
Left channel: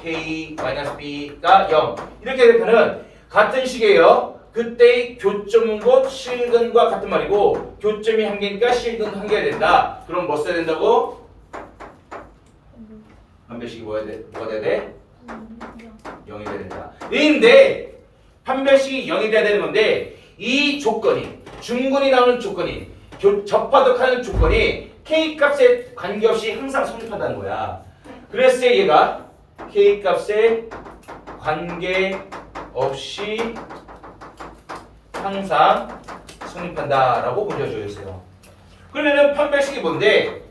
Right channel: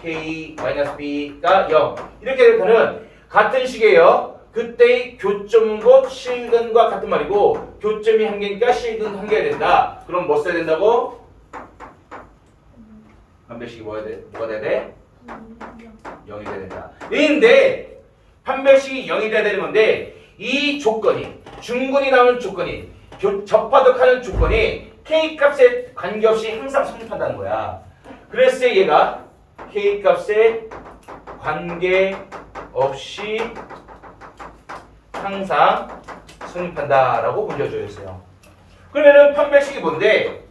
K 마이너스 B가 0 이렇게 되면은 같은 식이에요. 그때의 교점 곧 실근과 같은 말이고 교점이 한 개니까 실근 한 개가 된다. 그럼 뭐 써야 된다고? 판별식이 뭐가 돼야 돼? 0이 돼야 된다. 근데 판별식이 0이 돼야 되는 건데 이 조건이 중근이 나오는 조건이 접하덕하는 조건이 K값에 관계없이 항상 성립한다는 거야. 그래서 얘가 K값에 관계없이 항상 성립한다라고 문제줘졌어요. 그러면은 판별식이 뭔데?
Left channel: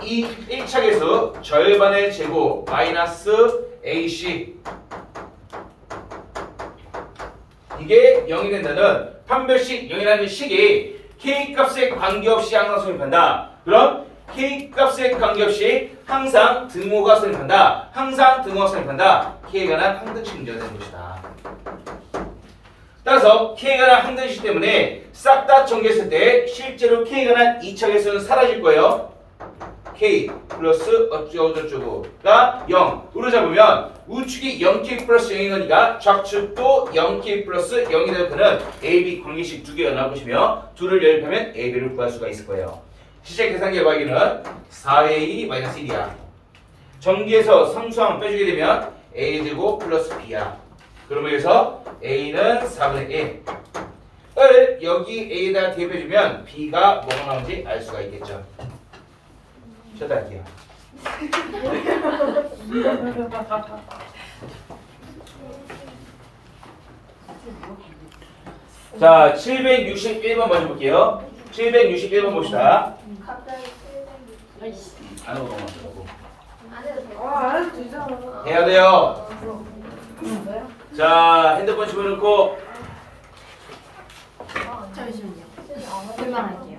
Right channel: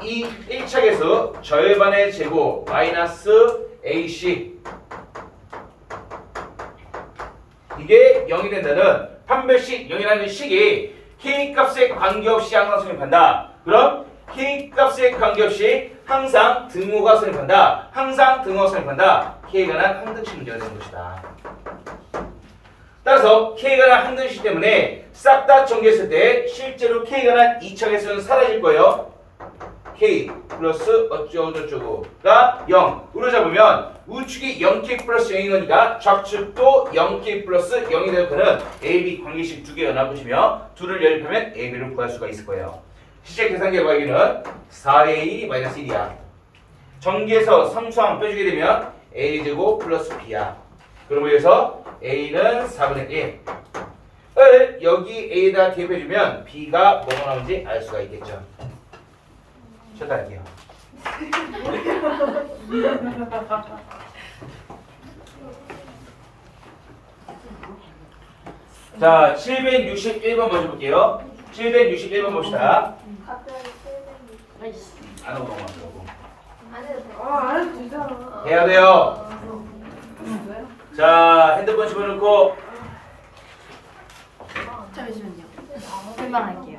이 1차계수 절반의 제곱 마이너스 AC 이게 0이 된다는 판별식 0이라는 식이 K값에 관계없이 항상 성립한다. 그럼 K값에 관계없이 항상 등호가 성립한다. 항상 등호가 성립한다. K에 관한 항등식 문제가 되는 것이다. 따라서 K에 관한 항등식 때문에 싹 다 정리했을 때 실제로 K에 관한 2차 계수는 사라질 거예요. K 플러스 어쩌고저쩌고가 0으로 잡으면 우측이 0K 플러스 0인 거니까 좌측도 0K 플러스 0이 될 거는 AB 관계식 두 개가 나올 것이며 둘을 연립하면 AB를 구할 수가 있을 거예요. 실제 계산 결과에는 4A-1이야. 전기에서 상수항 빼주게 되면 A제곱 플러스 B야. 그러면 여기서 A는 4분의 1을 여기 A에다 대입해주면 B가 뭐가 나오는지 알 수가 있겠죠. check할게요. 자, 761번 먼저 볼게요. 761번 봅시다. 갑자기 760. 아이씨. 안 하고 넘어가더라고. 안 해도 돼. 안 해도 되잖아. 해야 돼요. 자, 핸드폰 집어넣고 잠시만요. 금방 할게요.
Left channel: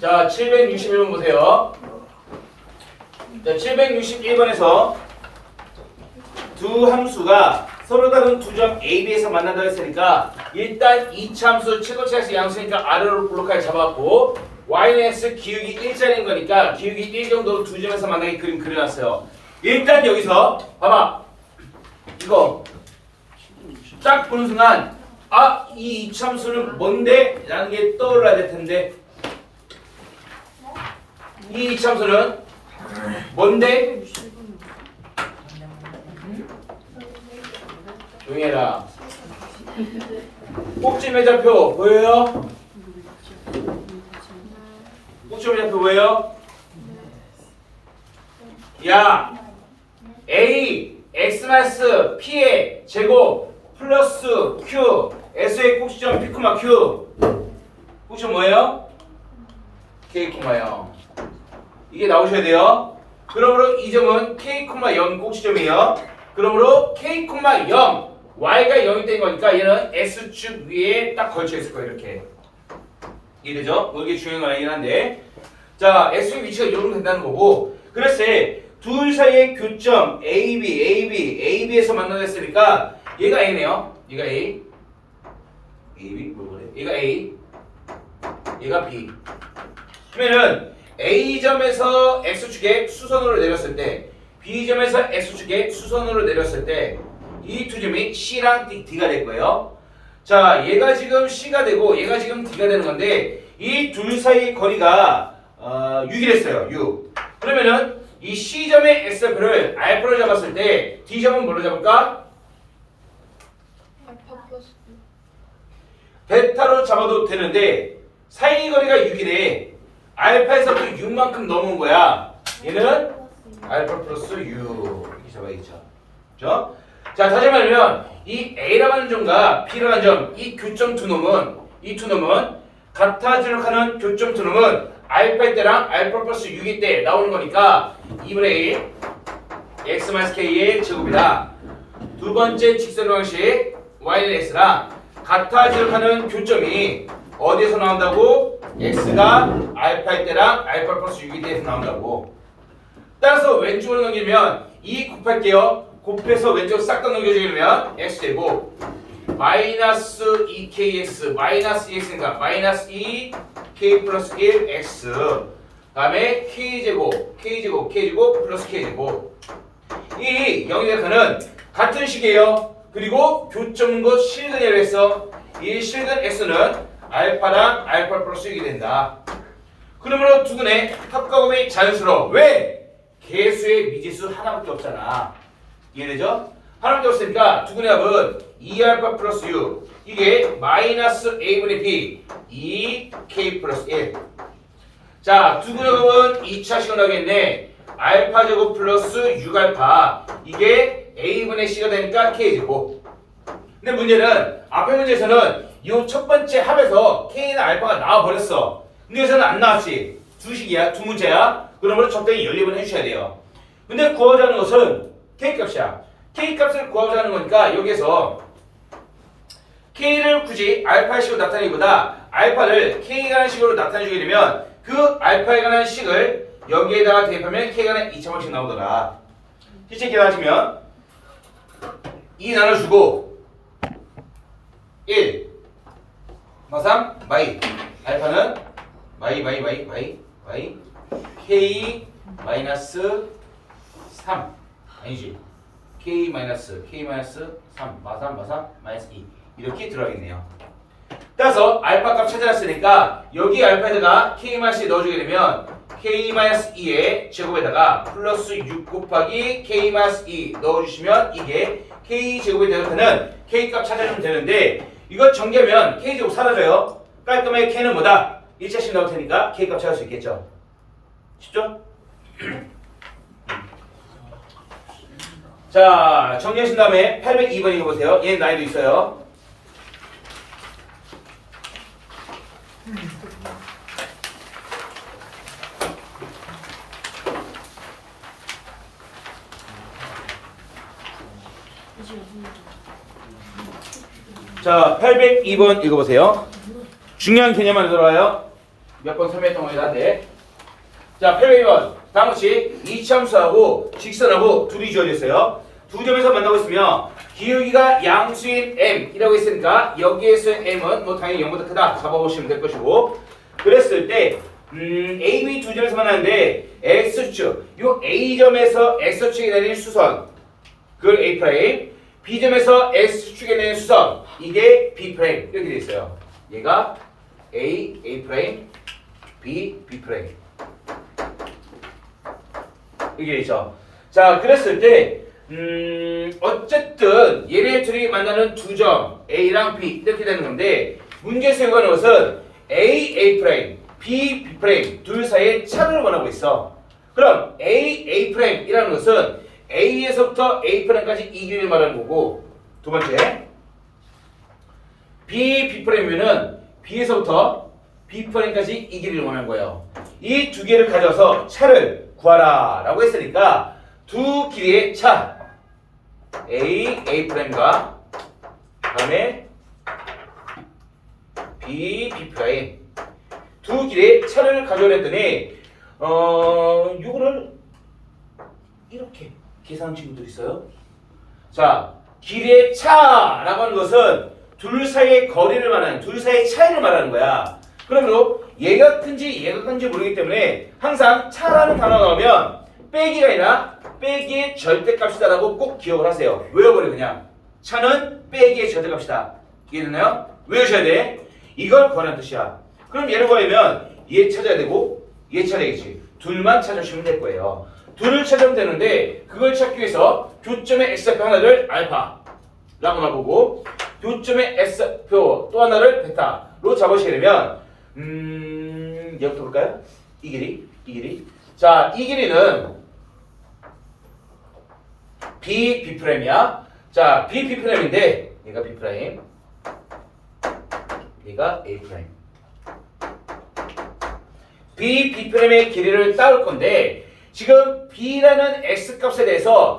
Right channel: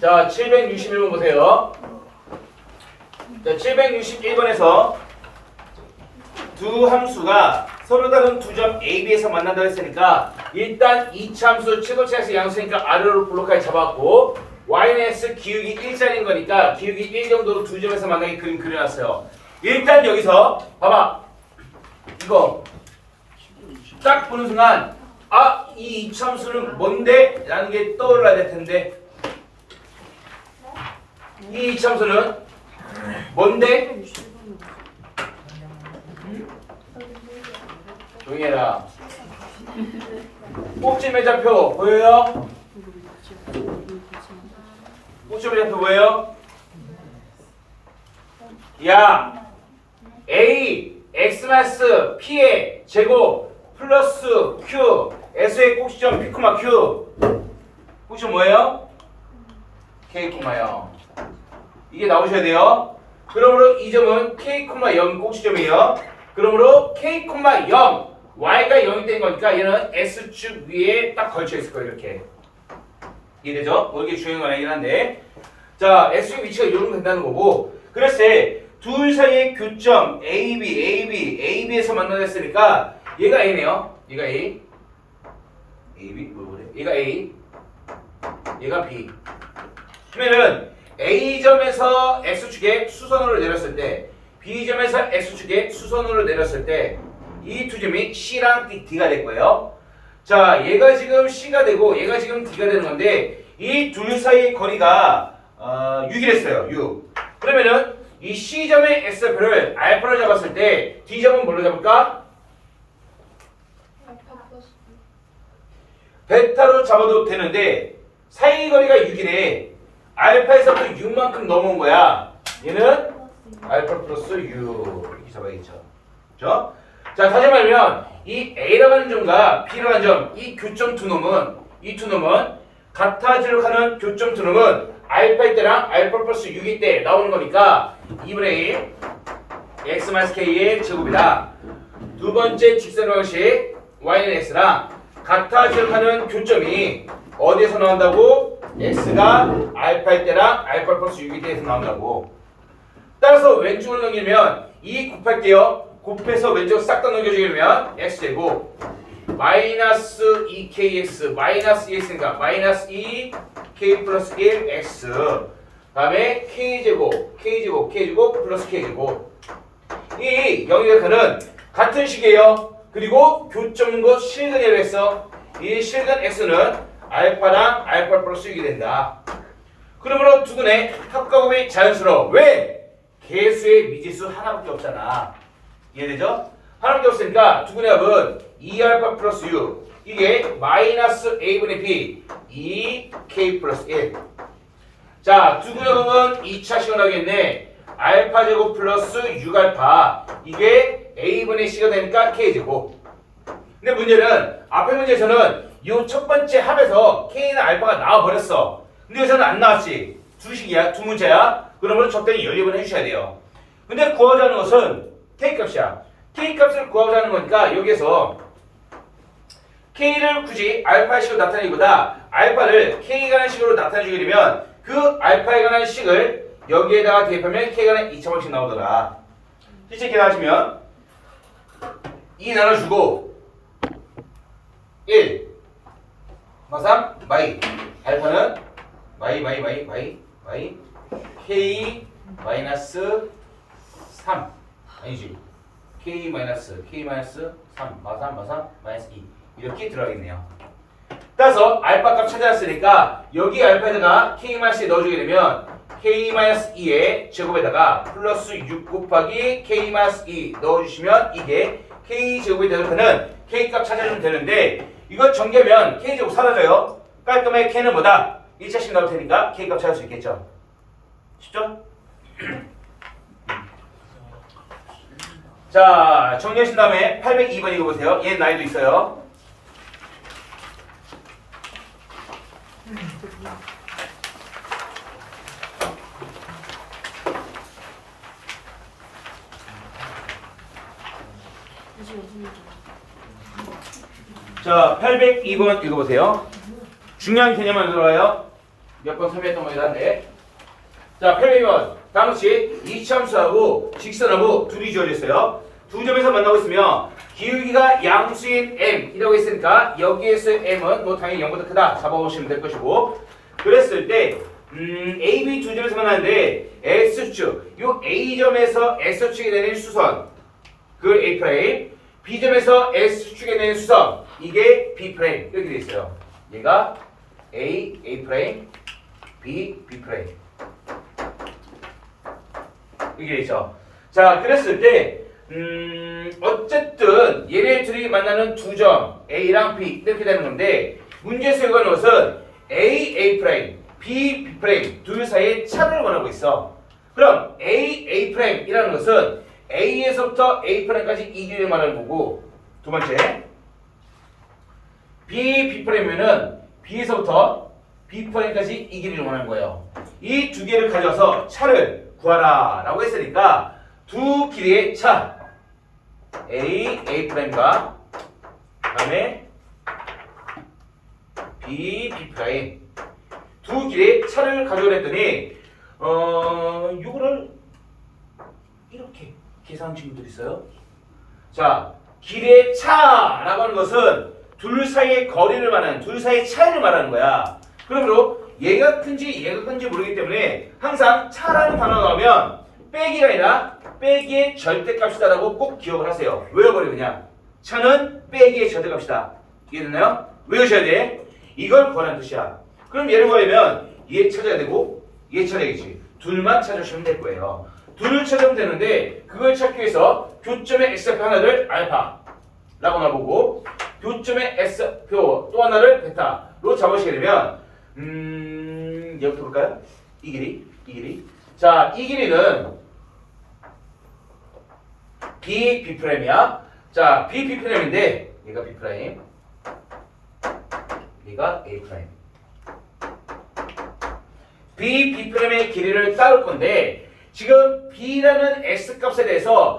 자, 761번 보세요. 자, 761번에서 두 함수가 서로 다른 두 점 A, B에서 만난다고 했으니까 일단 이차함수 최고차에서 양수니까 아래로 블록까지 잡아갖고 y는 기울기 1짜리인 거니까 기울기 1 정도로 두 점에서 만나게 그림 그려놨어요. 일단 여기서 봐봐. 이거 딱 보는 순간 이 이차함수는 뭔데? 라는 게 떠올라야 될 텐데 이 이차함수는 뭔데? 조용히 해라. 꼭지 매좌표 보여요? 꼭지 매좌표 보여요? 야, A, X, P의 제곱 플러스 Q, S의 꼭지점 P, Q 꼭지점 뭐예요? K, 0 이게 나오셔야 돼요. 그러므로 이 점은 K, 0이 꼭지점이에요. 그러므로 K, 0 Y가 0이 된 거니까 얘는 S축 위에 딱 걸쳐 있을 거예요. 이렇게 이해되죠? 뭐 이게 중요한 건 아니긴 한데 자 S축 위치가 이러면 된다는 거고 그랬을 때 둘 사이의 교점 AB에서 만나졌으니까 얘가 A네요. 얘가 A AB 뭐 그래? 얘가 A 얘가 B 그러면은 A점에서 X축에 수선으로 내렸을 때 B점에서 X축에 수선으로 내렸을 때 이 두 점이 C랑 D가 될 거예요. 자, 얘가 지금 C가 되고 얘가 지금 D가 되는 건데 이 둘 사이의 거리가 6이랬어요. 6. 그러면은 이 C점의 X표를 알파로 잡았을 때 D점은 뭘로 잡을까? 베타로 잡아도 되는데 사이거리가 6이래. 알파에서부터 6만큼 넘어온 거야. 얘는 알파 플러스 6 이렇게 잡아야겠죠. 그죠? 자, 다시 말하면 이 A라고 하는 점과 B라고 하는 점, 이 교점 두 놈은 같아지도록 하는 교점 두 놈은 알파일 때랑 알파 플러스 6일 때 나오는 거니까 2분의 1 x-k의 제곱이랑 두 번째 직선 방식 y는 x랑 같아지도록 하는 교점이 어디에서 나온다고? x가 알파일 때랑 알파 플러스 6일 때에서 나온다고. 따라서 왼쪽으로 넘기면 2 곱할게요. 곱해서 왼쪽 싹 다 넘겨주면 x제곱 마이너스 2kx 마이너스 2x니까 마이너스 2k 플러스 1x 다음에 k제곱 플러스 k제곱 이 영역하는 같은 식이에요. 그리고 교점은 것 실근이라고 했어. 이 실근 x는 알파랑 알파 플러스 6이 된다. 그러므로 두근의 합과곱이 자연스러워. 왜? 개수의 미지수 하나밖에 없잖아. 이해되죠? 하나밖에 없으니까 두근의 합은 2알파 플러스 6 이게 마이너스 a분의 b 2k 플러스 1. 자, 두근의 합은 2차 식은 하겠네. 알파 제곱 플러스 6알파 이게 a분의 c가 되니까 k제곱. 근데 문제는 앞에 문제에서는 이 첫 번째 합에서 k는 알파가 나와버렸어. 근데 여기서는 안 나왔지. 두 식이야, 두 문제야. 그러므로 적당히 연립을 해주셔야 돼요. 근데 구하자는 것은 k값이야. k값을 구하자는 거니까 여기에서 k를 굳이 알파의 식으로 나타내기보다 알파를 k에 관한 식으로 나타내주게 되면 그 알파에 관한 식을 여기에다가 대입하면 k에 관한 2차 방식 나오더라. 실제 계산하시면 2 나눠주고 1 3 마이 알파는 마이 k 마이너스 3 아니지 k 마이너스 3 마삼 마이너스 2 이렇게 들어가겠네요. 따라서 알파 값 찾아놨으니까 여기 알파에다가 k 마이너스 2 넣어주게 되면 k 마이너스 2의 제곱에다가 플러스 6 곱하기 k 마이너스 2 넣어주시면 이게 k 제곱이 대입하는 k 값 찾아주면 되는데 이거 전개하면 k 제곱 사라져요. 깔끔하게 k는 뭐다? 1차씩 나올 테니까 k 값 찾을 수 있겠죠. 쉽죠? 자, 정리하신 다음에 802번 읽어보세요. 얘 나이도 있어요. 자, 802번 읽어보세요. 중요한 개념만 들어와요. 몇 번 설명했던 거긴 한데. 자, 802번. 다음같이 이차함수하고 직선하고 둘이 주어져 있어요. 두 점에서 만나고 있으며 기울기가 양수인 m이라고 했으니까 여기에서 m은 뭐 당연히 0보다 크다 잡아보시면 될 것이고 그랬을 때 A, B 두 점에서 만나는데 X축 요 A점에서 X축에 내는 수선 그걸 A', B점에서 X축에 내는 수선 이게 B' 이렇게 되어 있어요. 얘가 A, A', B, B' 이게 있죠. 자, 그랬을 때 어쨌든 얘네 둘이 만나는 두 점 A랑 B 이렇게 되는 건데 문제에서 요구하는 것은 A, A', B, B' 둘 사이의 차를 원하고 있어. 그럼 A, A'이라는 것은 A에서부터 A'까지 이 길이를 말하는 거고 두 번째 B, B'면은 B에서부터 B'까지 이 길이를 원하는 거예요. 이 두 개를 가져서 차를 구하라 라고 했으니까 두 길이의 차 A, A'과 다음에 B, B' 두 길이의 차를 가져오라 했더니 이거를 이렇게 계산한 친구들이 있어요. 자, 길이의 차라고 하는 것은 둘 사이의 거리를 말하는 둘 사이의 차이를 말하는 거야. 그러므로 얘가 큰지 얘가 큰지 모르기 때문에 항상 차라는 단어가 나오면 빼기가 아니라 빼기의 절대값이다라고 꼭 기억을 하세요. 외워버려 그냥. 차는 빼기의 절대값이다. 이해됐나요? 외우셔야 돼. 이걸 구하라는 뜻이야. 그럼 얘를 구하려면 얘 찾아야 되고 얘 찾아야겠지. 둘만 찾으시면 될 거예요. 둘을 찾으면 되는데 그걸 찾기 위해서 교점의 x좌표 하나를 알파라고 놔보고 교점의 X표 또 하나를 베타로 잡으시게 되면 여기부터 볼까요? 이 길이. 자, 이 길이는 B'B'이야. 자, B'B'인데 얘가 B', 얘가 A'. B'B'의 길이를 따올 건데 지금 B라는 X값에 대해서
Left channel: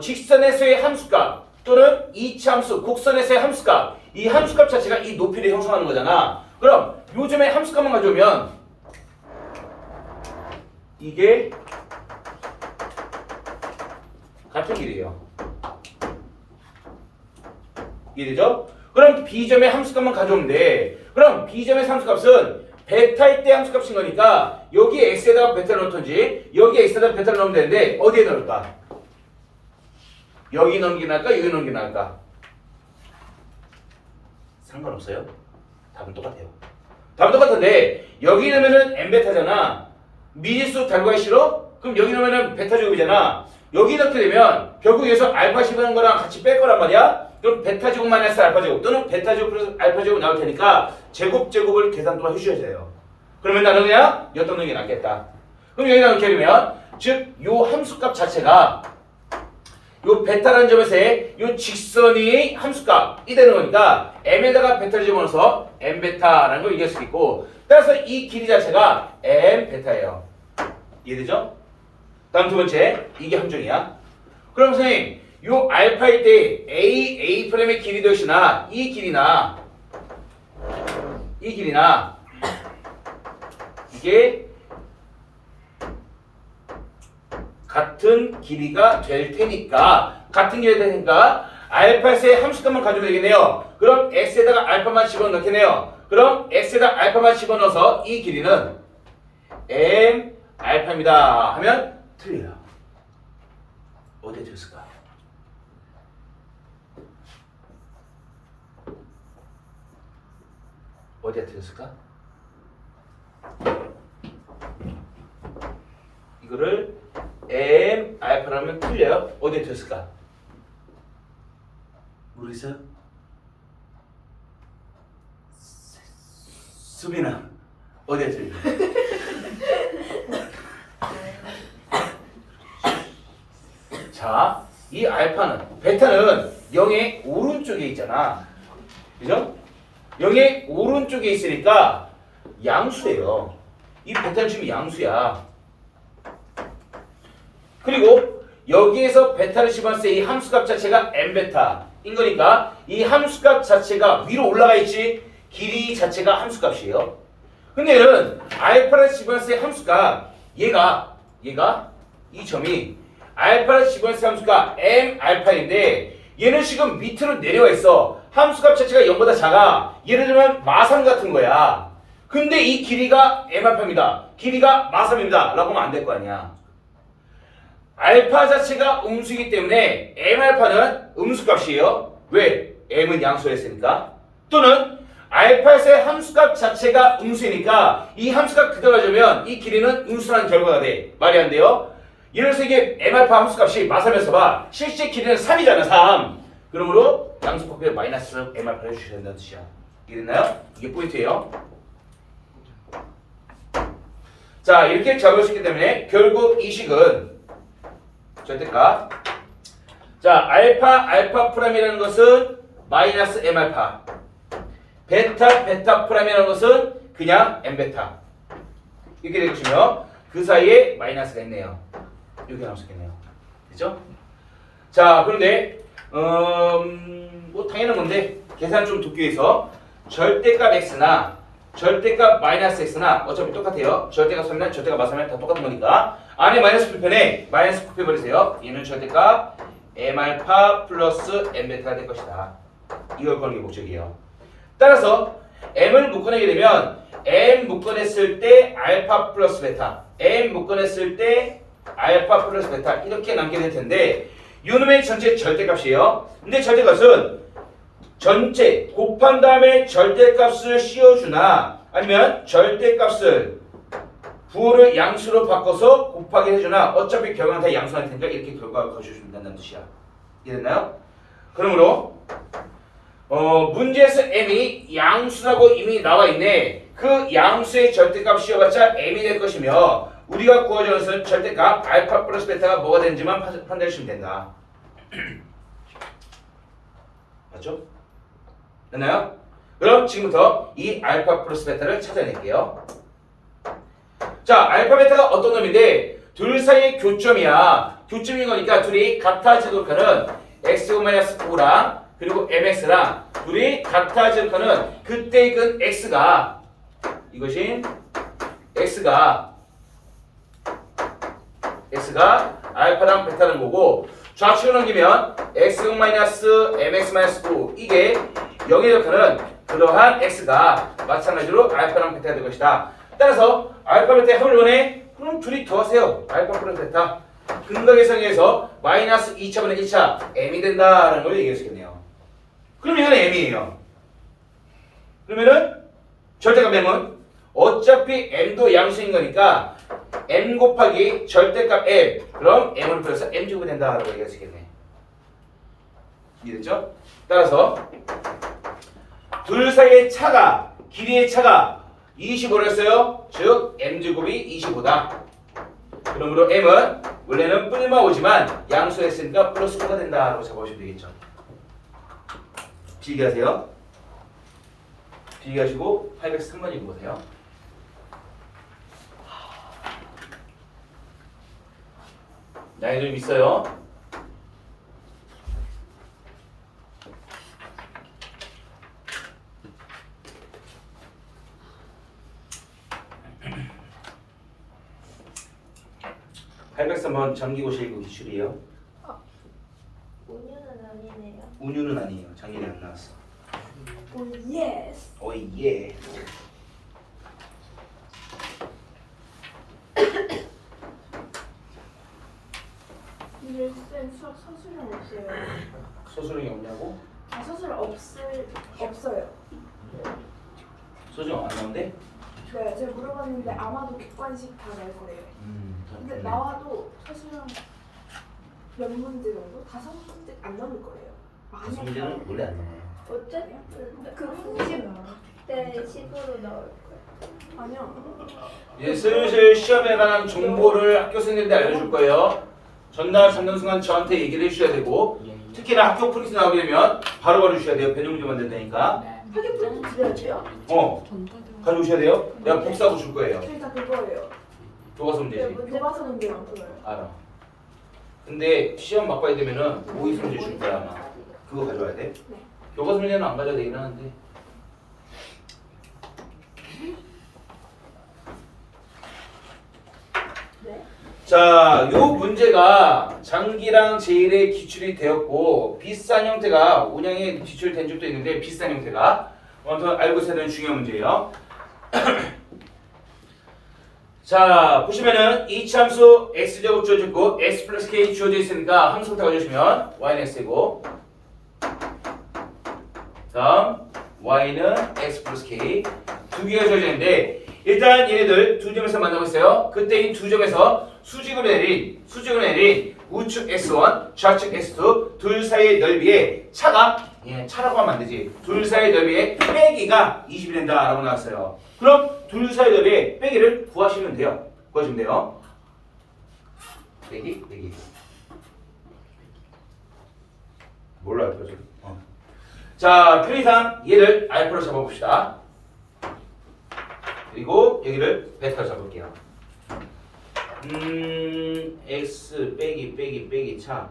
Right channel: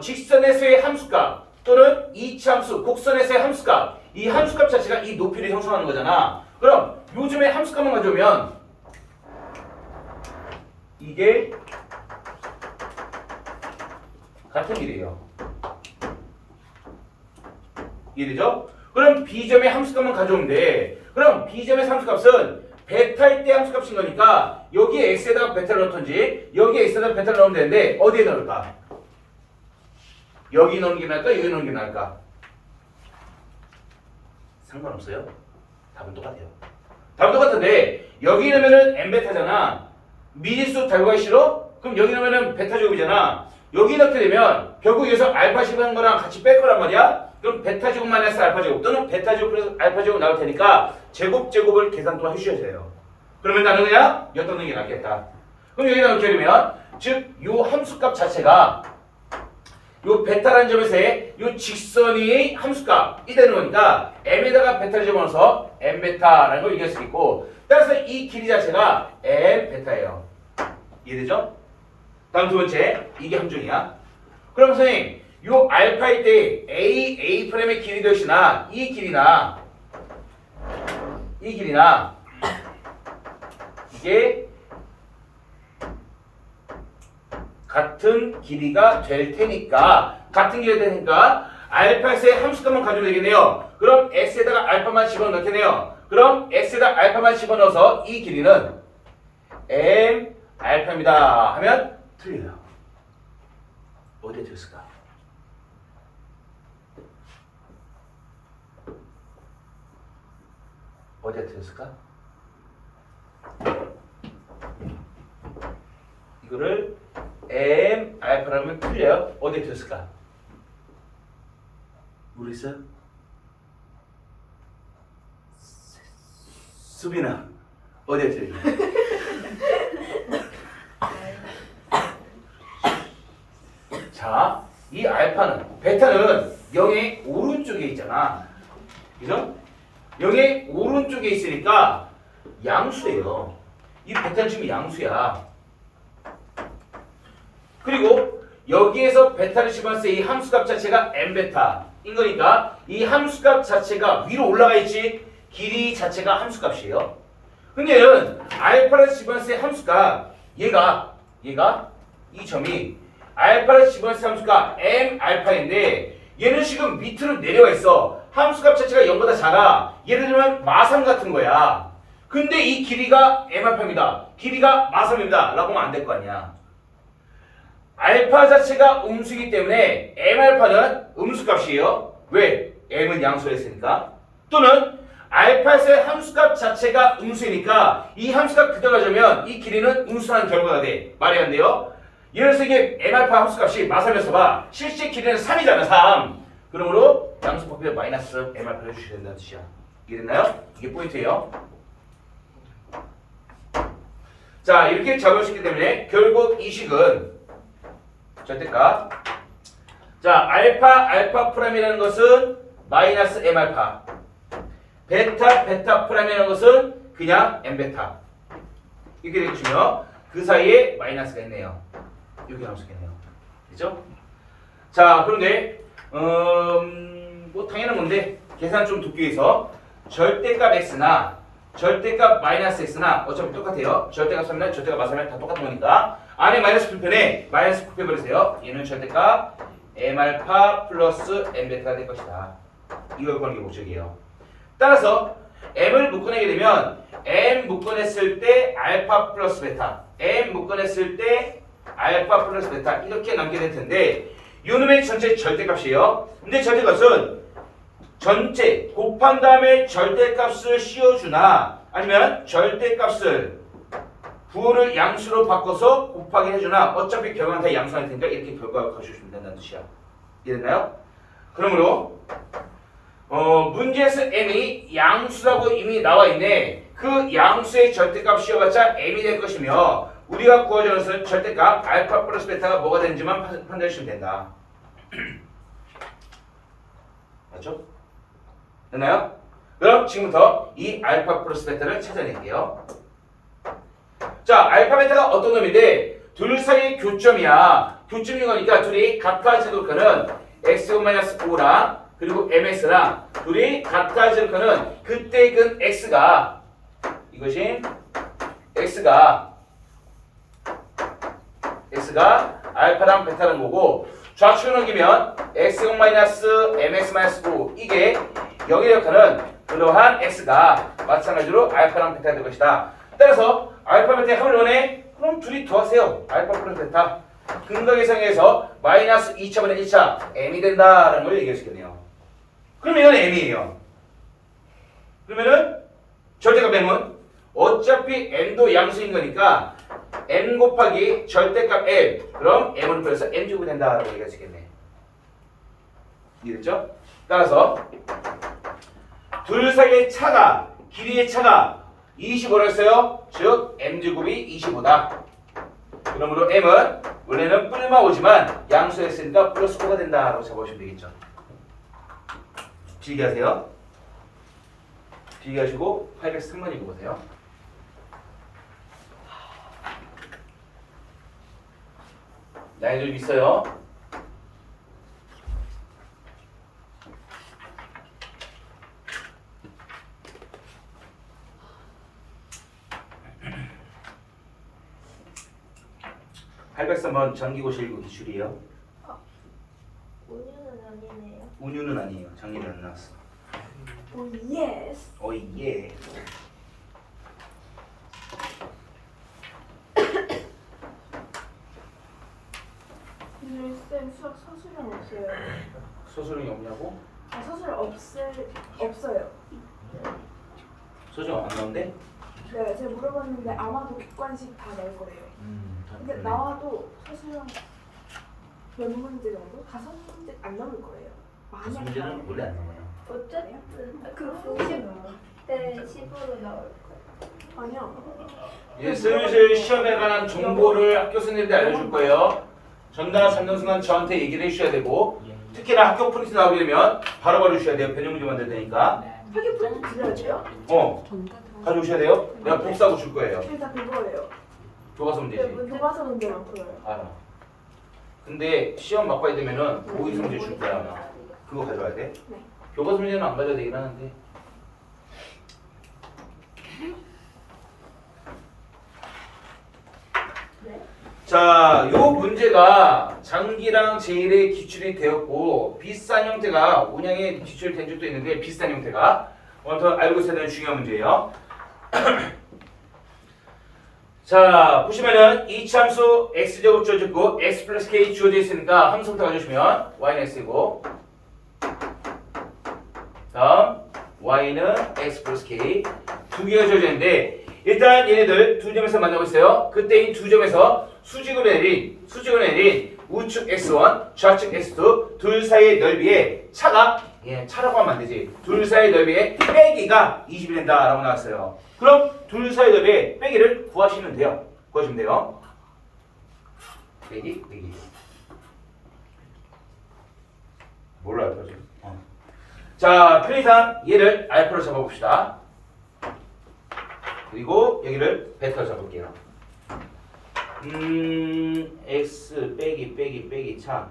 직선에서의 함수값 또는 이차함수, 곡선에서의 함수값 이 함수값 자체가 이 높이를 형성하는 거잖아. 그럼 요즘에 함수값만 가져오면 이게 같은 길이에요. 이해되죠? 그럼 B점의 함수값만 가져오면 돼. 그럼 B점의 함수값은 베타일 때 함수값인 거니까 여기에 X에다가 베타를 넣던지 여기에 X에다가 베타를 넣으면 되는데 어디에 넣을까? 여기 넣는 게 나을까? 여기 넣는 게 나을까? 상관없어요. 답은 똑같아요. 답은 똑같은데 여기 넣으면은 n베타잖아. 미지수 달고 가기 싫어? 그럼 여기 넣으면은 베타 제곱이잖아. 여기 넣게 되면 결국 여기서 알파 제곱인 거랑 같이 뺄 거란 말이야. 그럼 베타 제곱 마이너스 알파 제곱 또는 베타 제곱 플러스 알파 제곱 나올 테니까 제곱을 계산 또 해주셔야 돼요. 그러면 나는 그냥 엿넣는 게 낫겠다. 그럼 여기다 놓게 되면 즉 요 함수값 자체가 요 베타라는 점에서의 요 직선이 함수값이 되는 거니까 m에다가 베타를 집어넣어서 m베타라는 걸 얘기할 수 있고 따라서 이 길이 자체가 m베타예요. 이해되죠? 다음 두 번째 이게 함정이야. 그럼 선생님 요 알파일 때 A'A'의 길이도 역시나 이 길이나 이게 같은 길이가 될 테니까 알파에서의 함수값만 가지면 되겠네요. 그럼 x에다가 알파만 집어넣을 테네요. 그럼 x에다 알파만 집어넣어서 이 길이는 m 알파입니다 하면 틀려요. 어디에 틀렸을까? 어디에 틀렸을까? 이거를 m 알파라면 틀려요. 어디에 틀렸을까? 모르겠어요? 수빈아 어디에 틀렸냐? 자, 이 알파는 베타는 0의 오른쪽에 있잖아. 그죠? 0의 오른쪽에 있으니까 양수예요. 이 베타는 지금 양수야. 그리고 여기에서 베타를 집어넣을 때 이 함수값 자체가 m베타인 거니까 이 함수값 자체가 위로 올라가 있지 길이 자체가 함수값이에요. 근데 얘는 알파를 집어넣을 때 함수값 얘가 이 점이 알파를 집어넣을 때 함수가 m 알파인데 얘는 지금 밑으로 내려와 있어. 함수값 자체가 0보다 작아. 예를 들면 마삼 같은 거야. 근데 이 길이가 m 알파입니다. 길이가 마삼입니다. 라고 하면 안 될 거 아니야. 알파 자체가 음수이기 때문에 m 알파는 음수값이에요. 왜? m은 양수를 했으니까. 또는 알파에서의 함수값 자체가 음수이니까 이 함수값 그대로 가져오면 이 길이는 음수라는 결과가 돼. 말이 안 돼요. 예를 들어서 이게 m 알파 함수값이 마삼이었어 봐. 실제 길이는 3이잖아. 3. 그러므로 양수 바꾸에 마이너스 m 알파를 해주셔야 된다는 뜻이야. 이해됐나요? 이게 포인트예요. 자, 이렇게 잡을 수 있기 때문에 결국 이 식은 절대값. 자, 알파 프라임이라는 것은 마이너스 m 알파. 베타 프라임이라는 것은 그냥 m 베타. 이렇게 될 것이며 그 사이에 마이너스가 있네요. 여기 남았겠네요. 그죠? 자, 그런데 뭐 당연한 건데 계산 좀 돕기 위해서 절대값 x나 절대값 마이너스 x나 어차피 똑같아요. 절대값 3이나 절대값 마삼이나 다 똑같은 거니까 안에 마이너스 풀편에 마이너스 곱해버리세요. 얘는 절대값 m 알파 플러스 m 베타가 될 것이다. 이걸 거는 게 목적이에요. 따라서 m을 묶어내게 되면 m 묶어냈을 때 알파 플러스 베타, m 묶어냈을 때 알파 플러스 베타 이렇게 남게 될 텐데 요놈의 전체 절대값이에요. 근데 절대값은 전체 곱한 다음에 절대값을 씌워주나 아니면 절대값을 부호를 양수로 바꿔서 곱하기 해주나 어차피 결과는 다 양수할 테니까 이렇게 결과를 거셔주면 된다는 뜻이야. 이해됐나요? 그러므로 문제에서 m이 양수라고 이미 나와 있네. 그 양수의 절대값 씌워봤자 m이 될 것이며 우리가 구하자는 것은 절대값 알파 플러스 베타가 뭐가 되는지만 판단해 주시면 된다. 맞죠? 됐나요? 그럼 지금부터 이 알파 플러스 베타를 찾아낼게요. 자, 알파 베타가 어떤 놈인데 둘 사이의 교점이야. 교점인 거니까 둘이 같아지도록 하는 x-5랑 그리고 mx랑 둘이 같아지도록 하는 그때 그 x가 이것인 x가 알파랑 베타라는 거고 좌측으로 넘기면 x0-mx-5 이게 0에 역하는 그러한 x가 마찬가지로 알파랑 베타가 될 것이다. 따라서 알파 베타의 합을 원해? 그럼 둘이 더하세요. 알파 플러스 베타 근거 계산에서 마이너스 2차분의 1차 m이 된다라는 걸 얘기할 수 있겠네요. 그럼 이건 m이에요. 그러면은 절대값 m은 어차피 m도 양수인 거니까 m 곱하기 절대값 m 그럼 m은 그래서 m제곱이 된다라고 얘기할 수 있겠네. 이해됐죠? 따라서 둘 사이의 차가 길이의 차가 25라 했어요. 즉 m제곱이 25다. 그러므로 m은 원래는 뿔마 5지만 양수했으니까 플러스 5가 된다라고 잡아주시면 되겠죠. 비교하세요. 비교하시고 803번 읽어보세요. 나이도 좀 있어요. (803번) 정기고시 1구 기출이에요. 온유는 아니네요. 운유는 아니에요. 작년에 안 나왔어. 오 예스. 어이 예. 근데 쌤 서술은 없어요. 소수령이 없냐고? 서술 없어요. 소수령 안 나온대? 네, 제가 물어봤는데 아마도 객관식 다 나올 거래요. 근데 나와도 서술형 몇 문제 정도? 5문제 안 나올 거예요. 많이 안 문제는 나와요. 원래 안 나와요. 어쨌든 그 90대 10으로 나올 거예요. 아니요. 이제 슬슬 시험에 관한 정보를 학교 선생님들이 알려줄 거예요. 전날 받는 순간 저한테 얘기를 해주셔야 되고 특히나 학교 프린트 나오게 되면 바로바로 주셔야 돼요. 변형 문제 만들 테니까. 학교 프린트 드려야 돼요? 가져오셔야 돼요. 내가 복사하고 줄 거예요. 일단 그거예요. 교과서 문제지. 교과서 문제만 풀어요. 알아. 근데 시험 막봐야 되면은 모의서 문제 줄 거야 아마. 그거 가져와야 돼. 네. 교과서 문제는 안 가져야 되긴 하는데. 자, 요 문제가 장기랑 제일의 기출이 되었고 비슷한 형태가 운영에 기출된 적도 있는데 비슷한 형태가 아무튼 알고 있어야 되는 중요한 문제예요. 자, 보시면은 이차함수 x제곱 주어져 있고 x 플러스 k 주어져 있으니까 함수부터 가져주시면 y는 x이고 다음 y는 x 플러스 k 두 개가 주어져 있는데 일단 얘네들 두 점에서 만나고 있어요. 그때 이 두 점에서 수직으로 내린 우측 x1, 좌측 x2 둘 사이의 넓이의 차가 차라고 하면 안 되지. 둘 사이의 넓이의 빼기가 20이 된다라고 나왔어요. 그럼 둘 사이의 넓이의 빼기를 구하시면 돼요. 구하시면 돼요. 빼기. 몰라 알파 지금. 자, 편의상 얘를 알파로 잡아봅시다. 그리고 여기를 베타로 잡을게요. x 빼기 차.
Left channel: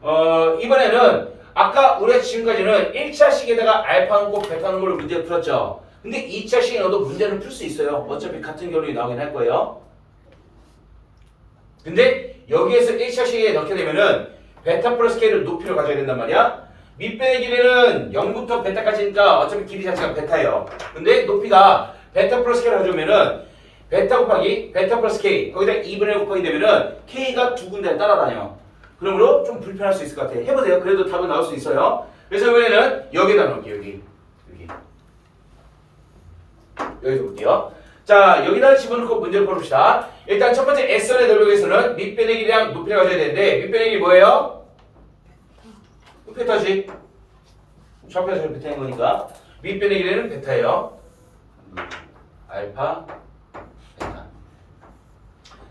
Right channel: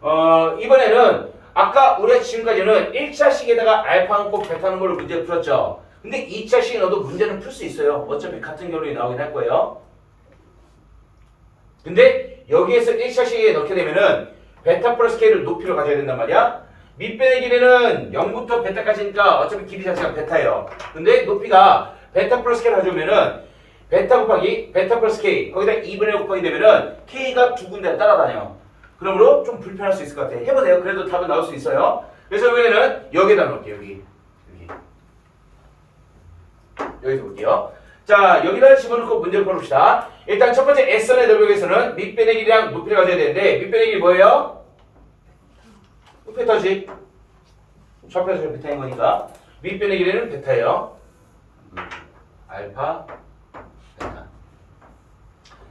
이번에는 아까 우리가 지금까지는 1차식에다가 알파 넣고 베타 넣은 거를 문제 풀었죠. 근데 2차식에 넣어도 문제는 풀 수 있어요. 어차피 같은 결론이 나오긴 할 거예요. 근데 여기에서 1차식에 넣게 되면은 베타 플러스 k를 높이로 가져야 된단 말이야. 밑변의 길이는 0부터 베타까지니까 어차피 길이 자체가 베타예요. 근데 높이가 베타 플러스 k를 가져오면은 베타 곱하기 베타 플러스 k 거기다 2분의 1 곱하기 되면은 k가 두 군데 따라다녀. 그러므로 좀 불편할 수 있을 것 같아. 해보세요. 그래도 답은 나올 수 있어요. 그래서 이번에는 여기다 넣을게요. 여기서 볼게요. 자, 여기다 집어넣고 문제를 풀읍시다. 일단 첫 번째 S선의 넓이에서는 밑변의 길이랑 높이를 가져야 되는데 밑변의 길이 뭐예요? 베타지. 좌표에서 베타인 거니까 밑변의 길이는 베타예요. 알파 베타.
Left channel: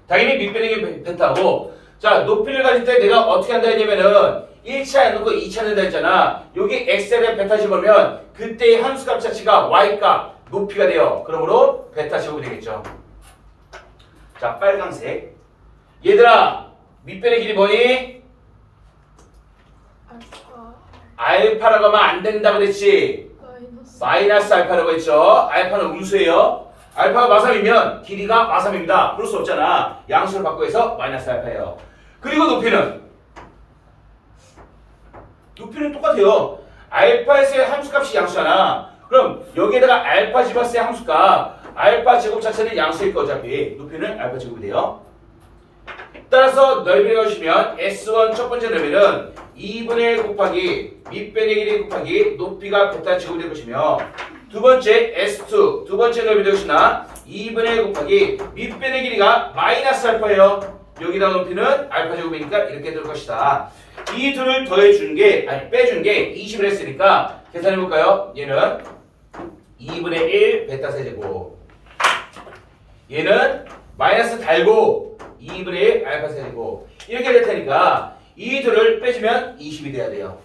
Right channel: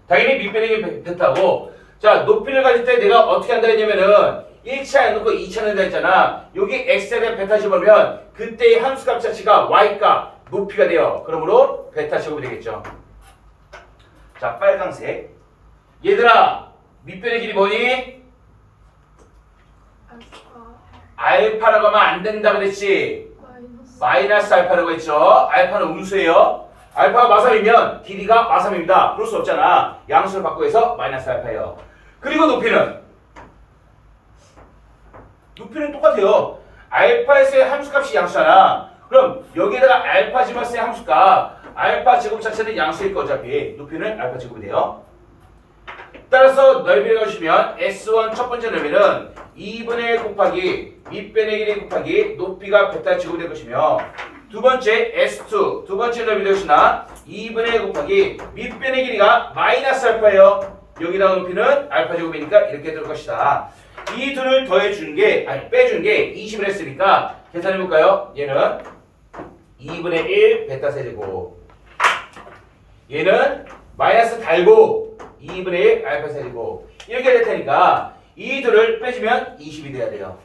당연히 밑변의 길이 베타고 자 높이를 가질 때 내가 어떻게 한다 했냐면은 1차 놓고 2차 넣는다 했잖아. 여기 x에 대한 베타 집어넣으면 그때의 함수값 자체가 y값 높이가 돼요. 그러므로 베타 제곱이 되겠죠. 자 빨강색 얘들아 밑변의 길이 뭐니? 알파라고 하면 안 된다 그랬지. 마이너스 알파라고 했죠. 알파는 음수예요. 알파가 마삼이면 길이가 마삼입니다. 그럴 수 없잖아. 양수를 바꾸고 해서 마이너스 알파예요. 그리고 높이는 똑같아요. 알파에서의 함수값이 양수잖아. 그럼 여기에다가 알파 집어서의 함수값 알파 제곱 자체는 양수일 거 어차피 높이는 알파 제곱이 돼요. 따라서 넓이를 가주시면 S1 첫 번째 넓이는 2분의 1 곱하기 밑변의 길이 곱하기 높이가 베타 제곱이 될 것이며 두 번째 S2 두 번째 넓이 되시나 2분의 1 곱하기 밑변의 길이가 마이너스 알파예요. 여기다가 높이는 알파 제곱이니까 이렇게 될 것이다. 이 둘을 더해준 게 빼준 게 20을 했으니까 계산해 볼까요? 얘는 2분의 1 베타 세제곱 얘는 마이너스 달고 2분의 1 알파 세제곱 이렇게 될 테니까 이 둘을 빼주면 20이 돼야 돼요.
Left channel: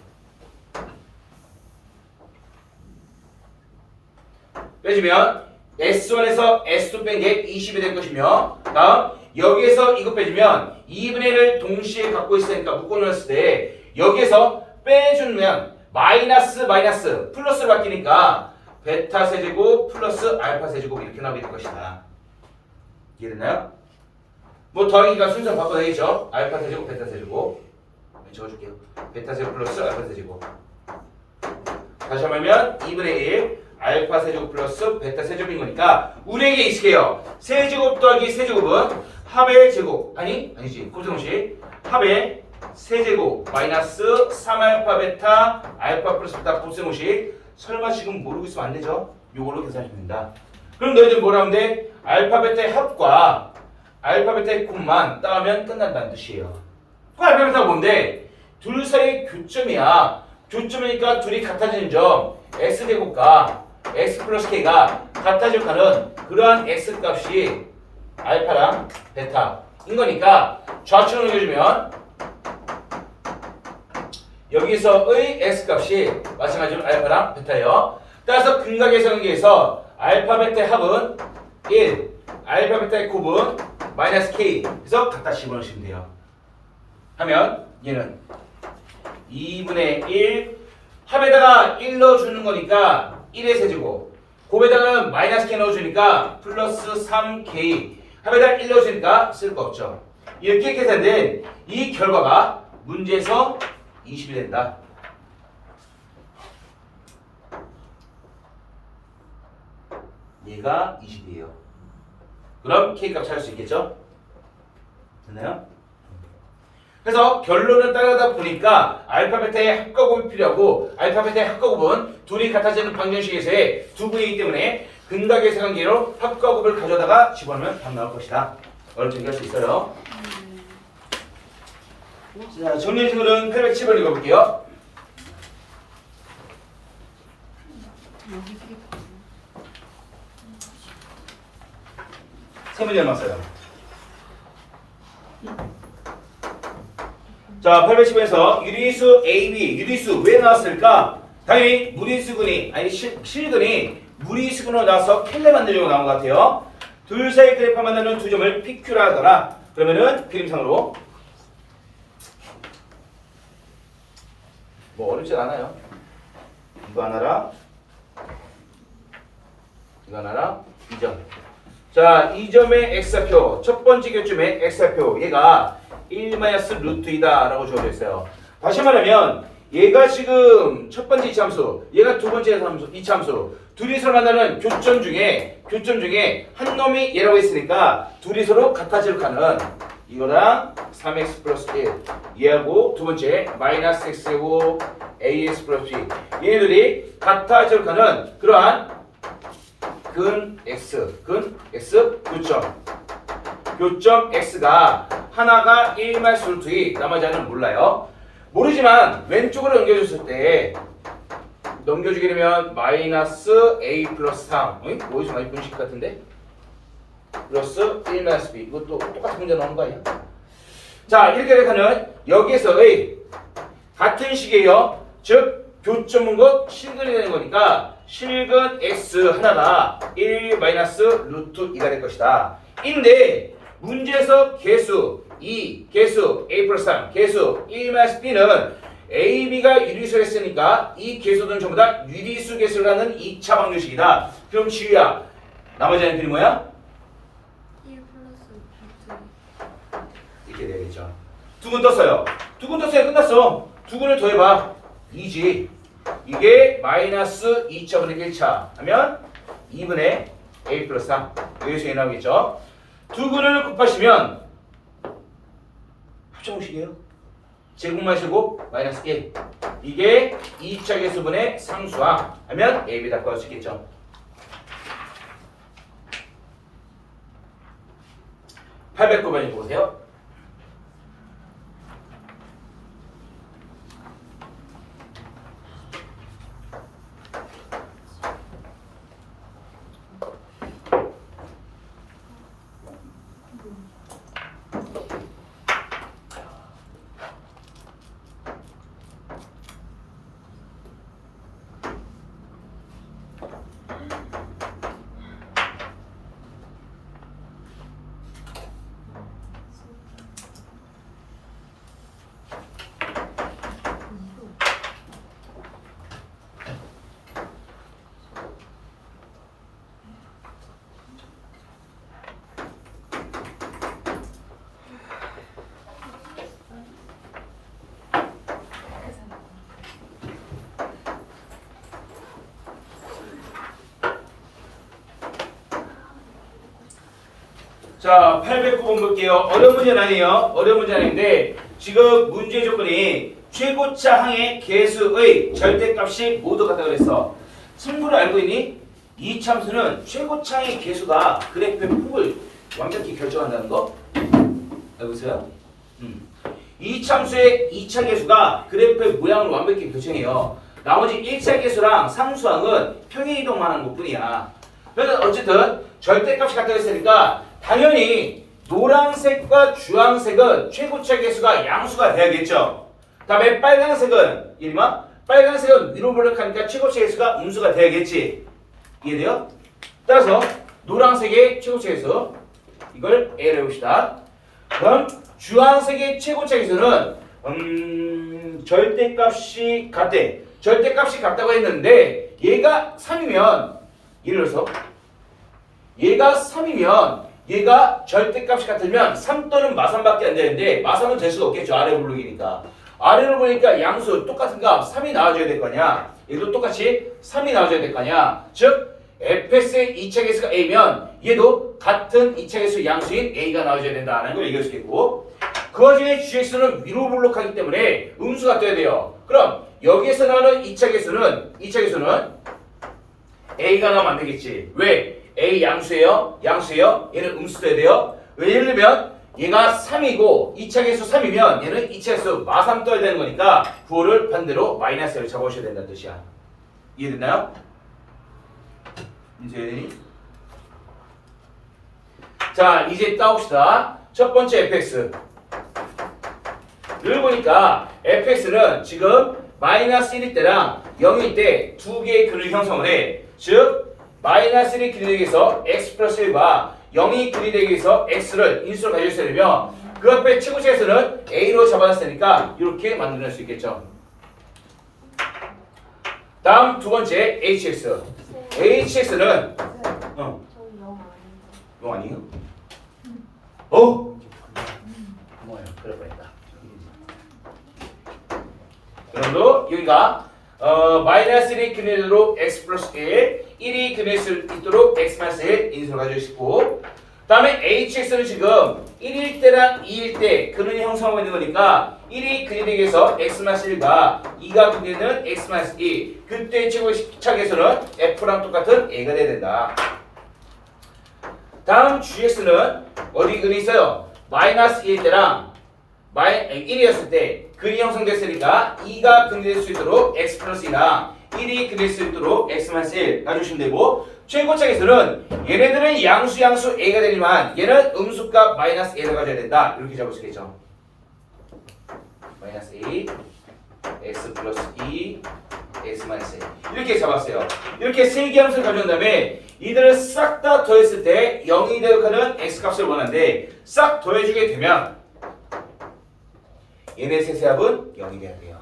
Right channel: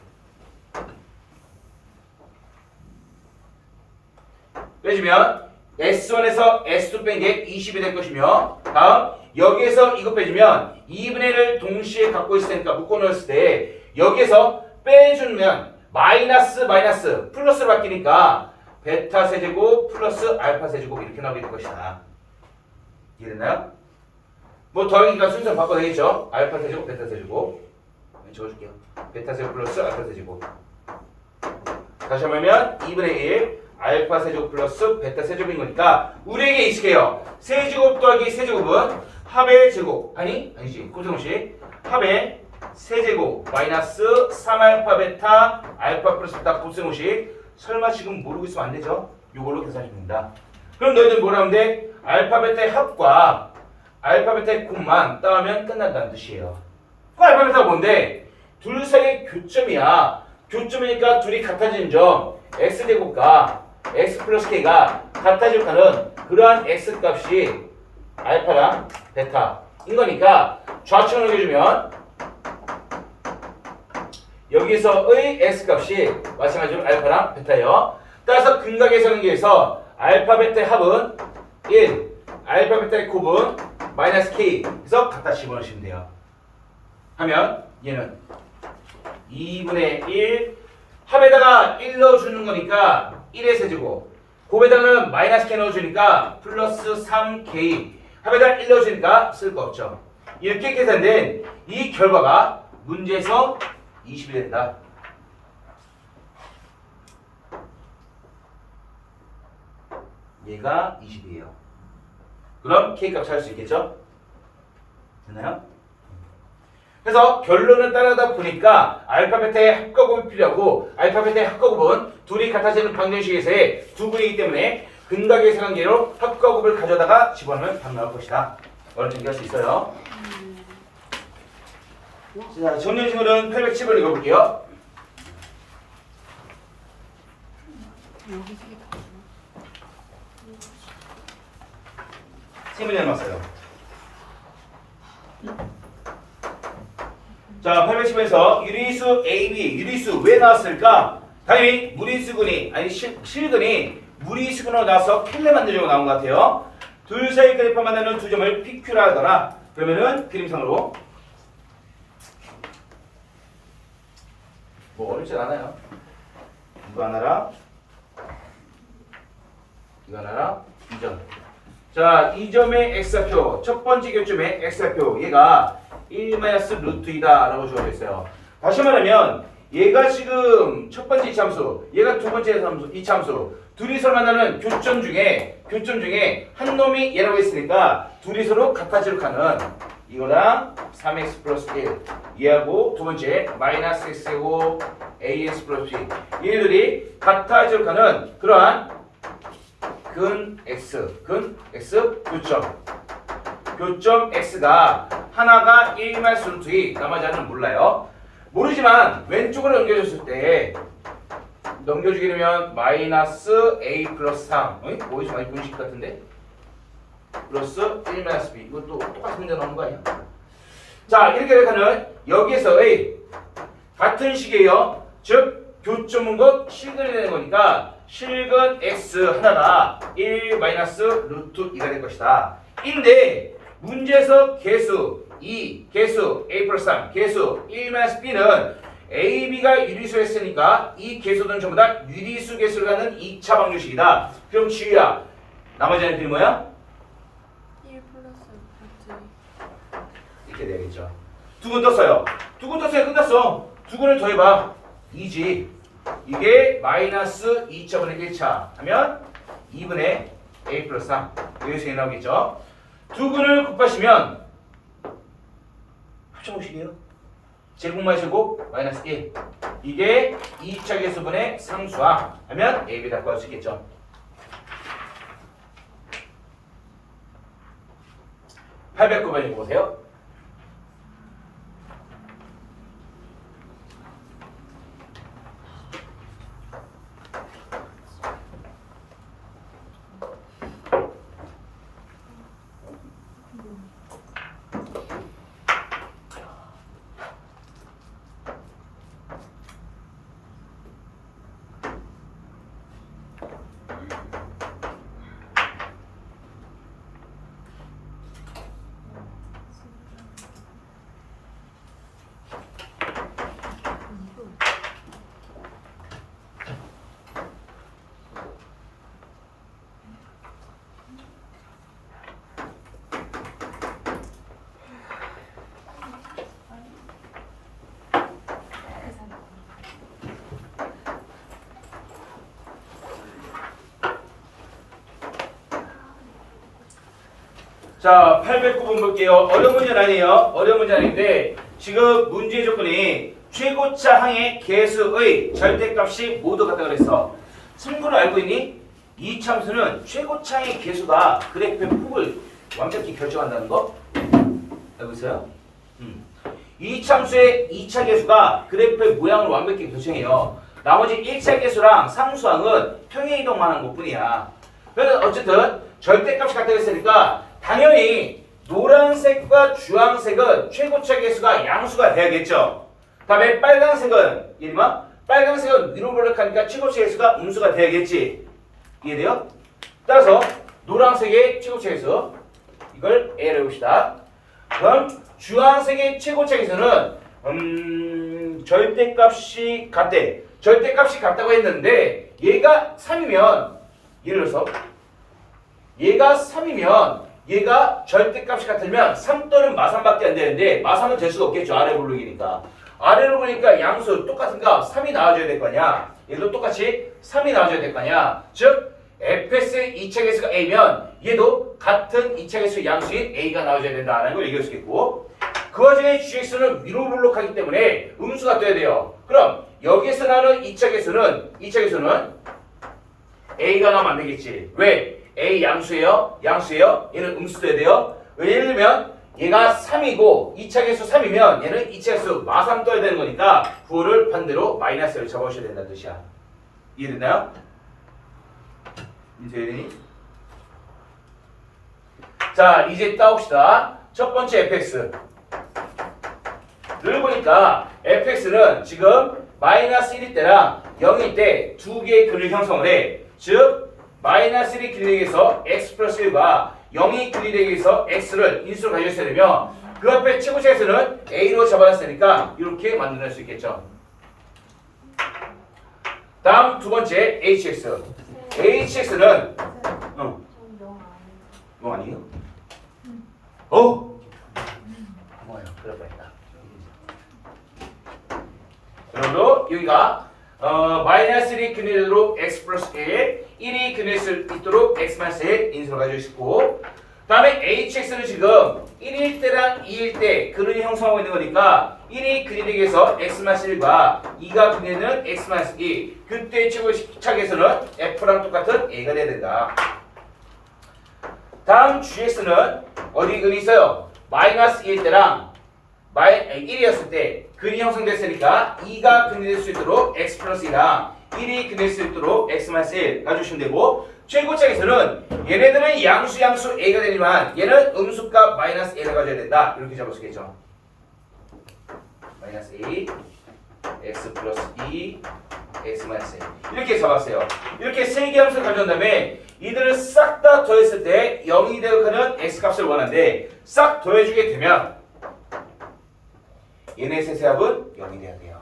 빼주면 S1에서 S2 뺀 게 20이 될 것이며 다음 여기에서 이거 빼주면 2분의 1을 동시에 갖고 있으니까 묶어 놓았을 때 여기에서 빼주면 마이너스 플러스로 바뀌니까 베타 세제곱 플러스 알파 세제곱 이렇게 나오게 될 것이다. 이해됐나요? 뭐 더하기가 순서 바꿔도 되겠죠? 알파 세제곱 베타 세제곱 적어줄게요. 베타 세제곱 플러스 알파 세제곱 다시 한번 하면 2분의 1 알파 세제곱 플러스 베타 세제곱인 거니까 우리에게 익숙해요. 세제곱 더하기 세제곱은 합의 제곱 아니지 곱셈공식 합의 세제곱 마이너스 3알파 베타 알파 플러스 베타 곱셈공식 설마 지금 모르고 있으면 안 되죠? 요걸로 계산하시면 된다. 그럼 너희들 뭐라 하면 돼? 알파 베타의 합과 알파 베타의 곱만 따면 끝난다는 뜻이에요. 그 알파 베타가 뭔데? 둘 사이의 교점이야. 교점이니까 둘이 같아지는 점 x제곱과 x 플러스 k가 같아질 가는 그러한 x 값이 알파랑 베타인 거니까 좌측을 넘겨주면 여기서의 x 값이 마찬가지로 알파랑 베타예요. 따라서 근각의 성기에서 알파 베타의 합은 1, 알파 베타의 곱은 마이너스 k 그래서 갖다 집어넣으시면 돼요. 하면 얘는 2분의 1 합에다가 1 넣어주는 거니까 1의 세제곱 곱에다가는 마이너스 k 넣어주니까 플러스 3k 합에다가 1 넣어주니까 쓸 거 없죠. 이렇게 계산된 이 결과가 문제에서 20이 된다. 얘가 20이에요. 그럼 K값 찾을 수 있겠죠? 됐나요? 그래서 결론을 따라다 보니까 알파 베타의 합과곱이 필요하고 알파 베타의 합과곱은 둘이 같아지는 방정식에서의 두 분이기 때문에 근각의 세관계로 합과곱을 가져다가 집어넣으면 답 나올 것이다. 어렵게 할 수 있어요. 자, 정리식으로는 810을 읽어볼게요. 세 문제만 써요. 자, 810에서 유리수 AB, 유리수 왜 나왔을까? 당연히 무리수근이, 아니 실근이 무리수근으로 나와서 켈레 만들려고 나온 것 같아요. 둘 사이 그래프 만나는 두 점을 PQ라 하더라. 그러면은 그림상으로 뭐 어렵진 않아요. 이거 하나랑 이거 하나랑 이 점. 자, 이 점의 x좌표 첫 번째 교점의 x좌표 얘가 1-루트 2다 라고 주어져 있어요. 다시 말하면 얘가 지금 첫 번째 이차함수 얘가 두 번째 이차함수 둘이 서로 만나는 교점 중에 한 놈이 얘라고 했으니까 둘이 서로 같아질 가는 이거랑 3x 플러스 1 얘하고 두 번째 마이너스 x제곱 ax 플러스 b 얘네들이 같아질 가는 그러한 근 x 교점 x가 하나가 1-루트 2 나머지 하나는 몰라요. 모르지만 왼쪽으로 넘겨줬을 때 넘겨주게 되면 마이너스 a 플러스 3 어디서 많이 본 식 같은데? 플러스 1 마이너스 b 이것도 똑같은 문제 나오는 거 아니야? 자 이렇게 하면 여기에서의 같은 식이에요. 즉 교점은 것 실근이 되는 거니까 실근 x 하나가 1 마이너스 루트 2가 될 것이다. 인데 문제에서 개수 2, 개수 a 플러스 3, 개수 1 마이너스 b는 a, b가 유리수를 했으니까 이 개수들은 전부 다 유리수 개수라는 2차 방정식이다. 그럼 지우야 나머지 하는 필이 뭐야? 1 플러스 이렇게 돼야겠죠. 두 근 떴어요. 두 근 떴어요. 끝났어. 두 근을 더해봐. 2지. 이게 마이너스 2차분의 1차 하면 2분의 a 플러스 3. 여기서 나오겠죠. 두 근을 곱하시면 합성식이에요. 제곱 마이너스 제곱 마이너스 1. 이게 2차 개수분의 상수항 하면 a, b 다 구할 수 있겠죠. (809번) 보세요. 자, 809번 볼게요. 어려운 문제는 아니에요. 어려운 문제는 아닌데 지금 문제 조건이 최고차 항의 개수의 절대값이 모두 같다 그랬어. 친구를 알고 있니? 이 참수는 최고차의 개수가 그래프의 폭을 완벽히 결정한다는 거 알고 있어요? 이 참수의 2차 개수가 그래프의 모양을 완벽히 결정해요. 나머지 1차 개수랑 상수항은 평행이동만 하는 것뿐이야. 그래서 어쨌든 절대값이 같다고 했으니까 당연히 노란색과 주황색은 최고차 개수가 양수가 돼야겠죠. 다음에 빨간색은 이리마 빨간색은 위로 볼록하니까 최고차 개수가 음수가 돼야겠지. 이해돼요? 따라서 노란색의 최고차 개수 이걸 A로 해봅시다. 그럼 주황색의 최고차 개수는 절대값이 같대. 절대값이 같다고 했는데 얘가 3이면 예를 들어서 얘가 3이면 얘가 절대값이 같으면 3 또는 마삼밖에 안 되는데 마삼은 될 수가 없겠죠. 아래 볼록이니까. 아래로 보니까 양수 똑같은 값 3이 나와줘야 될 거 아니야. 얘도 똑같이 3이 나와줘야 될 거 아니야. 즉 fs의 2차 개수가 a면 얘도 같은 2차 개수 양수인 a가 나와줘야 된다는 걸 얘기할 수 있겠고 그 와중에 gx는 위로 볼록하기 때문에 음수가 떠야 돼요. 그럼 여기에서 나오는 2차 개수는 a가 나오면 안 되겠지. 왜? a 양수예요? 양수예요? 얘는 음수 돼야 돼요. 예를 들면 얘가 3이고 2차 개수 3이면 얘는 2차 개수 마삼 떠야 되는 거니까 구호를 반대로 마이너스를 잡아오셔야 된다는 뜻이야. 이해됐나요? 이제 자 이제 따봅시다. 첫 번째 fx를 보니까 fx는 지금 마이너스 1일 때랑 0일 때 두 개의 근을 형성을 해. 즉 마이너스 1이 근이 되기 위해서 x 플러스 1과 0이 근이 되기 위해서 x를 인수로 가져야 되면 그 앞에 최고차에서는 a로 잡아놨으니까 이렇게 만들 수 있겠죠. 다음 두 번째 hx. hx는 영 아니에요? 뭐예요? 그럴 뻔했다. 여러분도 여기가 마이너스 1이 근이 되도록 x 플러스 1 1이 근일 수 있도록 x 마이너스 1 인수로 가지고 있고 다음에 hx는 지금 1일 때랑 2일 때 근을 형성하고 있는 거니까 1이 근이 되기 위해서 x 마이너스 1과 2가 근이 되는 x 마이너스 2 그때 최고차 개수는 f랑 똑같은 a가 돼야 된다. 다음 gx는 어디 근이 있어요? 마이너스 1일 때랑 1이었을 때 근이 형성됐으니까 2가 근이 될 수 있도록 x 플러스 2랑 1이 그릴 수 있도록 x-1 가주시면 되고 최고차에서는 얘네들은 양수 a가 되지만 얘는 음수값 마이너스 a를 가져야 된다. 이렇게 잡을 수 있겠죠. 마이너스 a x 플러스 2 x 마이너스 1 이렇게 잡았어요. 이렇게 세 개 함수를 가져온 다음에 이들을 싹 다 더했을 때 0이 되어가는 x값을 원하는데 싹 더해주게 되면 얘네 셋의 합은 0이 돼야 돼요.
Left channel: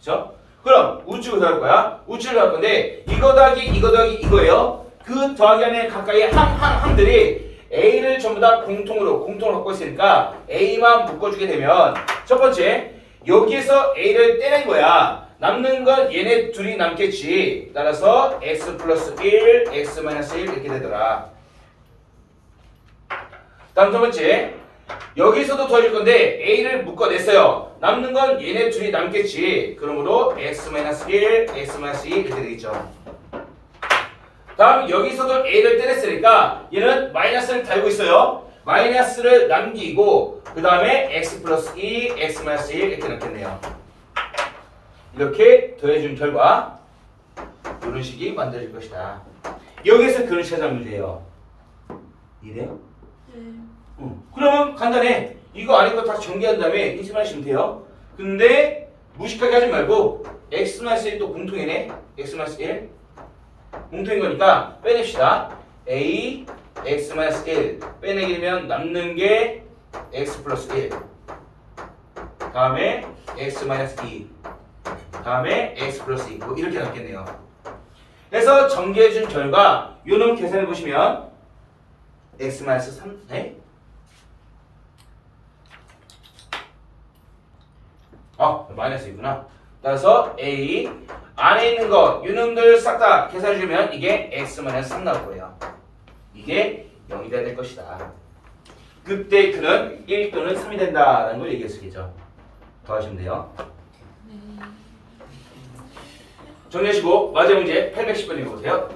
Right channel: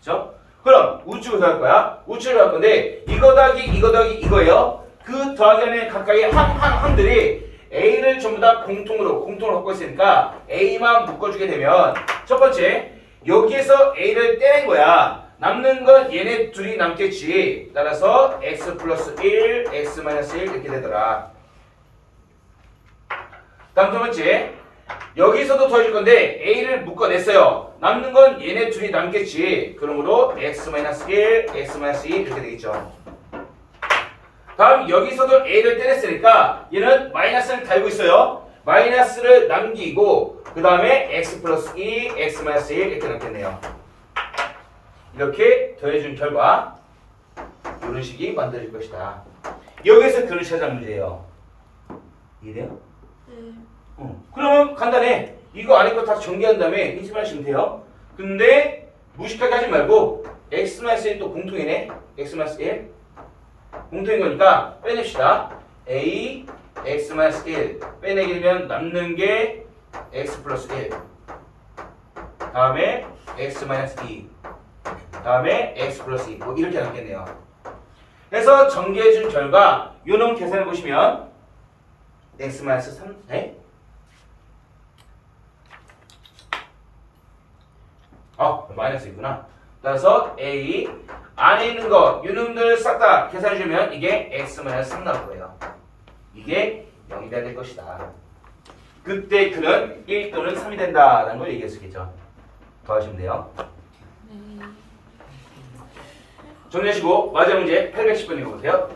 그렇죠? 그럼 우측을 더할 거야. 우측을 더할 건데 이거 더하기 이거예요. 그 더하기하는 가까이 항들이 A를 전부 다 공통으로 갖고 있으니까 A만 묶어주게 되면 첫 번째 여기에서 A를 떼낸 거야. 남는 건 얘네 둘이 남겠지. 따라서 x 플러스 1, x 마이너스 1 이렇게 되더라. 다음 두 번째 여기서도 더해줄 건데 A를 묶어냈어요. 남는 건 얘네 둘이 남겠지. 그러므로 x 마이너스 1, x 마이너스 2 이렇게 되겠죠. 다음 여기서도 A를 때렸으니까 얘는 마이너스를 달고 있어요. 마이너스를 남기고 그 다음에 x 플러스 2, x 마이너스 1 이렇게 남겠네요. 이렇게 더해준 결과 이런 식이 만들어질 것이다. 여기에서 그릇 찾아는 문제예요. 이해돼요? 네. 그러면 간단해. 이거 안에 거 다 정리한 다음에 인식만 하시면 돼요. 근데 무식하게 하지 말고 x-1 또 공통이네. x-1 공통인 거니까 빼냅시다. a x-1 빼내기면 남는 게 x 플러스 1 다음에 x-2 다음에 x 플러스 2 뭐 이렇게 남겠네요. 그래서 전개해준 결과 요놈 계산해 보시면 x-3 네? 마이너스 있구나. 따라서 a 안에 있는 거 요놈들 싹 다 계산해 주면 이게 x-3 나올 거예요. 이게 0이 돼야 될 것이다. 그때 그는 1 또는 3이 된다라는 걸 얘기할 수 있겠죠. 더 하시면 돼요. 정리하시고 마지막 문제 810번 읽어보세요.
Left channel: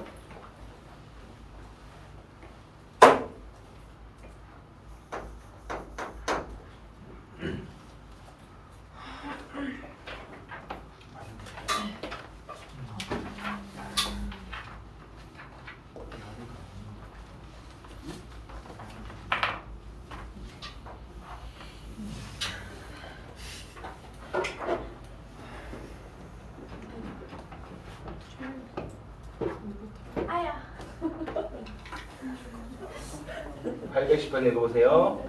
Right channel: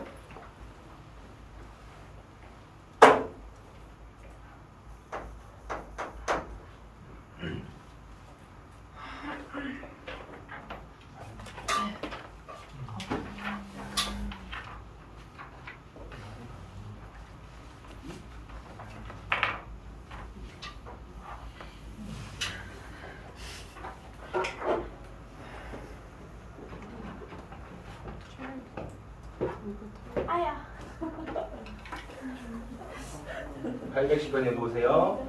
아야. 810번 읽어보세요.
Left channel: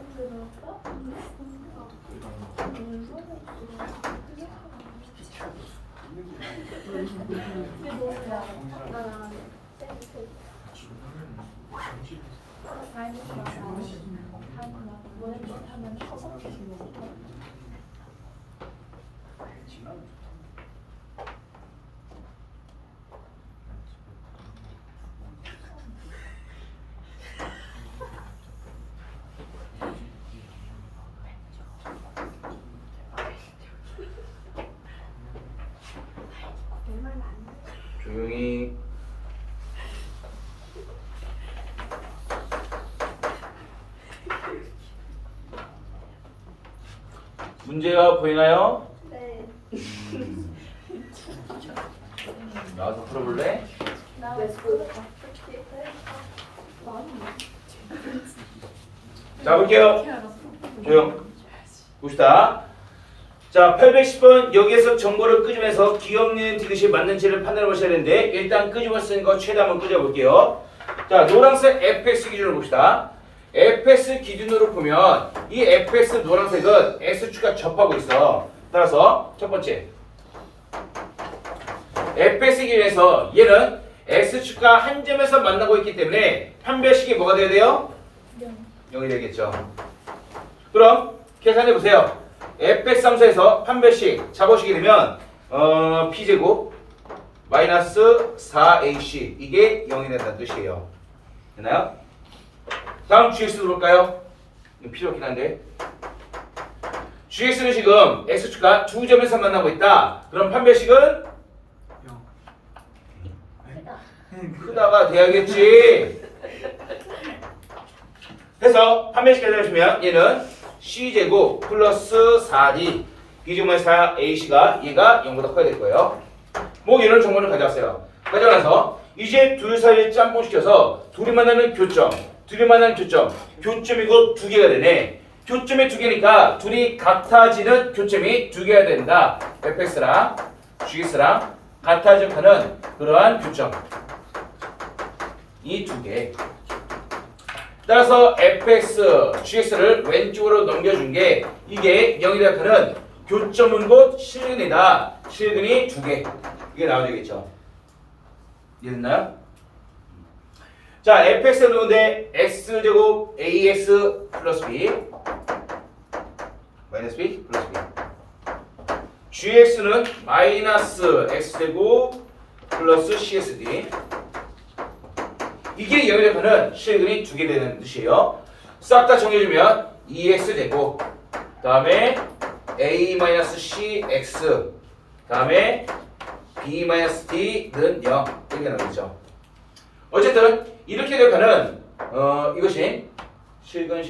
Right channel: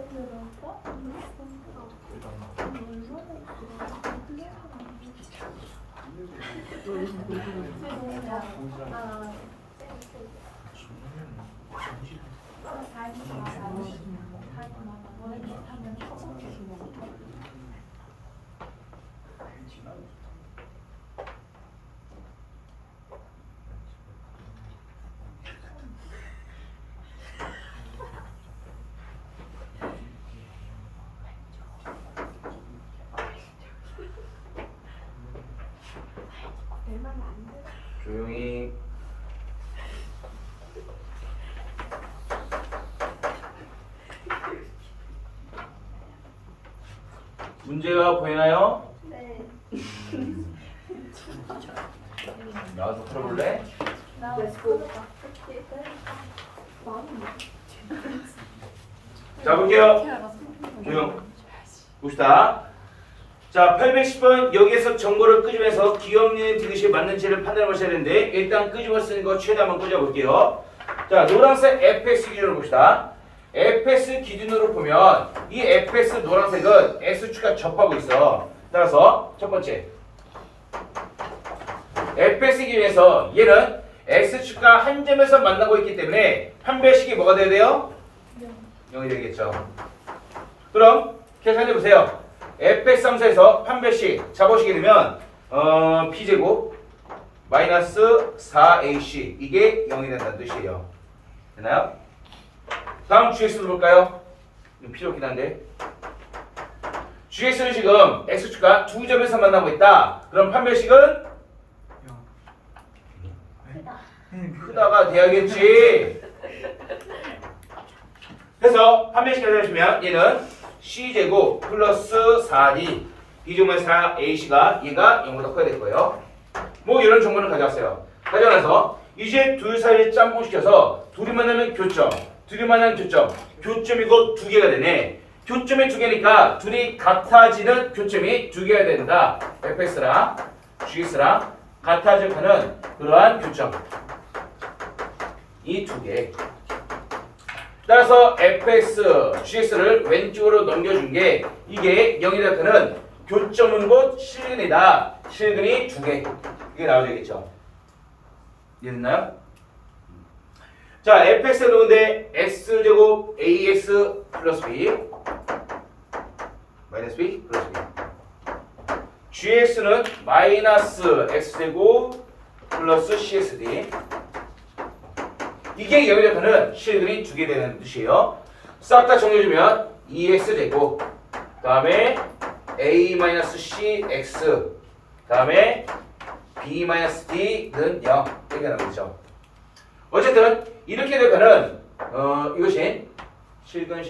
내말 안 돼. 조용히. 문제가 보이나요? 네. 나와서 풀어볼래? 나 Let's go. 어떻게 자 볼게요. 조용. 봅시다. 자 810번 여기에서 정보를 끄집어내서 기억력 디귿이 맞는지를 판단해 보셔야 되는데 일단 끄집어쓴 거 최대 한번 끄집어볼게요. 자 노란색 fx 기준으로 봅시다. fx 기준으로 보면 이 fx 노란색은 x축과 접하고 있어. 따라서 첫 번째 fx 기준에서 얘는 x축과 한 점에서 만나고 있기 때문에 판별식이 뭐가 돼야 돼요? 0이 되겠죠. 그럼 계산해 보세요. fx 함수에서 판별식 잡아주게 되면 p제곱 마이너스 4ac 이게 0이 된다는 뜻이에요. 되나요? 다음 gx도 볼까요? 이거 필요 없긴 한데 gx는 지금 x축과 두 점에서 만나고 있다. 그럼 판별식은 크다가 돼야겠지. 해서 판별식 계산해주면 얘는 c제곱 플러스 4d b제곱만 4ac가 얘가 0보다 커야 될 거예요. 뭐 이런 정보를 가져왔어요. 가져와서 이제 둘 사이에 짬뽕시켜서 둘이 만나는 교점, 교점이고 두 개가 되네. 교점이 두 개니까 둘이 같아지는 교점이 두 개가 된다. fx랑 gx랑 같아지고 하는 그러한 교점. 이 두 개. 따라서 fx, gx를 왼쪽으로 넘겨준 게 이게 0이라 하는 교점은 곧 실근이다. 실근이 두 개. 이게 나와야 되겠죠. 이해됐나요? 자, fx를 넣는데 x제곱 ax 플러스 b 마이너스 b 플러스 b gx는 마이너스 x제곱 플러스 csd 이게 0이 되는 실근이 두 개 되는 뜻이에요. 싹 다 정리해주면 2x제곱 그 다음에 a-cx 그 다음에 b-d는 0 이렇게 나오겠죠. 어쨌든 이렇게 되면은 이것이 실근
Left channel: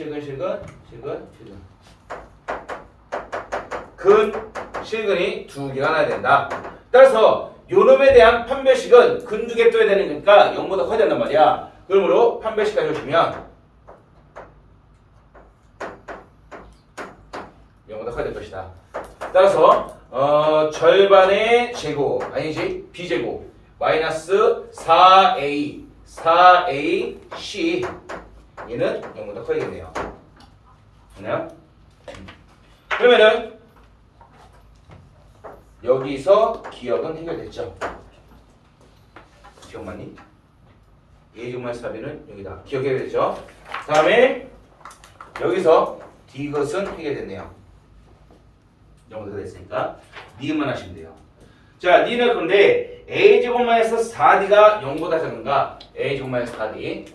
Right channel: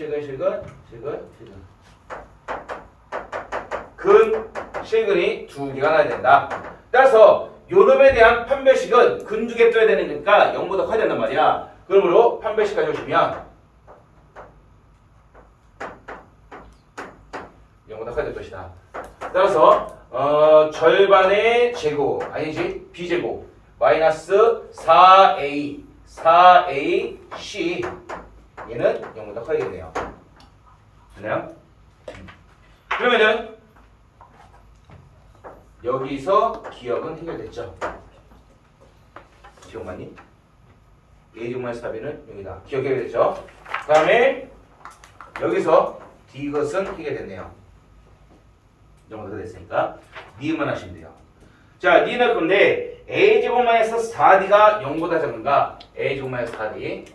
근 실근이 두 개가 나야 된다. 따라서 요놈에 대한 판별식은 근 두 개 떠야 되니까 0보다 커야 된단 말이야. 그러므로 판별식 가져오시면 0보다 커야 될 것이다. 따라서 절반의 제곱 아니지 b제곱 마이너스 4ac 얘는 0보다 커야겠네요. 됐나요? 그러면은 여기서 기억은 해결됐죠. 기억 맞니? a제곱마이너스 4b는 여기다. 기억 해결됐죠? 다음에 여기서 d것은 해결됐네요. 0보다 됐으니까 니은만 하시면 돼요. 자, 니은 할 건데 a제곱 마이너스 4d가 0보다 작은가? a제곱 마이너스 4d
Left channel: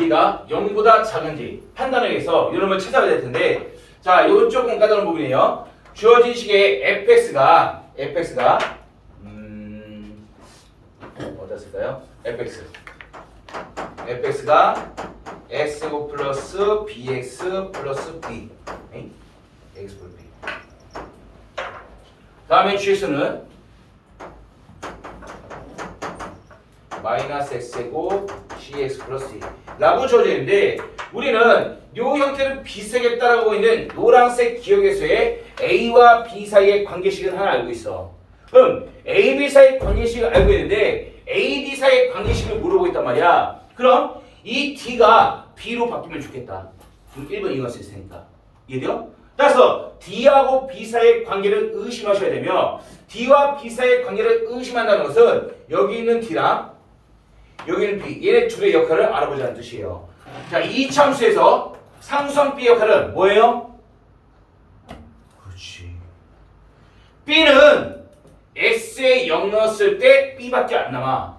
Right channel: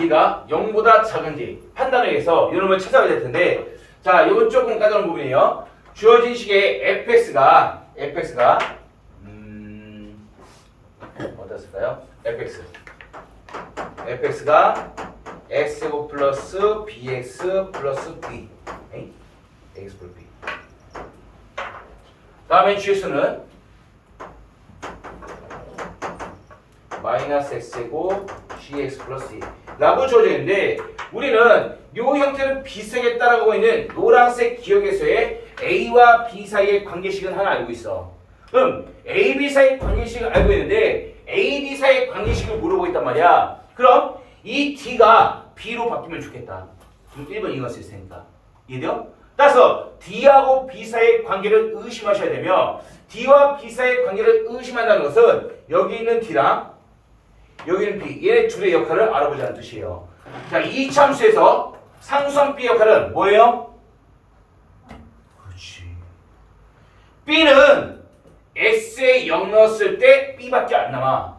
얘가 0보다 작은지 판단을 위해서 이놈을 찾아야 될 텐데 자, 이건 조금 까다로운 부분이에요. 주어진 식의 fx가 어떻을까요? fx가 x제곱 플러스 bx 플러스 b x 플러스 b 다음에 gx는 마이너스 x제곱 gx 플러스 d 라고 주어져 있는데 우리는 이 형태는 비슷하게 따라가고 있는 노란색 기억에서의 a와 b 사이의 관계식은 하나 알고 있어. 그럼 a, b 사이의 관계식을 알고 있는데 a, b 사이의 관계식을 모르고 있단 말이야. 그럼 이 d가 b로 바뀌면 좋겠다. 그럼 1번 2번 쓸 테니까. 이해돼요? 따라서 d하고 b 사이의 관계를 의심하셔야 되며 d와 b 사이의 관계를 의심한다는 것은 여기 있는 d랑 여기는 b 얘네 둘의 역할을 알아보자는 뜻이에요. 자, 이 참수에서 상수함 b 역할은 뭐예요? 그렇지. b는 x에 0 넣었을 때 b밖에 안 남아.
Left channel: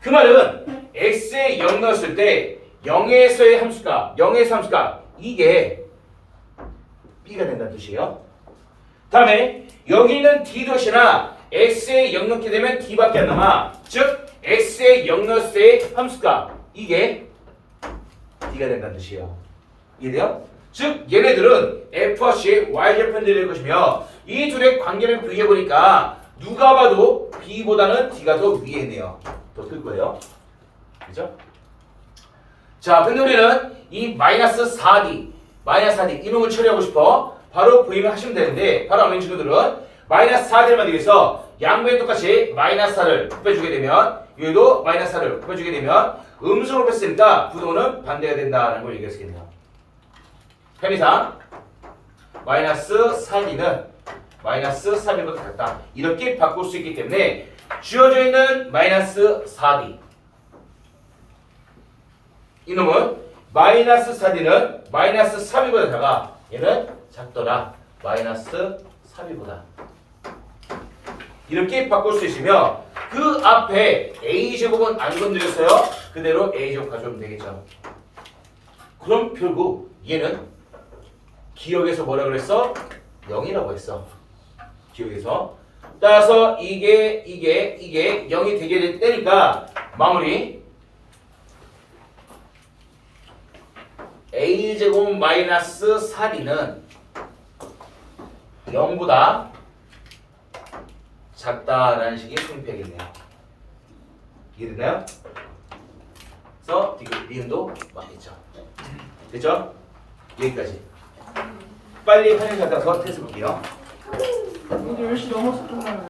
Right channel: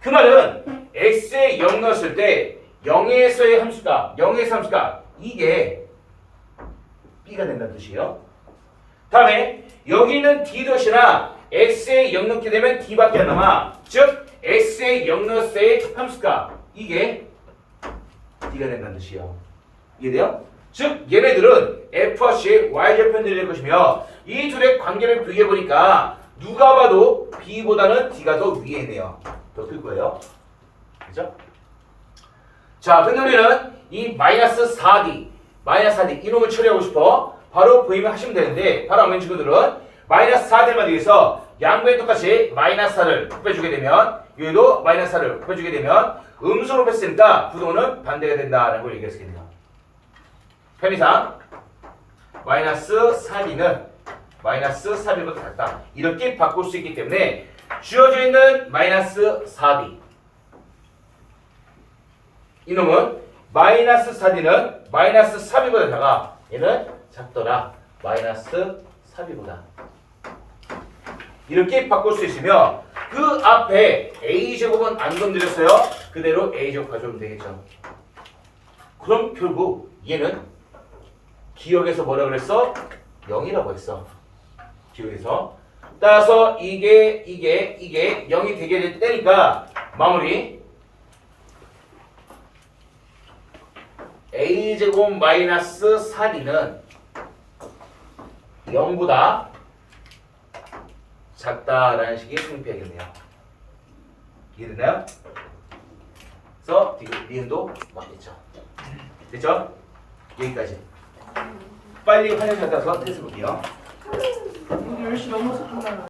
그 말은 x에 0 넣었을 때 0에서의 함수가 이게 b가 된다는 뜻이에요. 다음에 여기 있는 d 덧이나 x에 0 넣게 되면 d밖에 안 남아. 즉 x에 0 넣었을 때의 함수가 이게 d가 된다는 뜻이에요. 이해돼요? 즉 얘네들은 f와 c의 y절편들이 될 것이며 이 둘의 관계를 비교해보니까 누가 봐도 b보다는 d가 더 위에 있네요. 더 클 거예요. 그죠? 자, 근데 우리는 이 마이너스 4d 이놈을 처리하고 싶어. 바로 보이면 하시면 되는데 바로 아는 친구들은 마이너스 4d를 만들기 위해서 양변에 똑같이 마이너스 4를 곱해주게 되면 여기도 마이너스 4를 곱해주게 되면 음수로 뺐으니까 부동은 반대가 된다는 걸 얘기할 수 있겠네요. 편의상 마이너스 4d는 마이너스 3이보다 같다. 이렇게 바꿀 수 있기 때문에 주어져 있는 마이너스 4d 이놈은 마이너스 4d는 마이너스 3이보다 작아. 얘는 작더라. 마이너스 3이보다 이렇게 바꿀 수 있으며 그 앞에 a제곱은 안 건드렸어요. 그대로 a제곱 가져오면 되겠죠. 그럼 결국 얘는 기억에서 뭐라 그랬어? 0이라고 했어. 기억에서. 따라서 이게 0이 되게 되니까 마무리 a제곱 마이너스 4d는 0보다 작다라는 식의 성립해야겠네요. 이해됐나요? 그래서 니은도 맞겠죠. 됐죠? 여기까지. 빨리 화면 갖다서 테스트 볼게요. 10시 넘어서 끝나요.